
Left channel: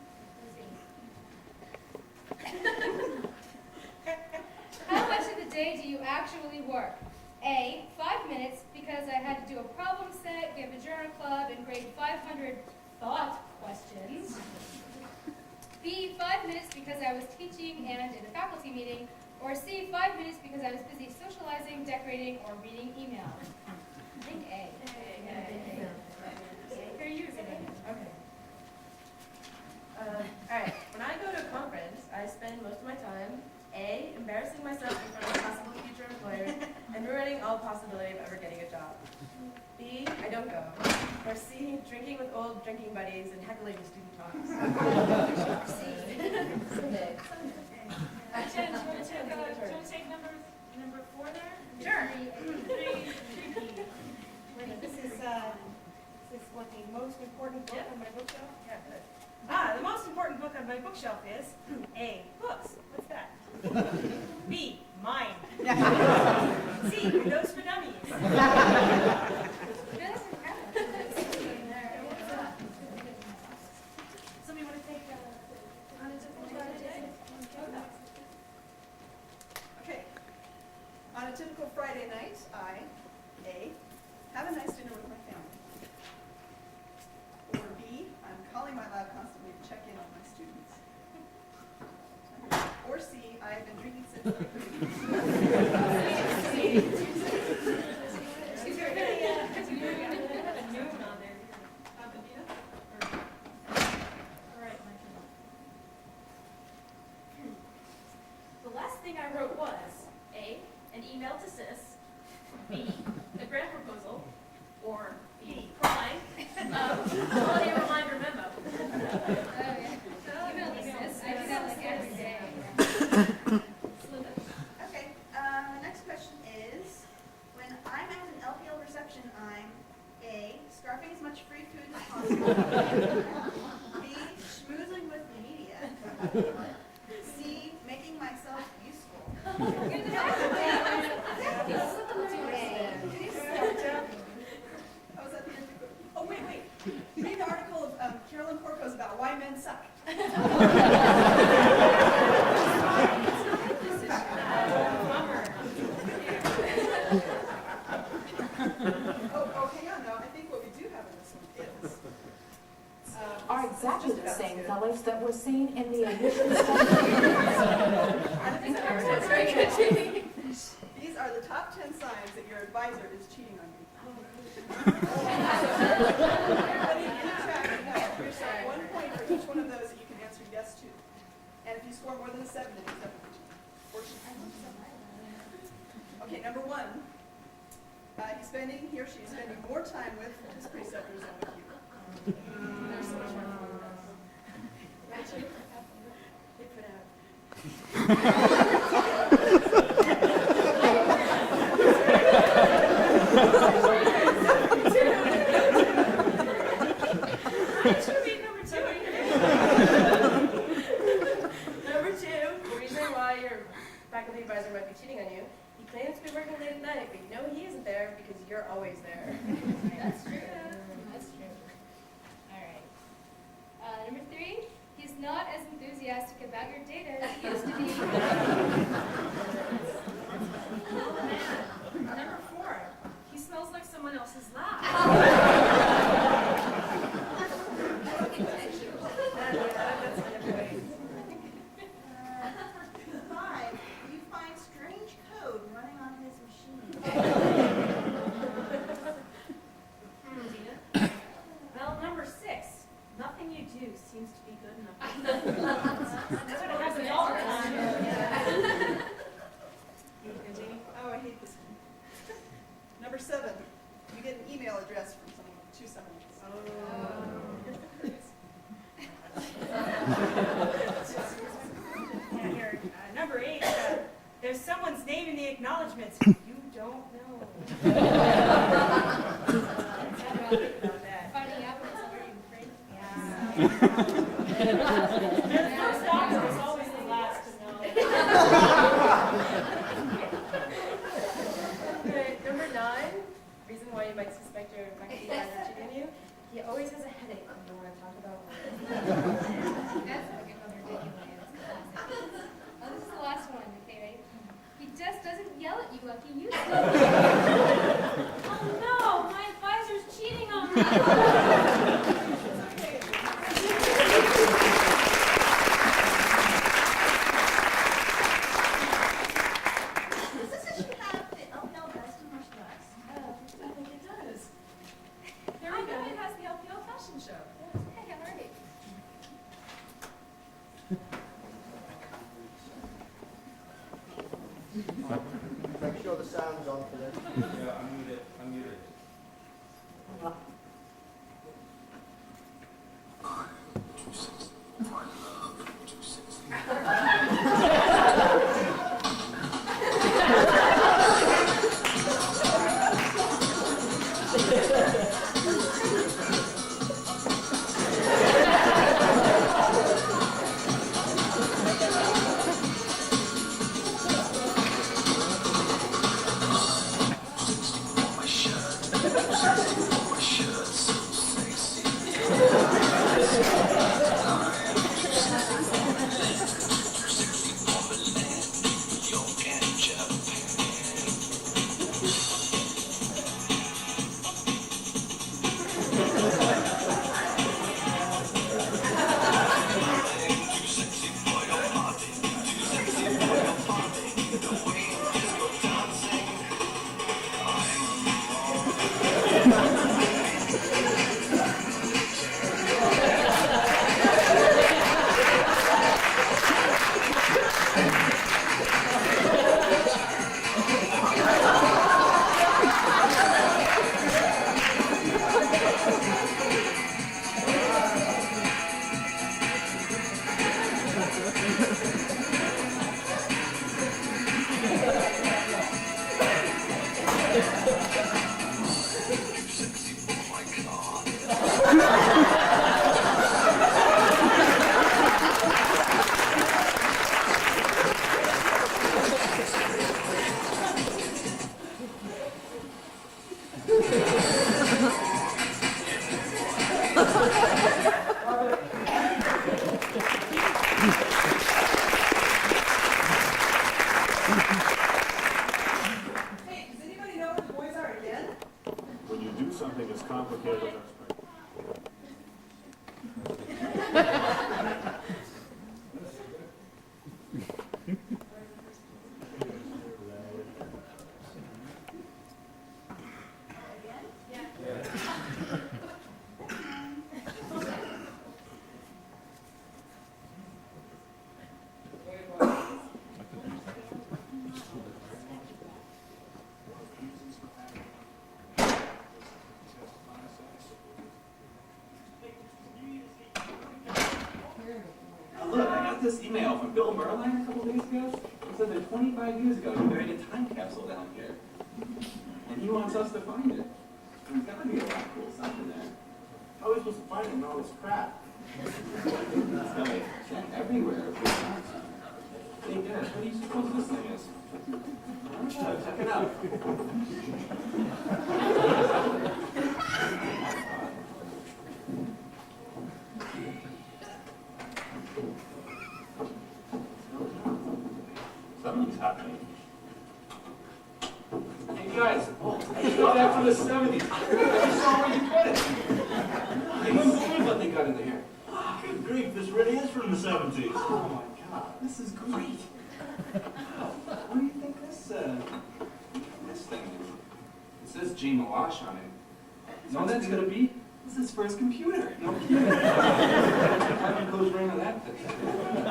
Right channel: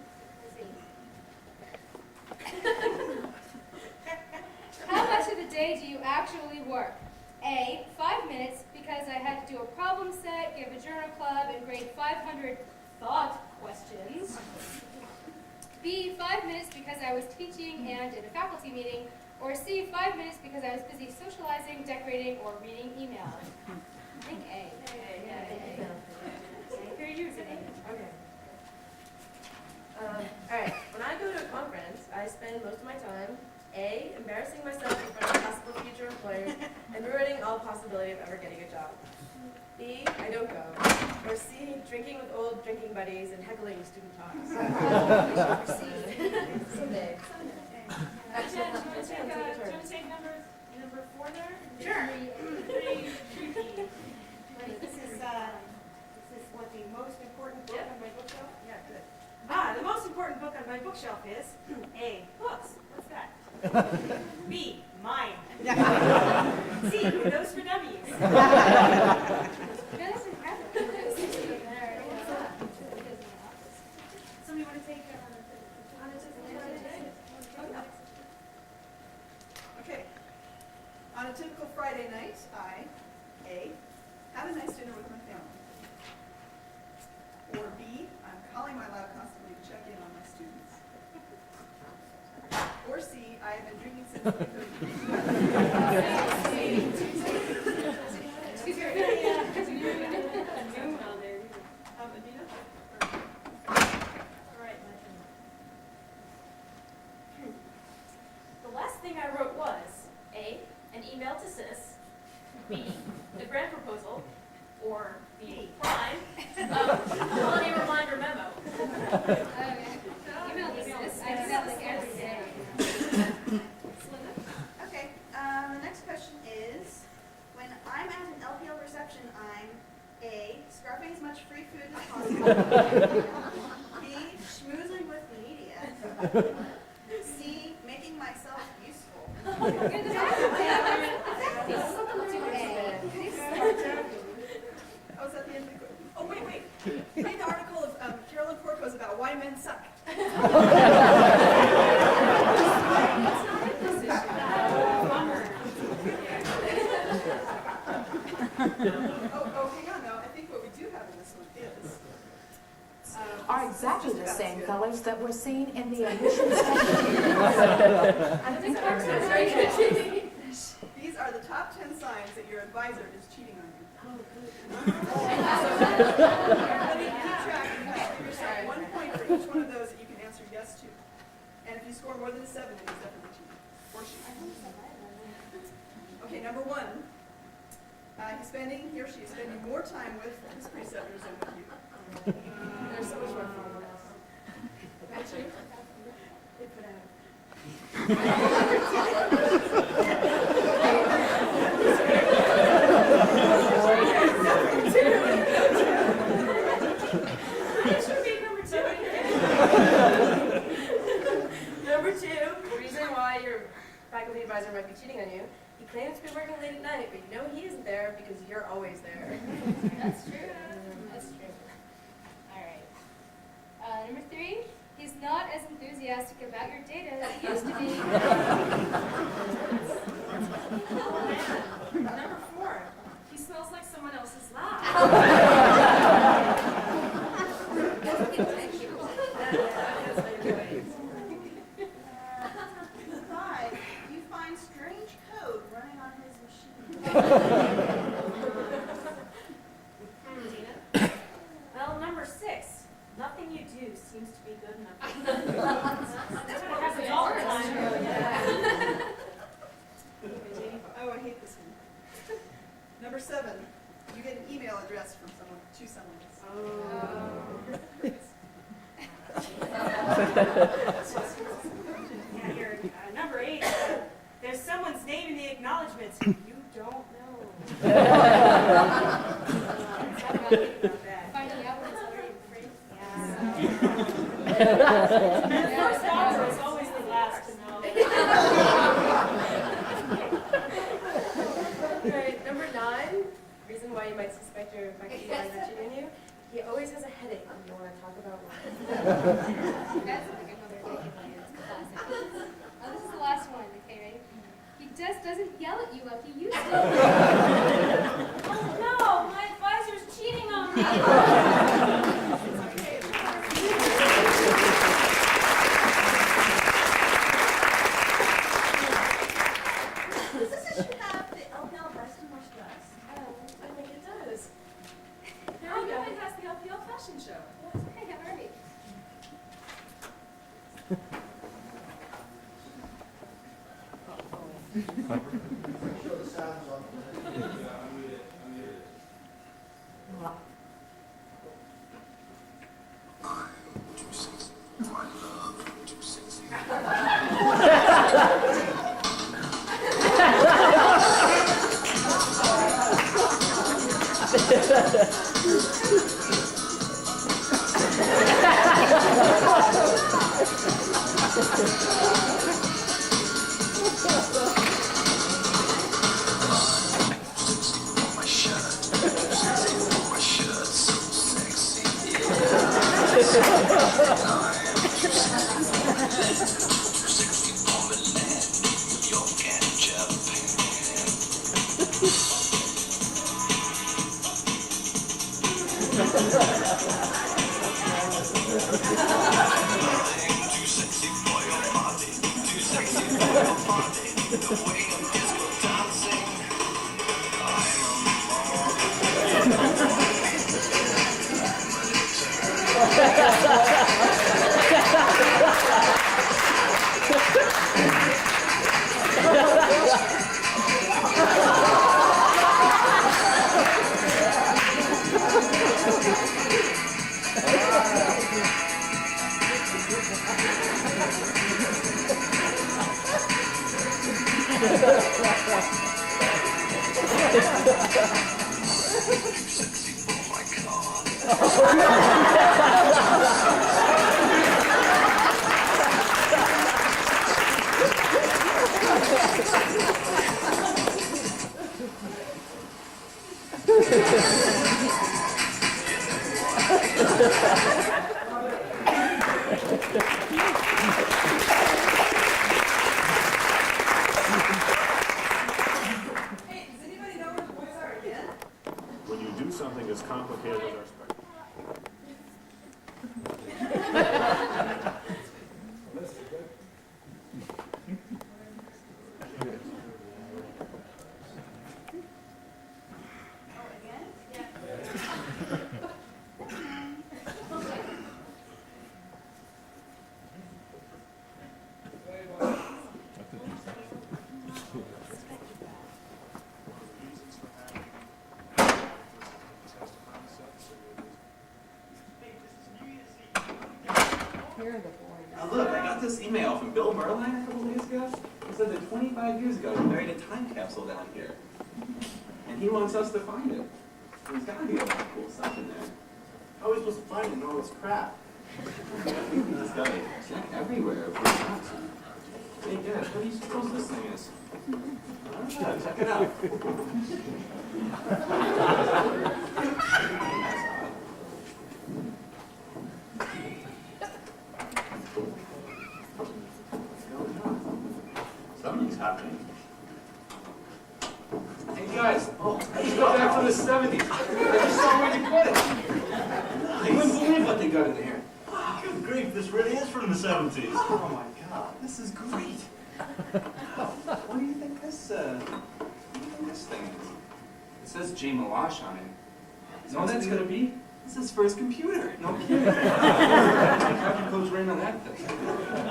How much of the day do you actually work? A, 5 minutes because I had to do a problem set, give a journal club, and grade 500 thought questions. B, 5 minutes because I was teaching and in a faculty meeting. Or C, 5 minutes because I was busy socializing, decorating, or reading email. I think A. You're using it. Okay. Alright, when I go to a conference, I spend most of my time A, embarrassing myself in front of possible future employers and ruining all possibility of ever getting a job. B, I don't go. Or C, drinking with old drinking buddies and heckling student talks. Or C. Someday. Jen, do you want to take number 4 there? Sure. 3B. the most important book on my bookshelf? Yeah, good. The most important book on my bookshelf is A, books. What's that? B, mine. C, Windows for Dummies. Somebody want to take on a typical Friday? Okay. On a typical Friday night, I, A, have a nice dinner with my family. Or B, I'm calling my lab constantly to check in on my students. Or C, I have been drinking since my 30s. All right, my turn. The last thing I wrote was A, an email to sis, B, a grant proposal, or B, crime, holiday reminder memo. Email to sis. I do that like every day. Okay, the next question is, when I'm at an LPL reception, I'm A, scarfing as much free food as possible, B, schmoozing with the media, C, making myself useful. Oh, is that the end of the question? Oh, wait. Read the article of Carolyn Porco's about why men suck. Oh, hang on, though. I think what we do have in this one is... are exactly the same colors that were seen in the initial These are the top 10 signs that your advisor is cheating on you. But you keep track, you have to give yourself 1 point for each one of those that you can answer yes to. And if you score more than a 7, then he's definitely cheating. Or she. Okay, number 1. He or she is spending more time with his preceptors than with you. There's so much more for you guys. That's you. They put Number 2, the reason why your faculty advisor might be cheating on you, he claims to be working late at night, but you know he isn't there because you're always there. That's true. That's true. All right. Number 3, he's not as enthusiastic about your data as he used to be. Oh, man. Number 4, he smells like someone else's lab. Five, you find strange code running on his machine. Tina? Well, number 6, nothing you do seems to be good enough. That's what happens all the time. Oh, I hate this one. Number 7, you get an email address from someone to someone else. Yeah, here, number 8, there's someone's name in the acknowledgments you don't know. Finding out when it's already in print. And the first doctor is always the last to know. Right, number 9, reason why you might suspect your faculty advisor cheating on you. He always has a headache when you want to talk about why. That's like another ridiculous classic. Oh, this is the last one. Okay, ready? He just doesn't yell at you like he used to. Oh no, my advisor's cheating on me. Does this issue have the LPL best and worst dress? I think it does. There we go. It has the LPL fashion show. Hey, all right. Show the sounds off there. Hey, does anybody know where the boys are again? When you do something as complicated as our Look, I got this email from Bill Merline a couple days ago. He said that 25 years ago he buried a time capsule down here. And he wants us to find it. There's got to be a lot of cool stuff in there. How are we supposed to find it in all this crap? Let's go. Check everywhere if we want to. Hey, Dad, what do you suppose this thing is? I don't know. Check it out. Something's happening. Hey guys, I just got back from the 70s. I just saw where you put it. I couldn't believe what they got in there. Good grief, this really is from the 70s. Oh my God, this is great. What do you think this thing is? It says J. Malash on it. No, that's gonna be. This is his first computer. No kidding. How'd you close ring on that thing?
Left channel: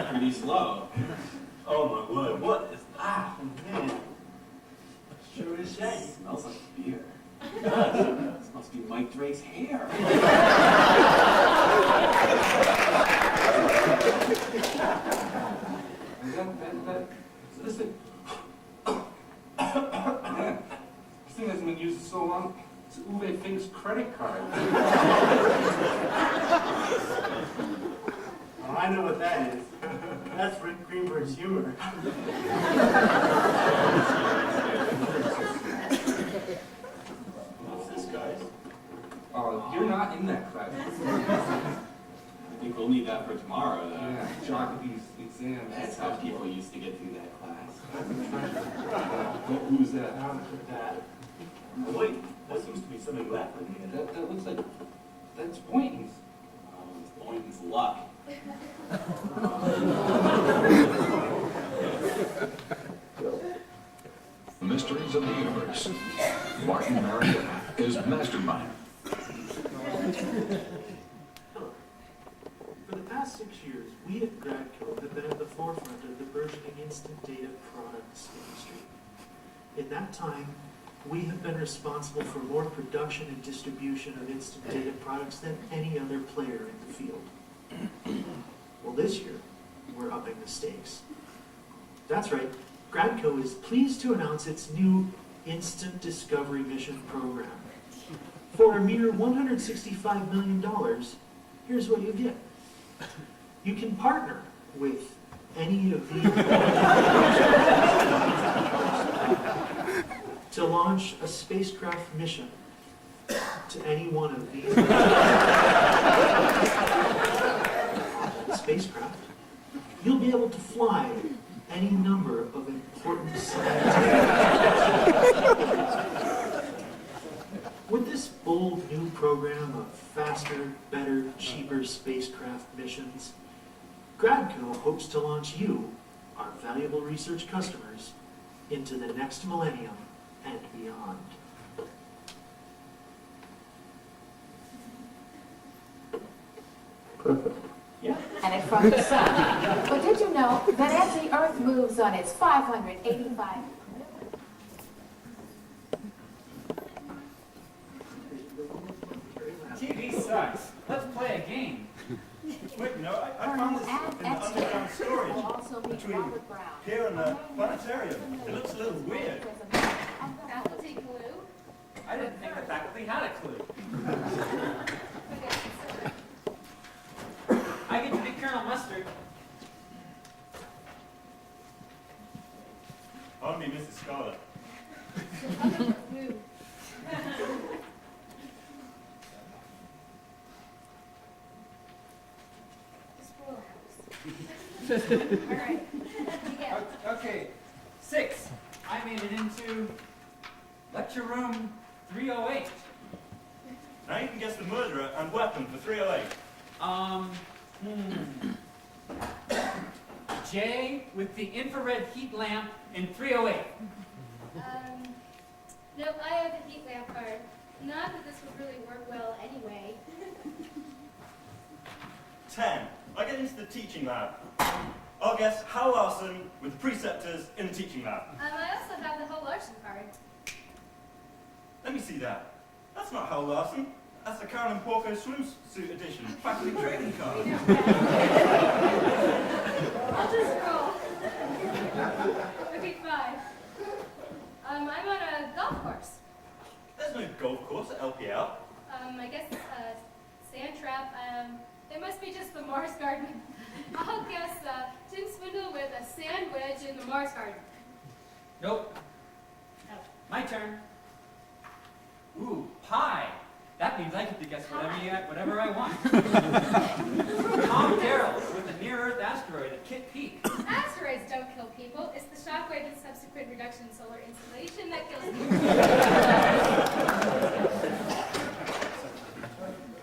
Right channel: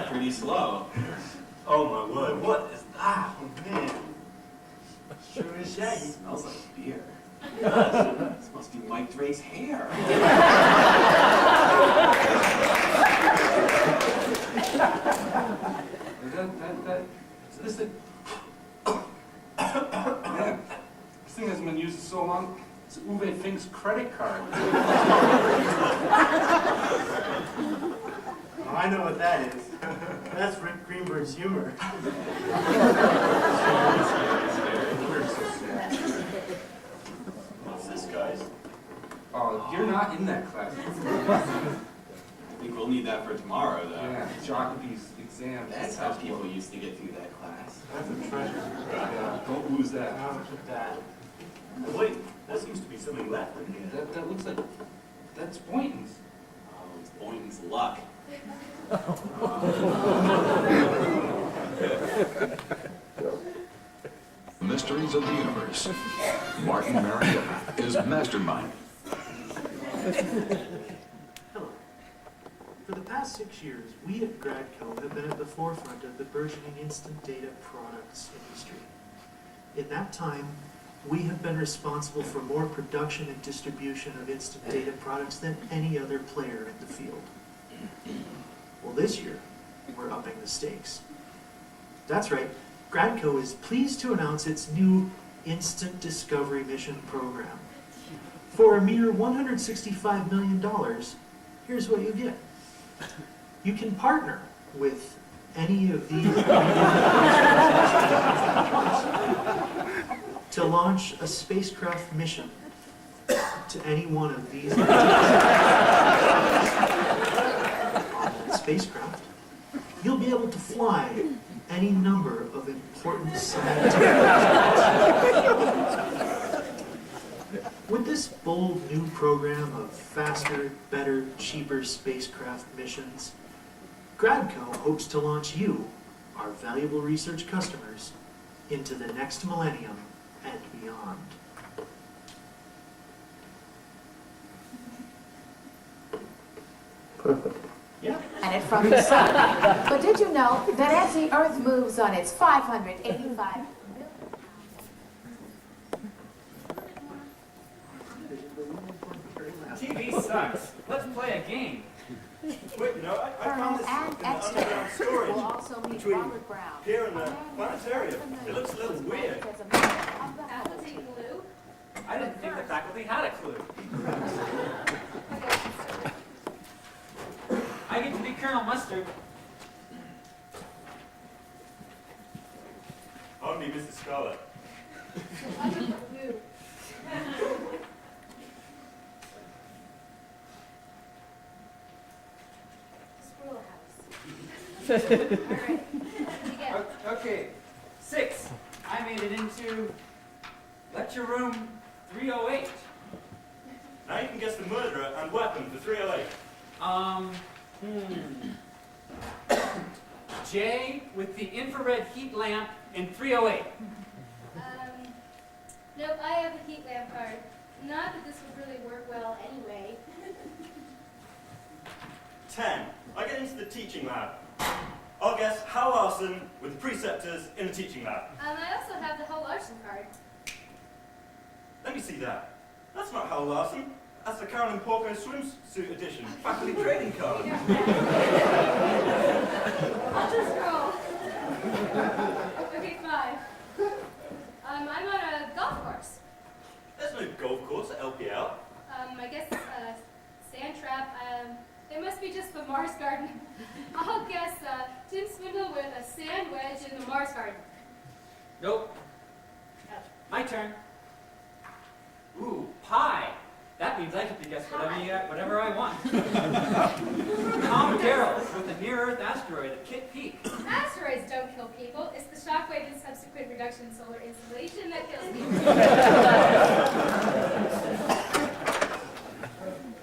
Pretty slow. Oh my word, what is that? Oh, man. Sure is shaggy. It smells like beer. This must be Mike Drake's hair. This thing. Man, this thing hasn't been used in so long. It's Uwe Fink's credit card. Oh, I know what that is. That's Rick Greenberg's humor. What's this, guys? Oh, you're not in that class. I think we'll need that for tomorrow, though. Yeah, Jockey's exam. That's how people used to get through that class. That's a treasure. Don't lose that. I'll keep that. Oh, wait, there seems to be something left in here. That looks like, that's Boynton's. Oh, it's Boynton's luck. Mysteries of the Universe. Martin Marietta is Mastermind. Hello. For the past 6 years, we at GradCo have been at the forefront of the burgeoning instant data products industry. In that time, we have been responsible for more production and distribution of instant data products than any other player in the field. Well, this year, we're upping the stakes. That's right, GradCo is pleased to announce its new Instant Discovery Mission program. For a mere $165 million, here's what you get. You can partner with any of these to launch a spacecraft mission to any one of these spacecraft. You'll be able to fly any number of important scientific With this bold new program of faster, better, cheaper spacecraft missions, GradCo hopes to launch you, our valuable research customers, into the next millennium and beyond. Perfect. Yeah. And it from the sun. But did you know that as the Earth moves on its 585 TV sucks. Let's play a game. Wait, you know, I found this in the underground storage will also be between solid ground. here and the planetarium. It looks a little weird. Faculty glue? I didn't think the faculty had a clue. I get to be Colonel Mustard. I want to be Mrs. Scarlet. Glue. Alright. Okay, 6. I made it into lecture room 308. Now you can guess the murderer and weapon for 308. J with the infrared heat lamp in 308. No, I have a heat lamp card. Not that this would really work well anyway. 10. I get into the teaching lab. I'll guess Hal Larson with the preceptors in the teaching lab. I also have the Hal Larson card. Let me see that. That's not Hal Larson. That's the Carolyn Porco swimsuit edition. Faculty trading card. I'll just roll. Okay, 5. I'm on a golf course. There's no golf course at LPL. I guess sand trap. It must be just the Mars Garden. I'll guess Tim Swindle with a sand wedge in the Mars Garden. Nope. My turn. Ooh, pie. That means I get to guess whatever I want. Tom Darrell with a near-Earth asteroid at Kitt Peak. Asteroids don't kill people. It's the shockwave and subsequent reduction in solar insolation that kills people.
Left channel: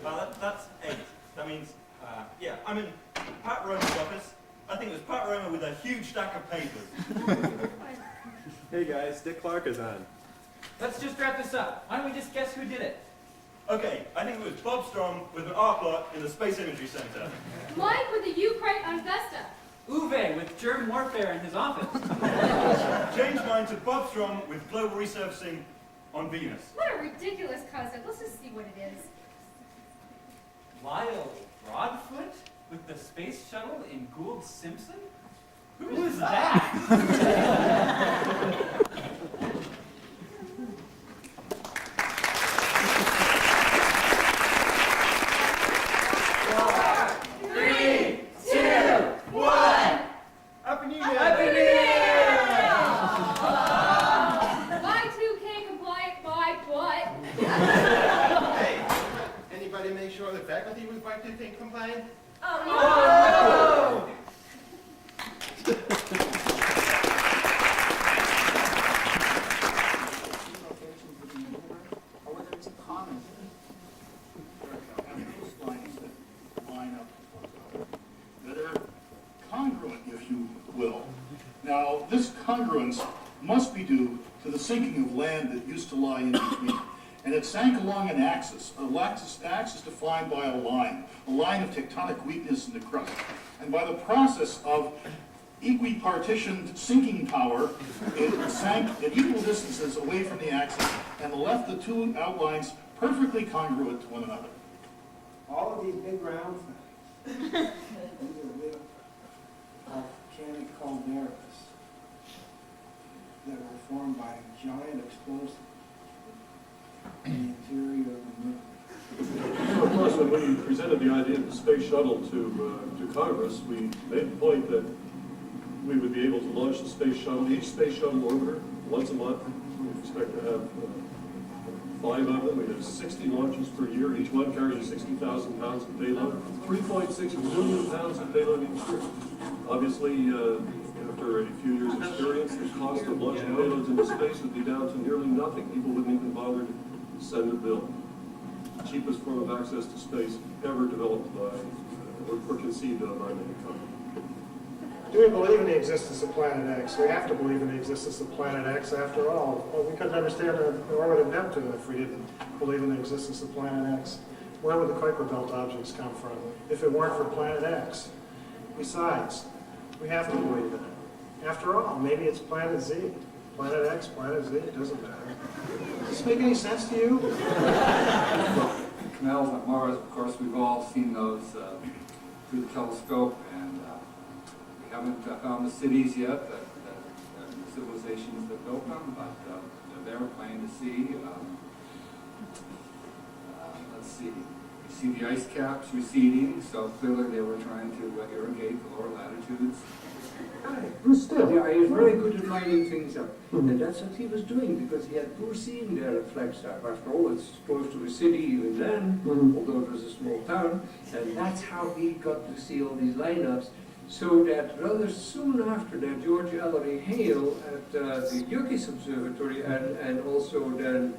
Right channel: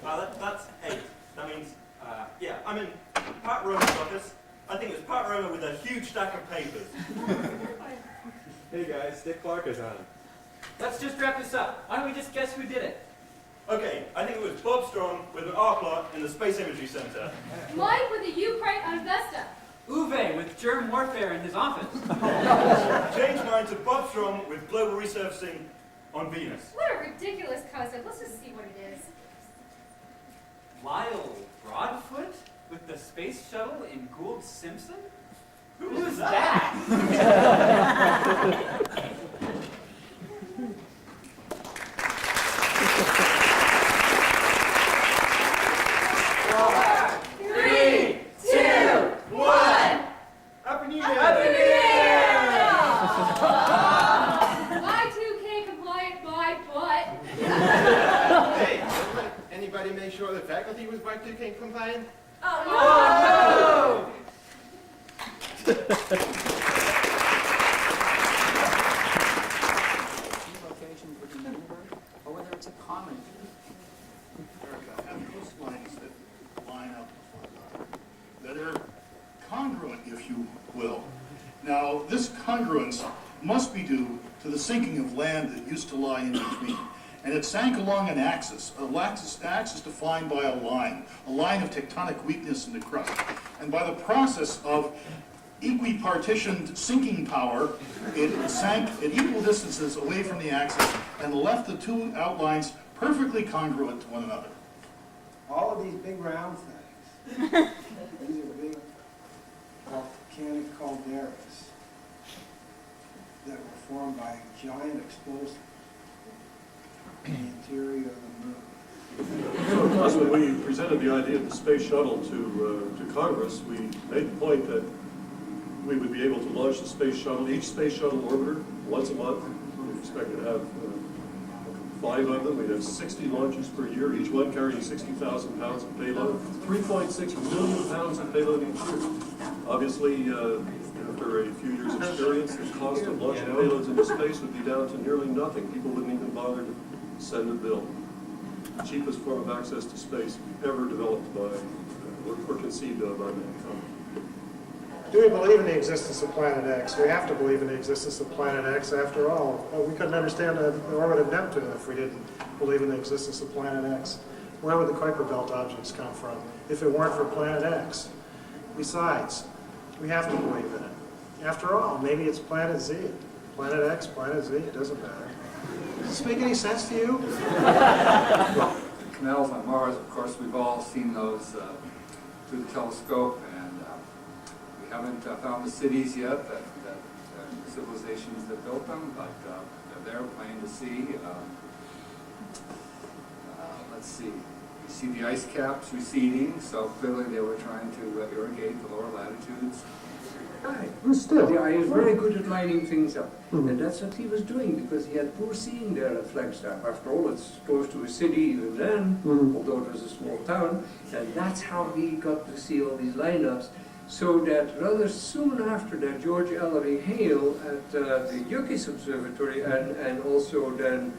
Well, that's 8. That means, yeah, I'm in Pat Romer's office. I think it was Pat Romer with a huge stack of papers. Hey guys, Dick Clark is on. Let's just wrap this up. Why don't we just guess who did it? Okay, I think it was Bob Strong with an arc lot in the Space Imagery Center. Mike with a Ukraine on Vesta. Uwe with germ warfare in his office. Change mine to Bob Strong with global resurfacing on Venus. What a ridiculous concept. Let's just see what it is. Lyle Broadfoot with the space shuttle in Gould Simpson? Who is that? Happy New Year! Happy New Year! Y2K compliant by what? Hey, anybody make sure the faculty was Y2K compliant? Oh, no! Locations within the universe, or whether it's a common. Erica, have those lines that line up with one another, that are congruent, if you will. Now, this congruence must be due to the sinking of land that used to lie in between. And it sank along an axis defined by a line of tectonic weakness in the crust. And by the process of equipartitioned sinking power, it sank at equal distances away from the axis and left the two outlines perfectly congruent to one another. All of these big round things, these are big volcanic calderas that were formed by giant explosives in the interior of the moon. So of course, when we presented the idea of the space shuttle to Congress, we made the point that we would be able to launch the space shuttle, each space shuttle orbiter, once a month. We expect to have 5 of them. We'd have 60 launches per year, each one carrying 60,000 pounds of payload, 3.6 million pounds of payload each year. Obviously, after a few years' experience, the cost of launching payloads into space would be down to nearly nothing. People wouldn't even bother to send a bill. Cheapest form of access to space ever developed by, or conceived of by mankind. Do we believe in the existence of Planet X? We have to believe in the existence of Planet X after all. We couldn't understand the orbit of Neptune if we didn't believe in the existence of Planet X. Where would the Kuiper Belt objects come from if it weren't for Planet X? Besides, we have to believe in it. After all, maybe it's Planet Z. Planet X, Planet Z, it doesn't matter. Does this make any sense to you? Canals on Mars, of course, we've all seen those through the telescope, and we haven't found the cities yet, the civilizations that built them, but they're there, plain to see. Let's see. You see the ice caps receding, so clearly they were trying to irrigate the lower latitudes. Still, yeah, he's very good at lining things up. And that's what he was doing, because he had poor seeing there at Flagstaff. After all, it's close to a city even then, although it was a small town. And that's how he got to see all these lineups. So that rather soon after that, George Ellery Hale at the Yucca Observatory, and also then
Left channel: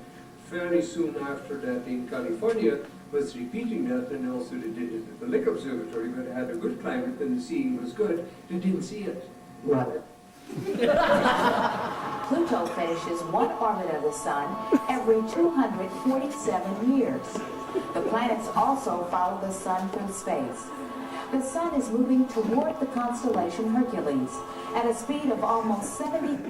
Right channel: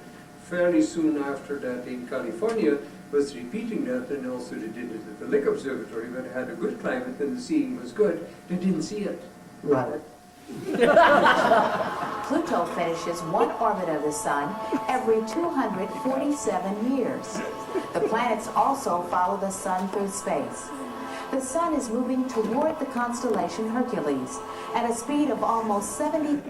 fairly soon after that in California, was repeating that, and also they did it at the Lick Observatory, where they had a good climate and the seeing was good. They didn't see it. Right. Pluto finishes one orbit of the Sun every 247 years. The planets also follow the Sun through space. The Sun is moving toward the constellation Hercules at a speed of almost 70.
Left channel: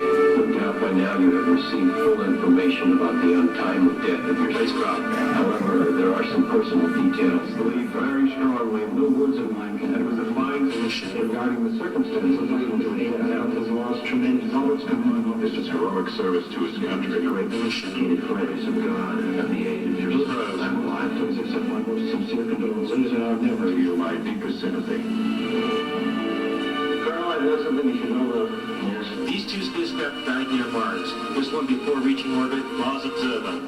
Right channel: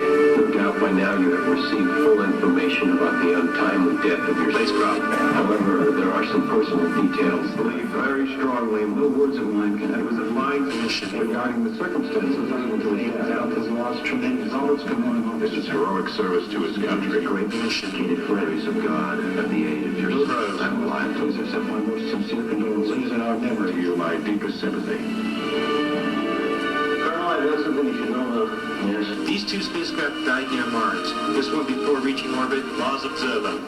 No doubt by now you have received full information about the untimely death of your spacecraft. However, there are some personal details. I believe very strongly no words of mine can. It was a fine initiative regarding the circumstances unable to aid out has lost tremendous all its commitment. This is heroic service to his country. Great initiated for the grace of God and the aid of your spouse. I'm alive. Please accept my most sincere condolences and our memory. You my deepest sympathy. There's something you should know about. Yes. These two spacecraft died near Mars. This one before reaching orbit. Laws observe them.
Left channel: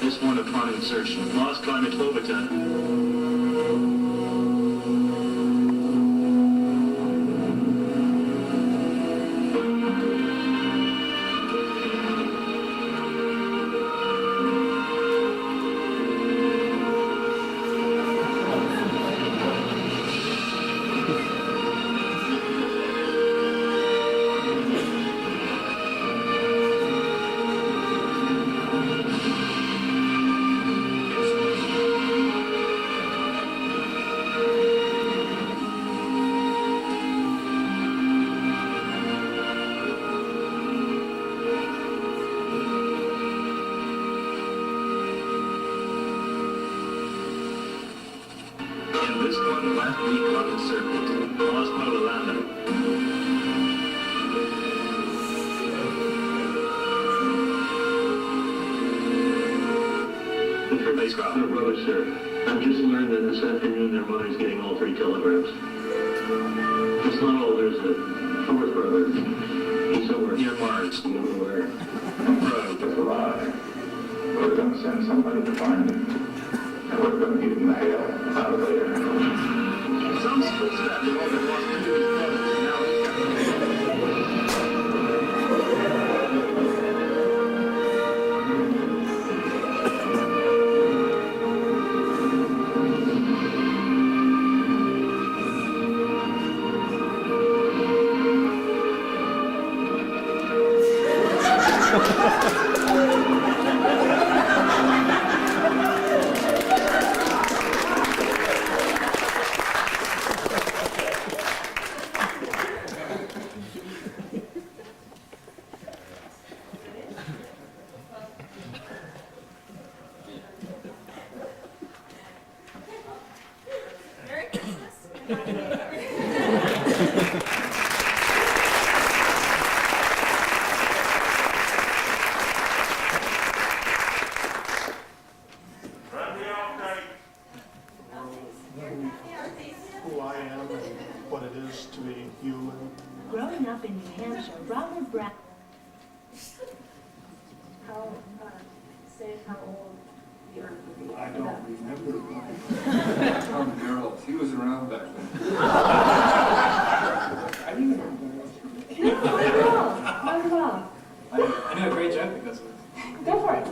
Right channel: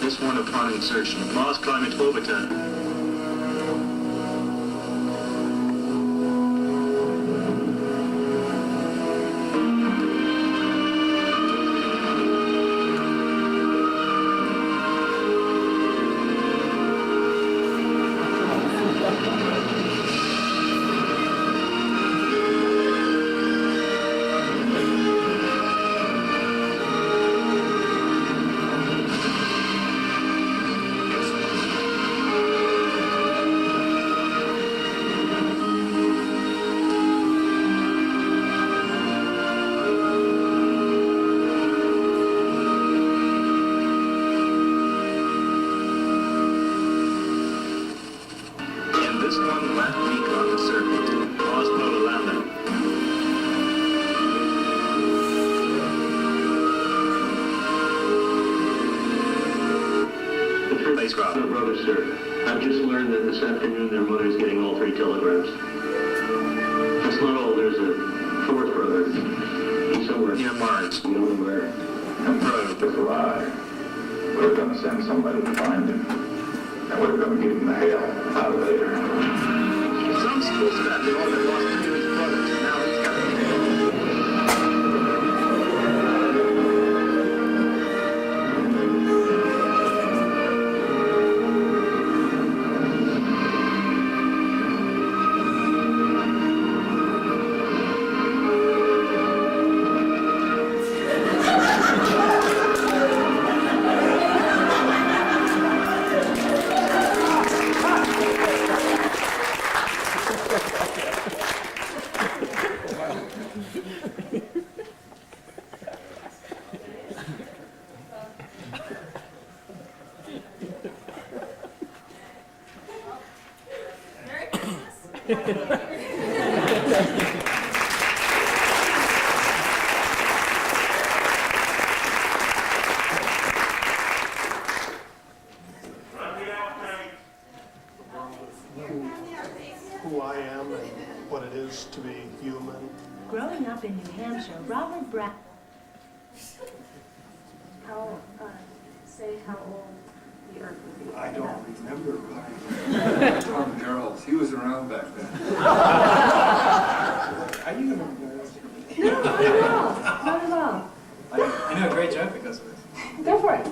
This one upon insertion. Mars climate orbiter. Sir, I've just learned that this afternoon their mother's getting all 3 telegrams. That's not all, there's a 4th brother. He's somewhere near Mars. We don't know where. I'm proud of this lie. We're going to send somebody to find him. And we're going to get him the hell out of there. Some spacecraft have all been lost into his brothers, and now he's got to Who I am and what it is to be human. Growing up in New Hampshire, Robert Brown. How old I don't remember. Tom Gerald, he was around back then. Are you gonna No, not at all. Not at all. I know a great joke that goes with it. Go for it.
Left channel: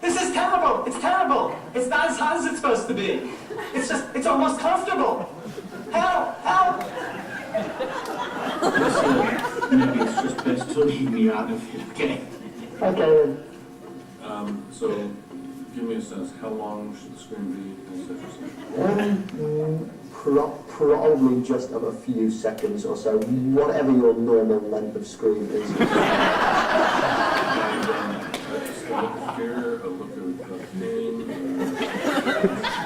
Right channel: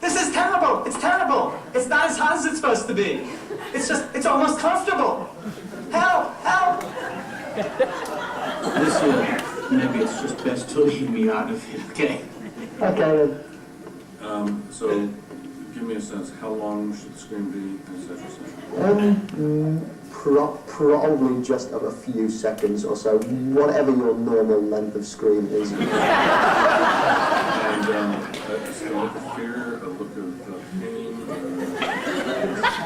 This is terrible! It's terrible! It's not as hot as it's supposed to be. It's almost comfortable. Help! Help! Listen, maybe it's just best to leave me out of it, okay? Okay. So, give me a sense, how long should the screen be, et cetera? Probably just of a few seconds or so, whatever your normal length of screen is. And just a look of fear, a look of pain,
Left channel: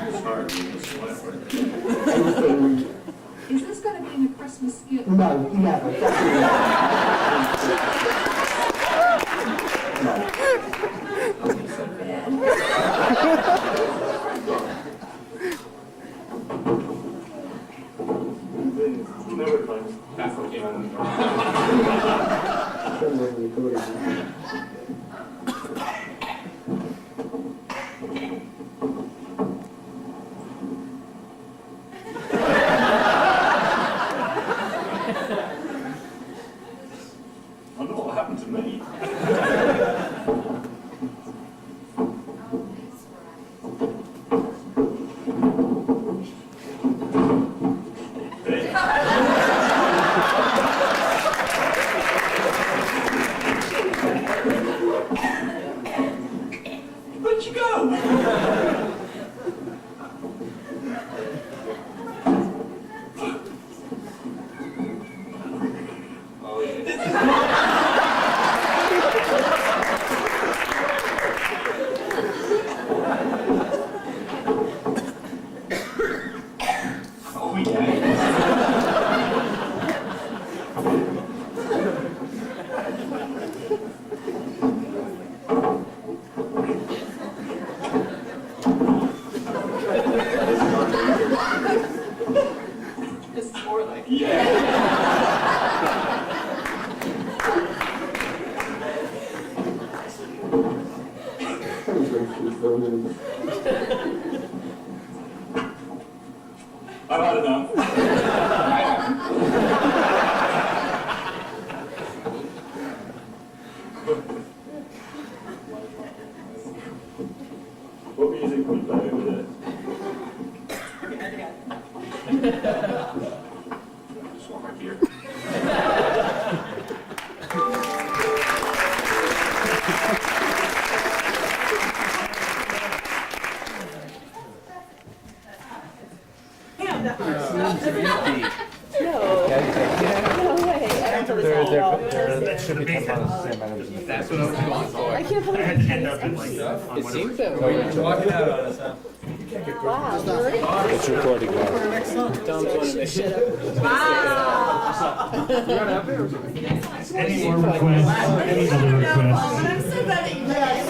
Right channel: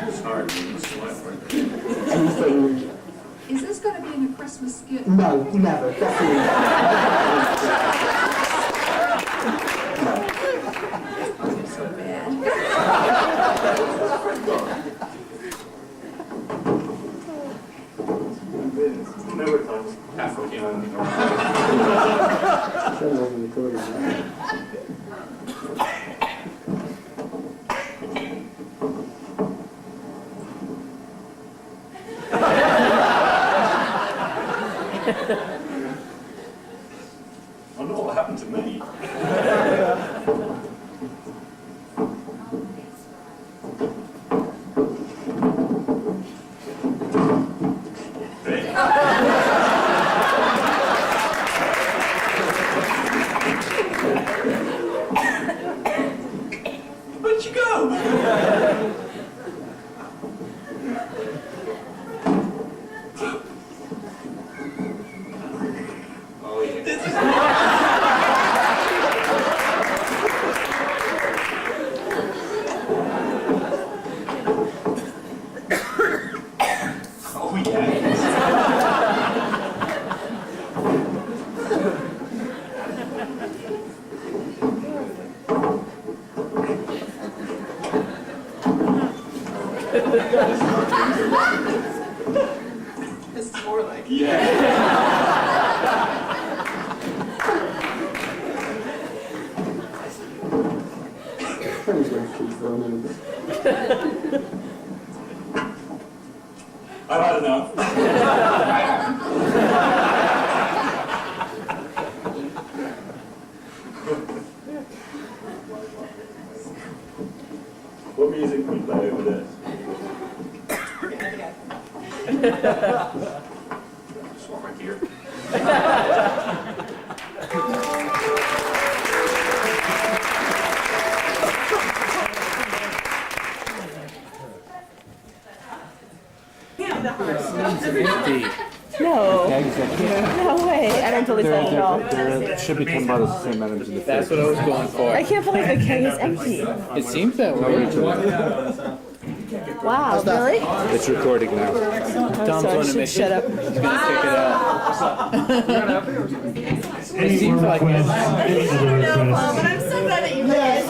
it's hard, you sweat right there. Anything. Is this going to be in a Christmas skit? No, never. Definitely not. So bad. Never times half a can. I know what happened to me. Where'd you go? Oh, yeah. It's more like I've had enough. What music we play over this? Just walk right here. There should be 10 bottles of the same items in the That's what I was going for. I can't believe the can is empty. It seems that way. Wow, really? It's recording now. Tom's going to make shut up. Any more requests? Any other requests? I'm so glad that you guys.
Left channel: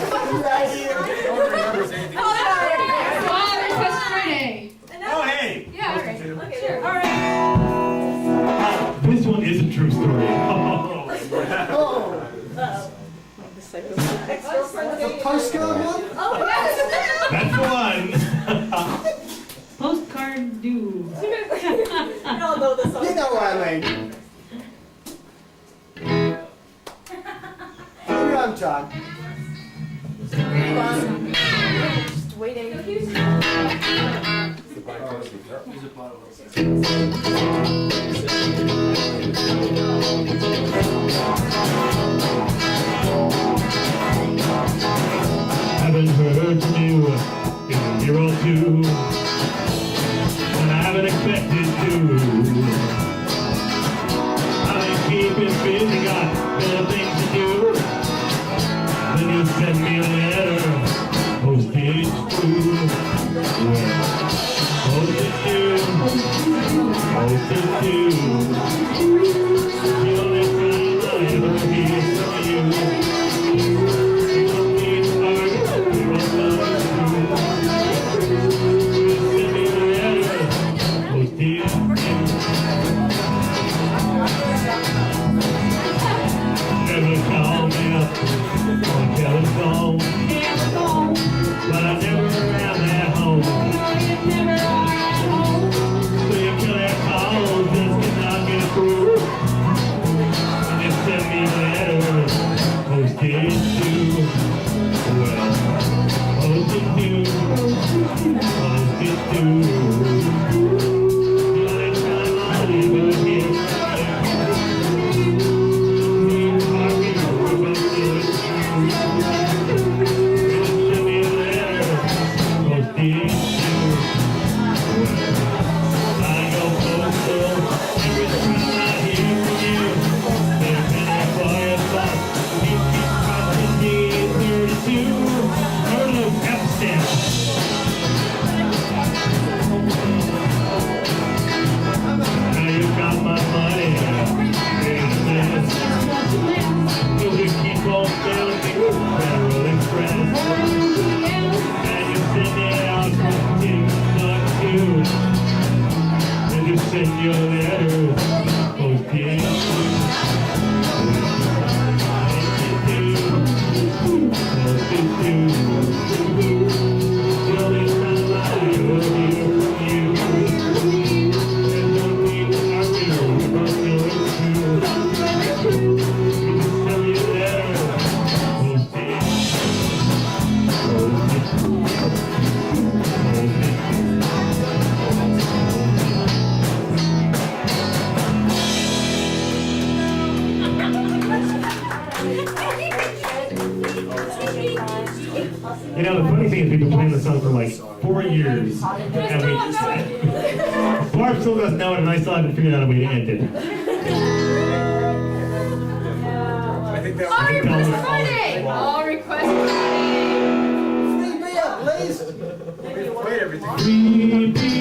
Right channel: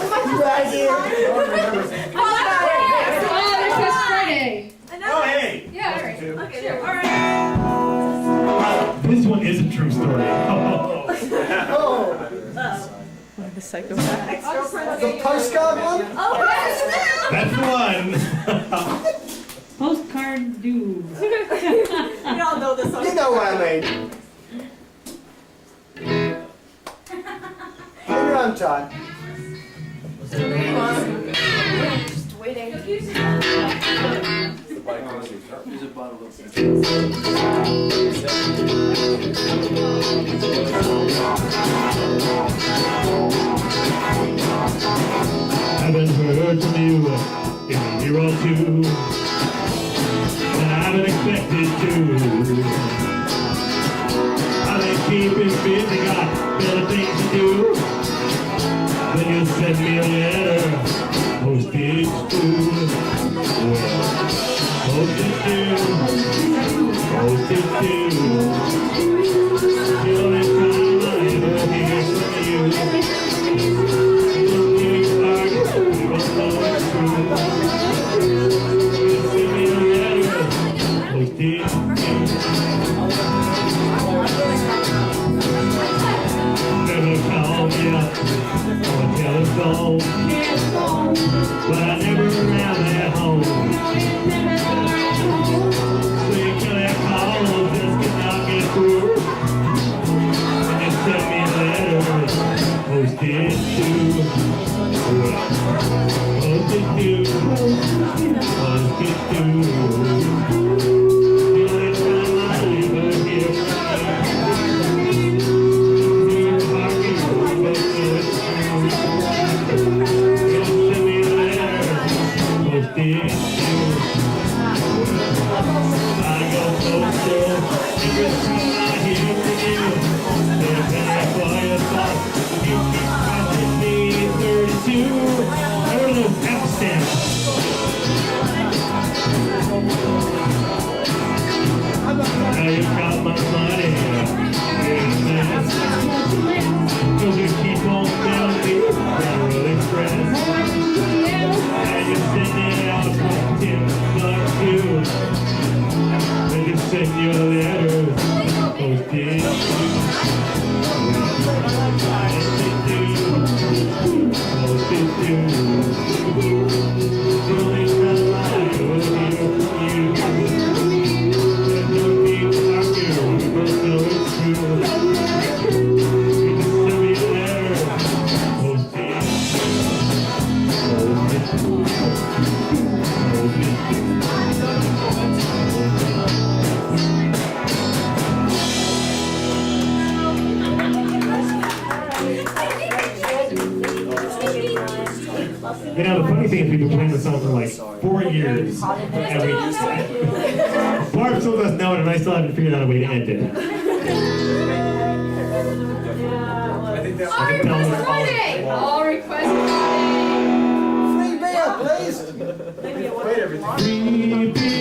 Friday. Oh, hey! Yeah, all right. Okay, sure. All right. This one is a true story. The psychopath. The postcard one? Oh, yes. That's the one. Postcard dude. We all know this one. You know what I mean. In your own time. Just waiting. Haven't heard from you in a year or two, and I haven't expected to. I've been keeping busy, got better things to do. Then you send me a letter, postage too. Well, postage too, postage too. The only time I ever hear from you. Never call me up on telephone, but I never Send your letter, posted You know, the funny thing is we've been playing this song for like 4 years, and Barb still doesn't know it, and I still haven't figured out a way to end it. All request Friday! All request Friday! Free beer, please. Wait, everything. Free beer.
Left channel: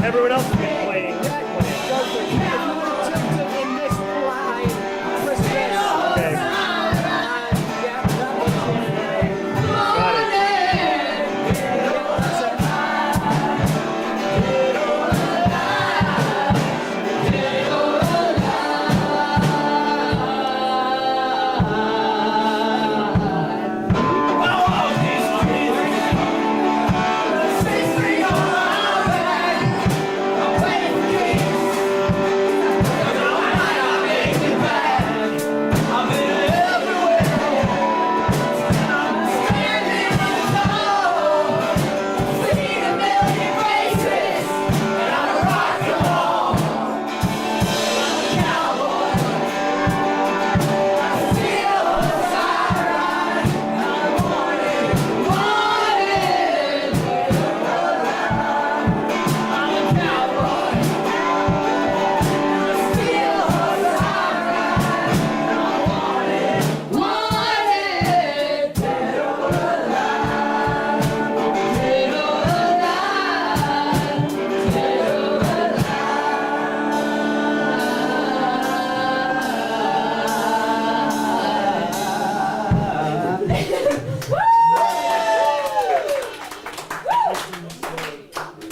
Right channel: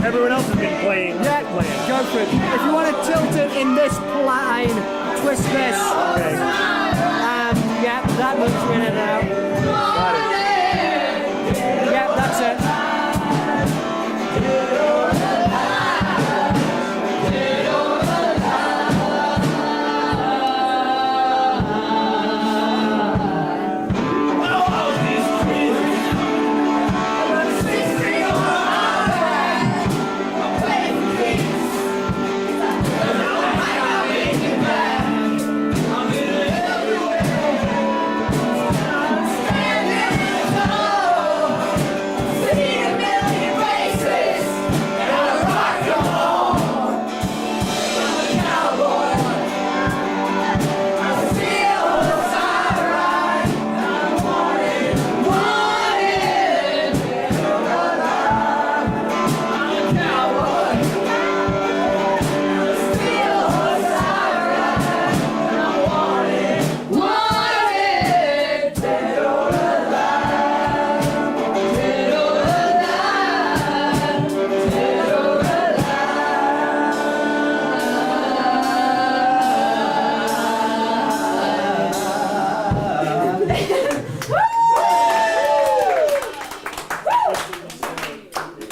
Everyone else has been playing. If you want to tilt it in this line, twist this. Okay. Yeah, that looks good. Got it. Yeah, that's it.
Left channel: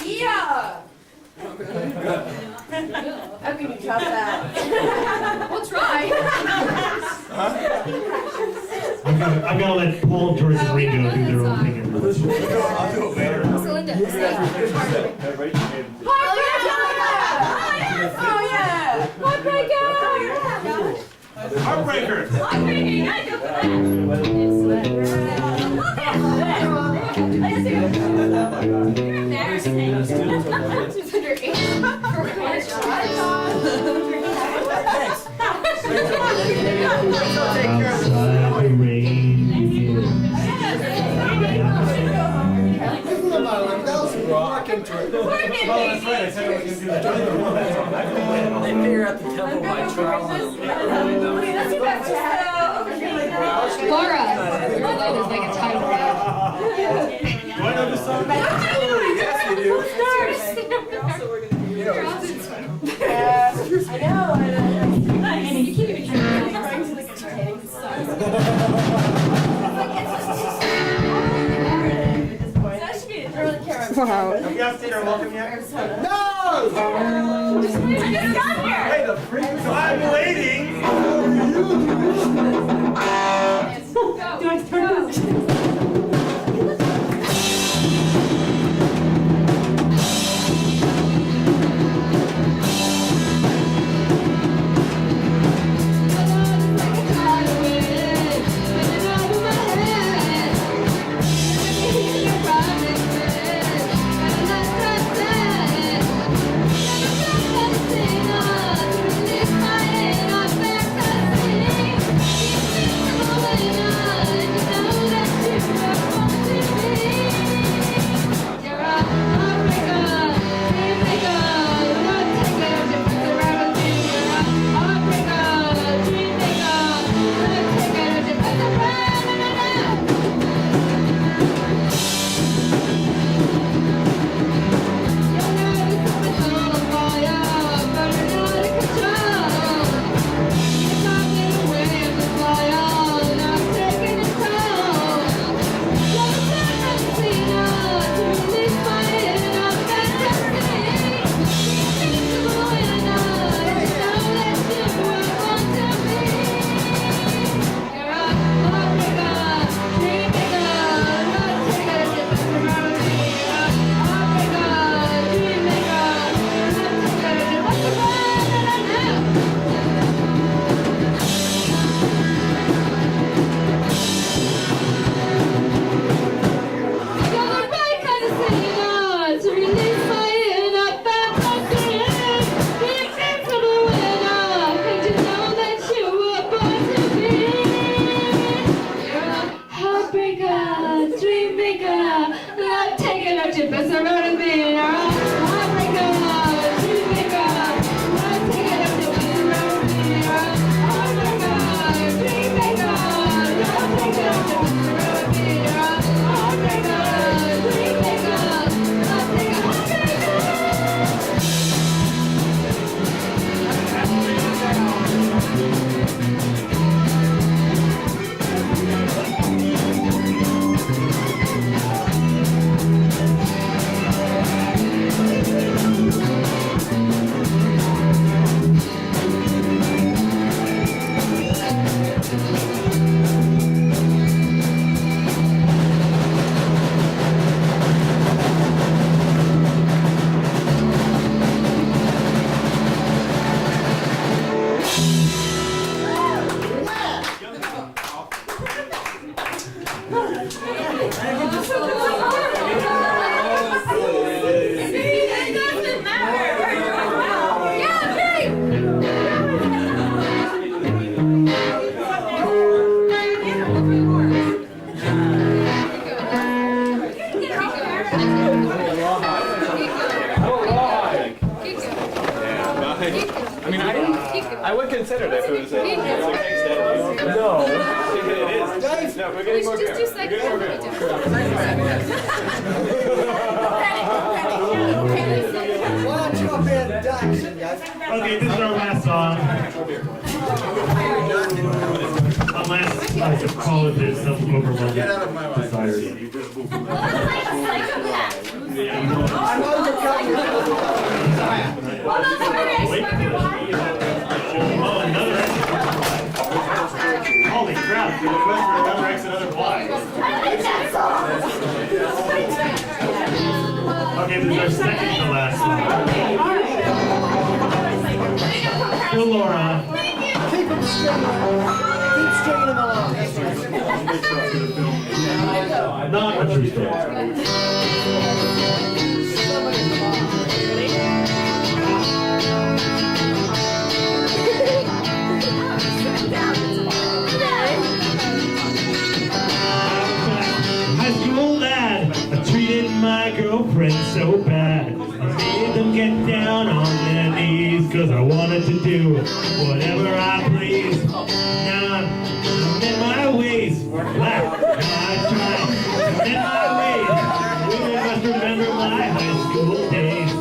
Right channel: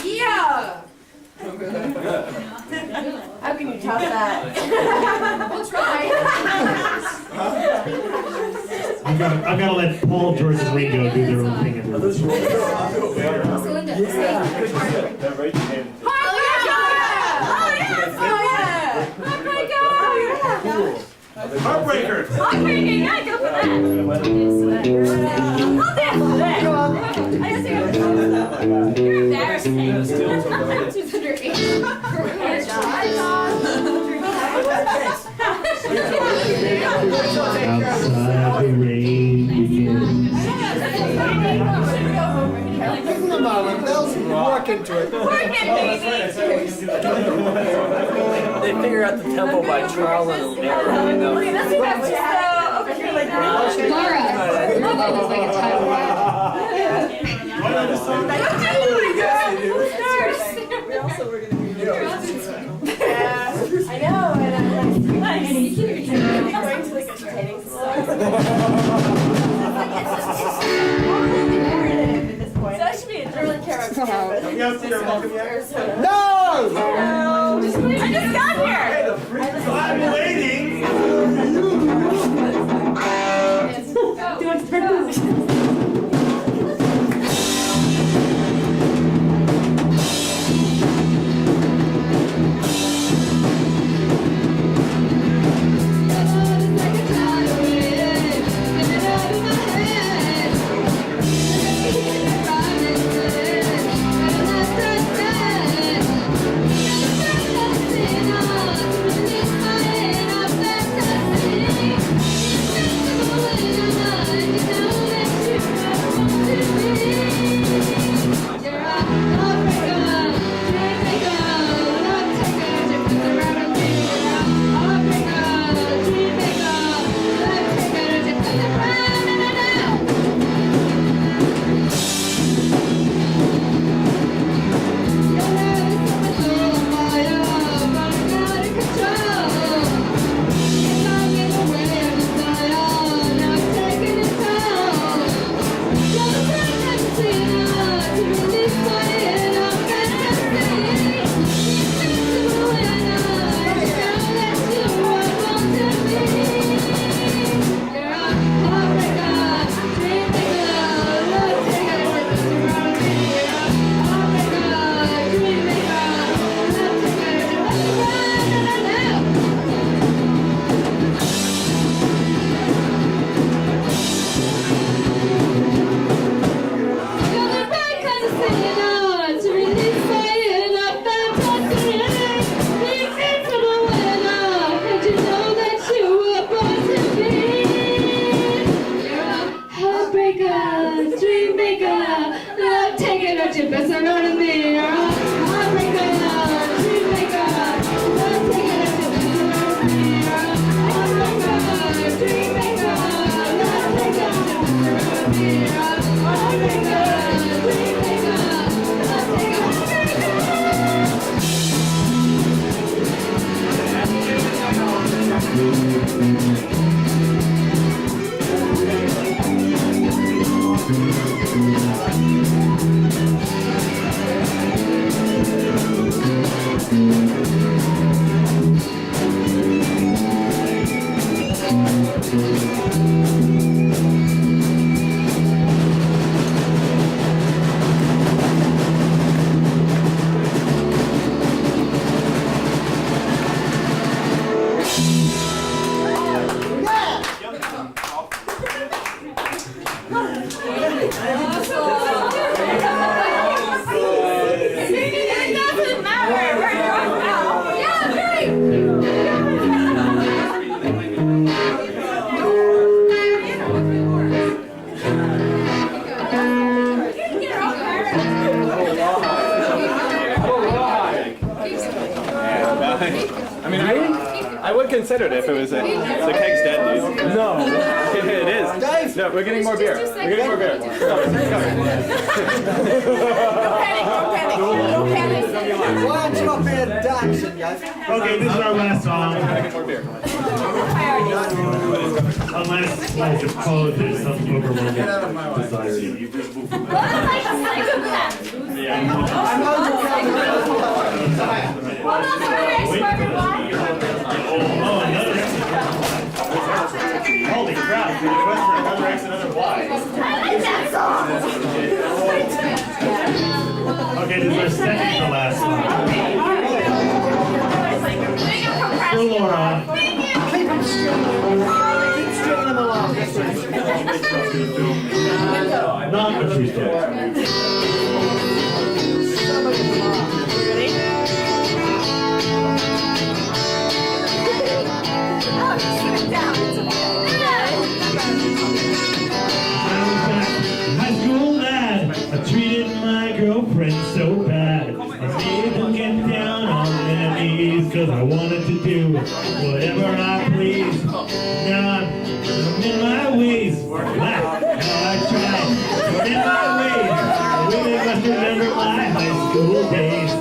Yeah! How can you top that? We'll try. I've got to let Paul, George, and Ringo do their own thing. Celinda, stay. Oh yeah! Oh yeah! Heartbreaker. Heartbreaking, I go for that. You're embarrassing. She's underage. That's right. I said I was going to do that. They figure out the tempo by trial and error. Laura, your name is like a title rap. Do I know this song? Yes, you do. You're also I know. And you keep your chin going to the entertaining song. So that should be a really character. Have you guys seen her welcome yet? No! Just wait. I just got here. Hey, the freak. So I'm waiting. Do it first. I would consider it if it was a No, it is. Guys, no, we're getting more beer. We're getting more beer. Okay, this is our last song. Unless I suppose there's some overwhelming desire. Oh, another exit. Holy crap, the request for another X, another Y. Okay, this is our second to last song. for Laura. Keep him straight. Keep stringing him along. Not a true story. High school lad, I treated my girlfriend so bad. I made them get down on their knees, cause I wanted to do whatever I please. Now I'm in my ways, laugh, now I try. I'm in my ways, women must remember my high school days.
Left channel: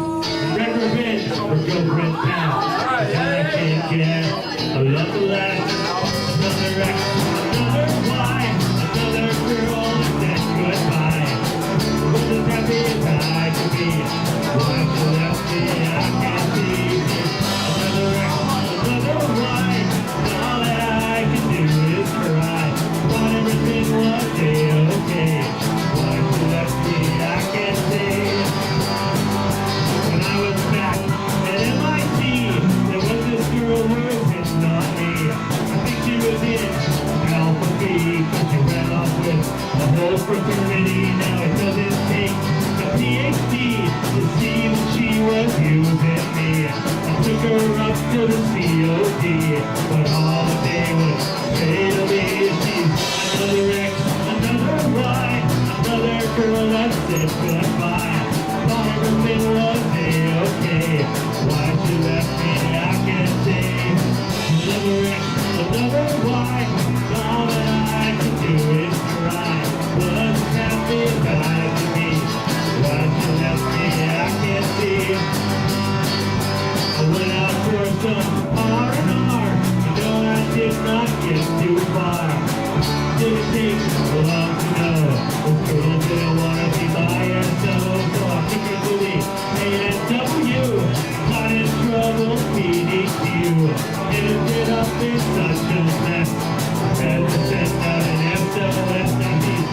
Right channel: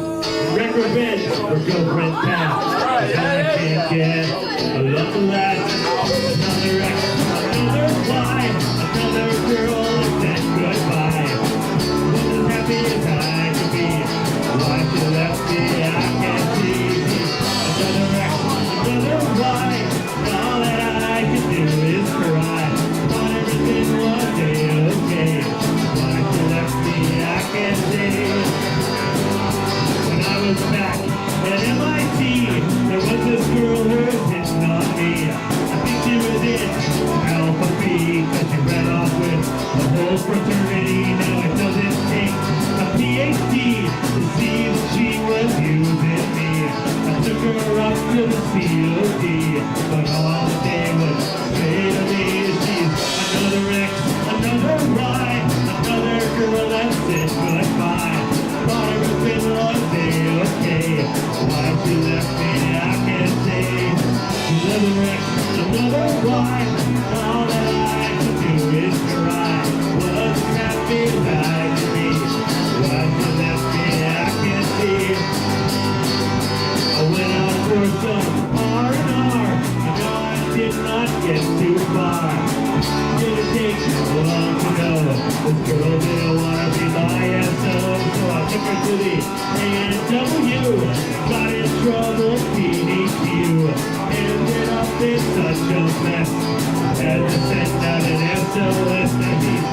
Wreck revenge for girlfriend pal, cause I can't get a love to last. Another wreck, another why, another girl that said goodbye. Was as happy as I could be. Why she left me, I can't see. Another wreck, another why. All that I could do is cry. Thought everything was okay. Why she left me, I can't say. When I was back at MIT, there was this girl who was hitting on me. I think she was in Alpha B, cause she ran off with the whole fraternity. Now it doesn't take a PhD to see that she was using me. I took her up to the COD, but all the day was straight to me. She's another ex, another lie, another girl that said goodbye. Thought everything was okay. Why she left me, I can't say. Another ex, another why. All that I could do is cry. Was as happy as I could be. Why she left me, I can't see. I went out for some R&R, and no, I did not get too far. Didn't take long to know this girl didn't want to be my SO, so I took her to the A&W. Got in trouble, PDQ, ended up in such a mess. Had to send out an SOS. Now he's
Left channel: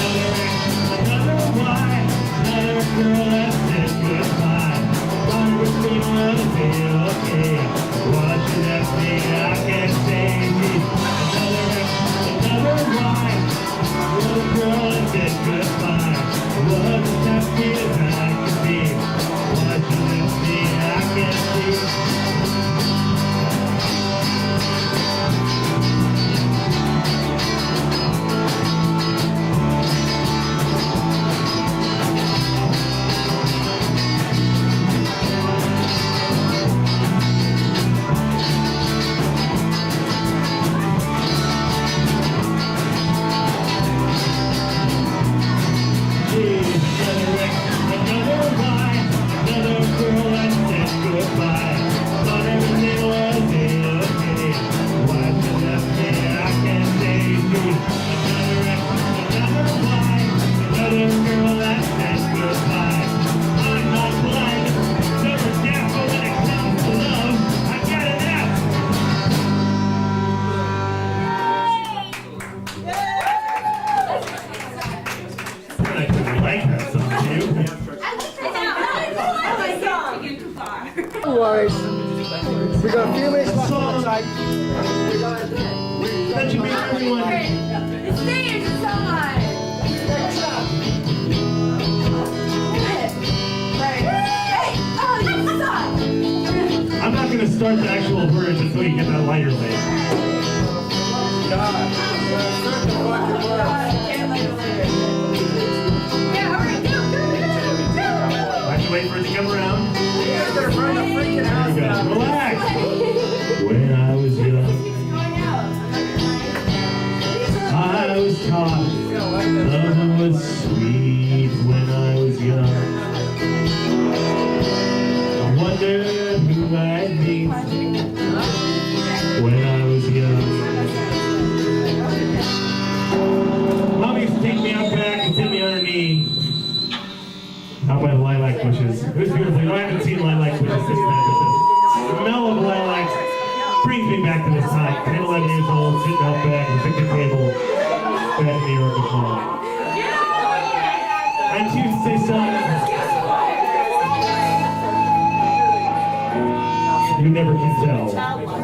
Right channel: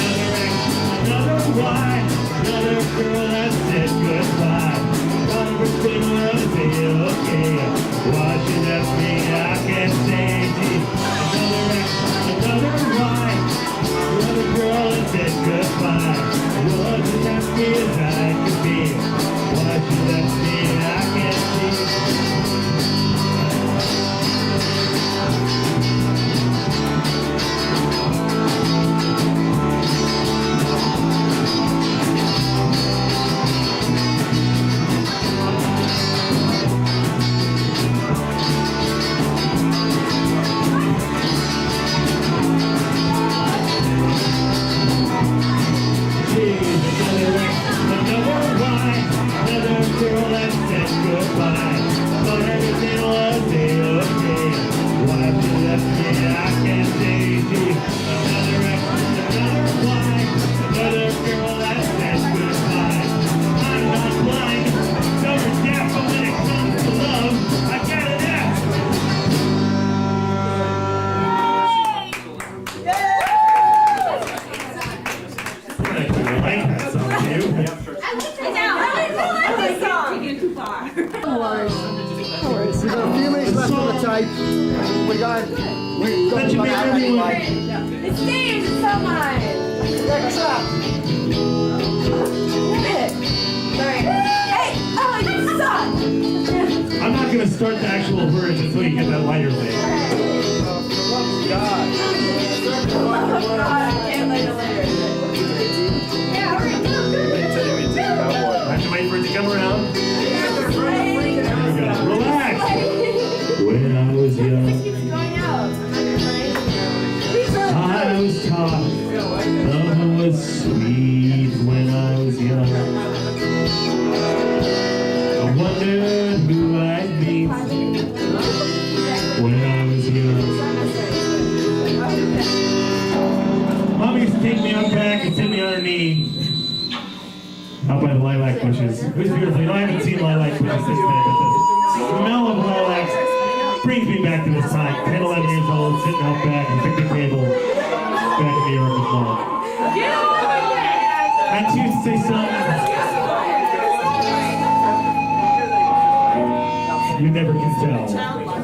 another ex, another why, another girl that said goodbye. Thought everything was okay. Why she left me, I can't say. She's another ex, another why, another girl that said goodbye. Was as happy as I could be. Why she left me, I can't see. We've got a few minutes left on the tape. That should be everyone. The stage is someone. Next up. Hey, oh, you suck. I'm not going to start the actual version until you get that lighter thing. I have to wait for it to come around. There we go. Relax. When I was young, I was taught love was sweet when I was young. I wondered who I'd meet when I was young. Mom used to take me out back and sit me on her knee. Out by the lilac bushes. It was beautiful. You know, I haven't seen lilac bushes since then, but the smell of lilacs brings me back to this time. 10, 11 years old, sitting out back at the picnic table back in New York with Mom. I choose to say something you never can tell.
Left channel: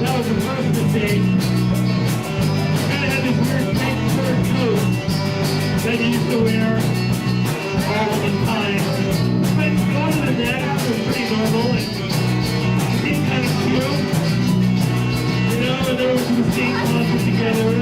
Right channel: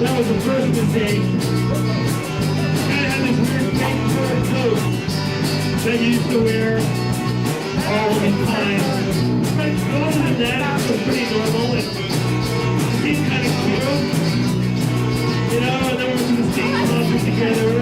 That was the first mistake. Kind of had this weird fake fur coat that he used to wear all the time. But other than that, it was pretty normal and seemed kind of cute. You know, and there was some steam closets together.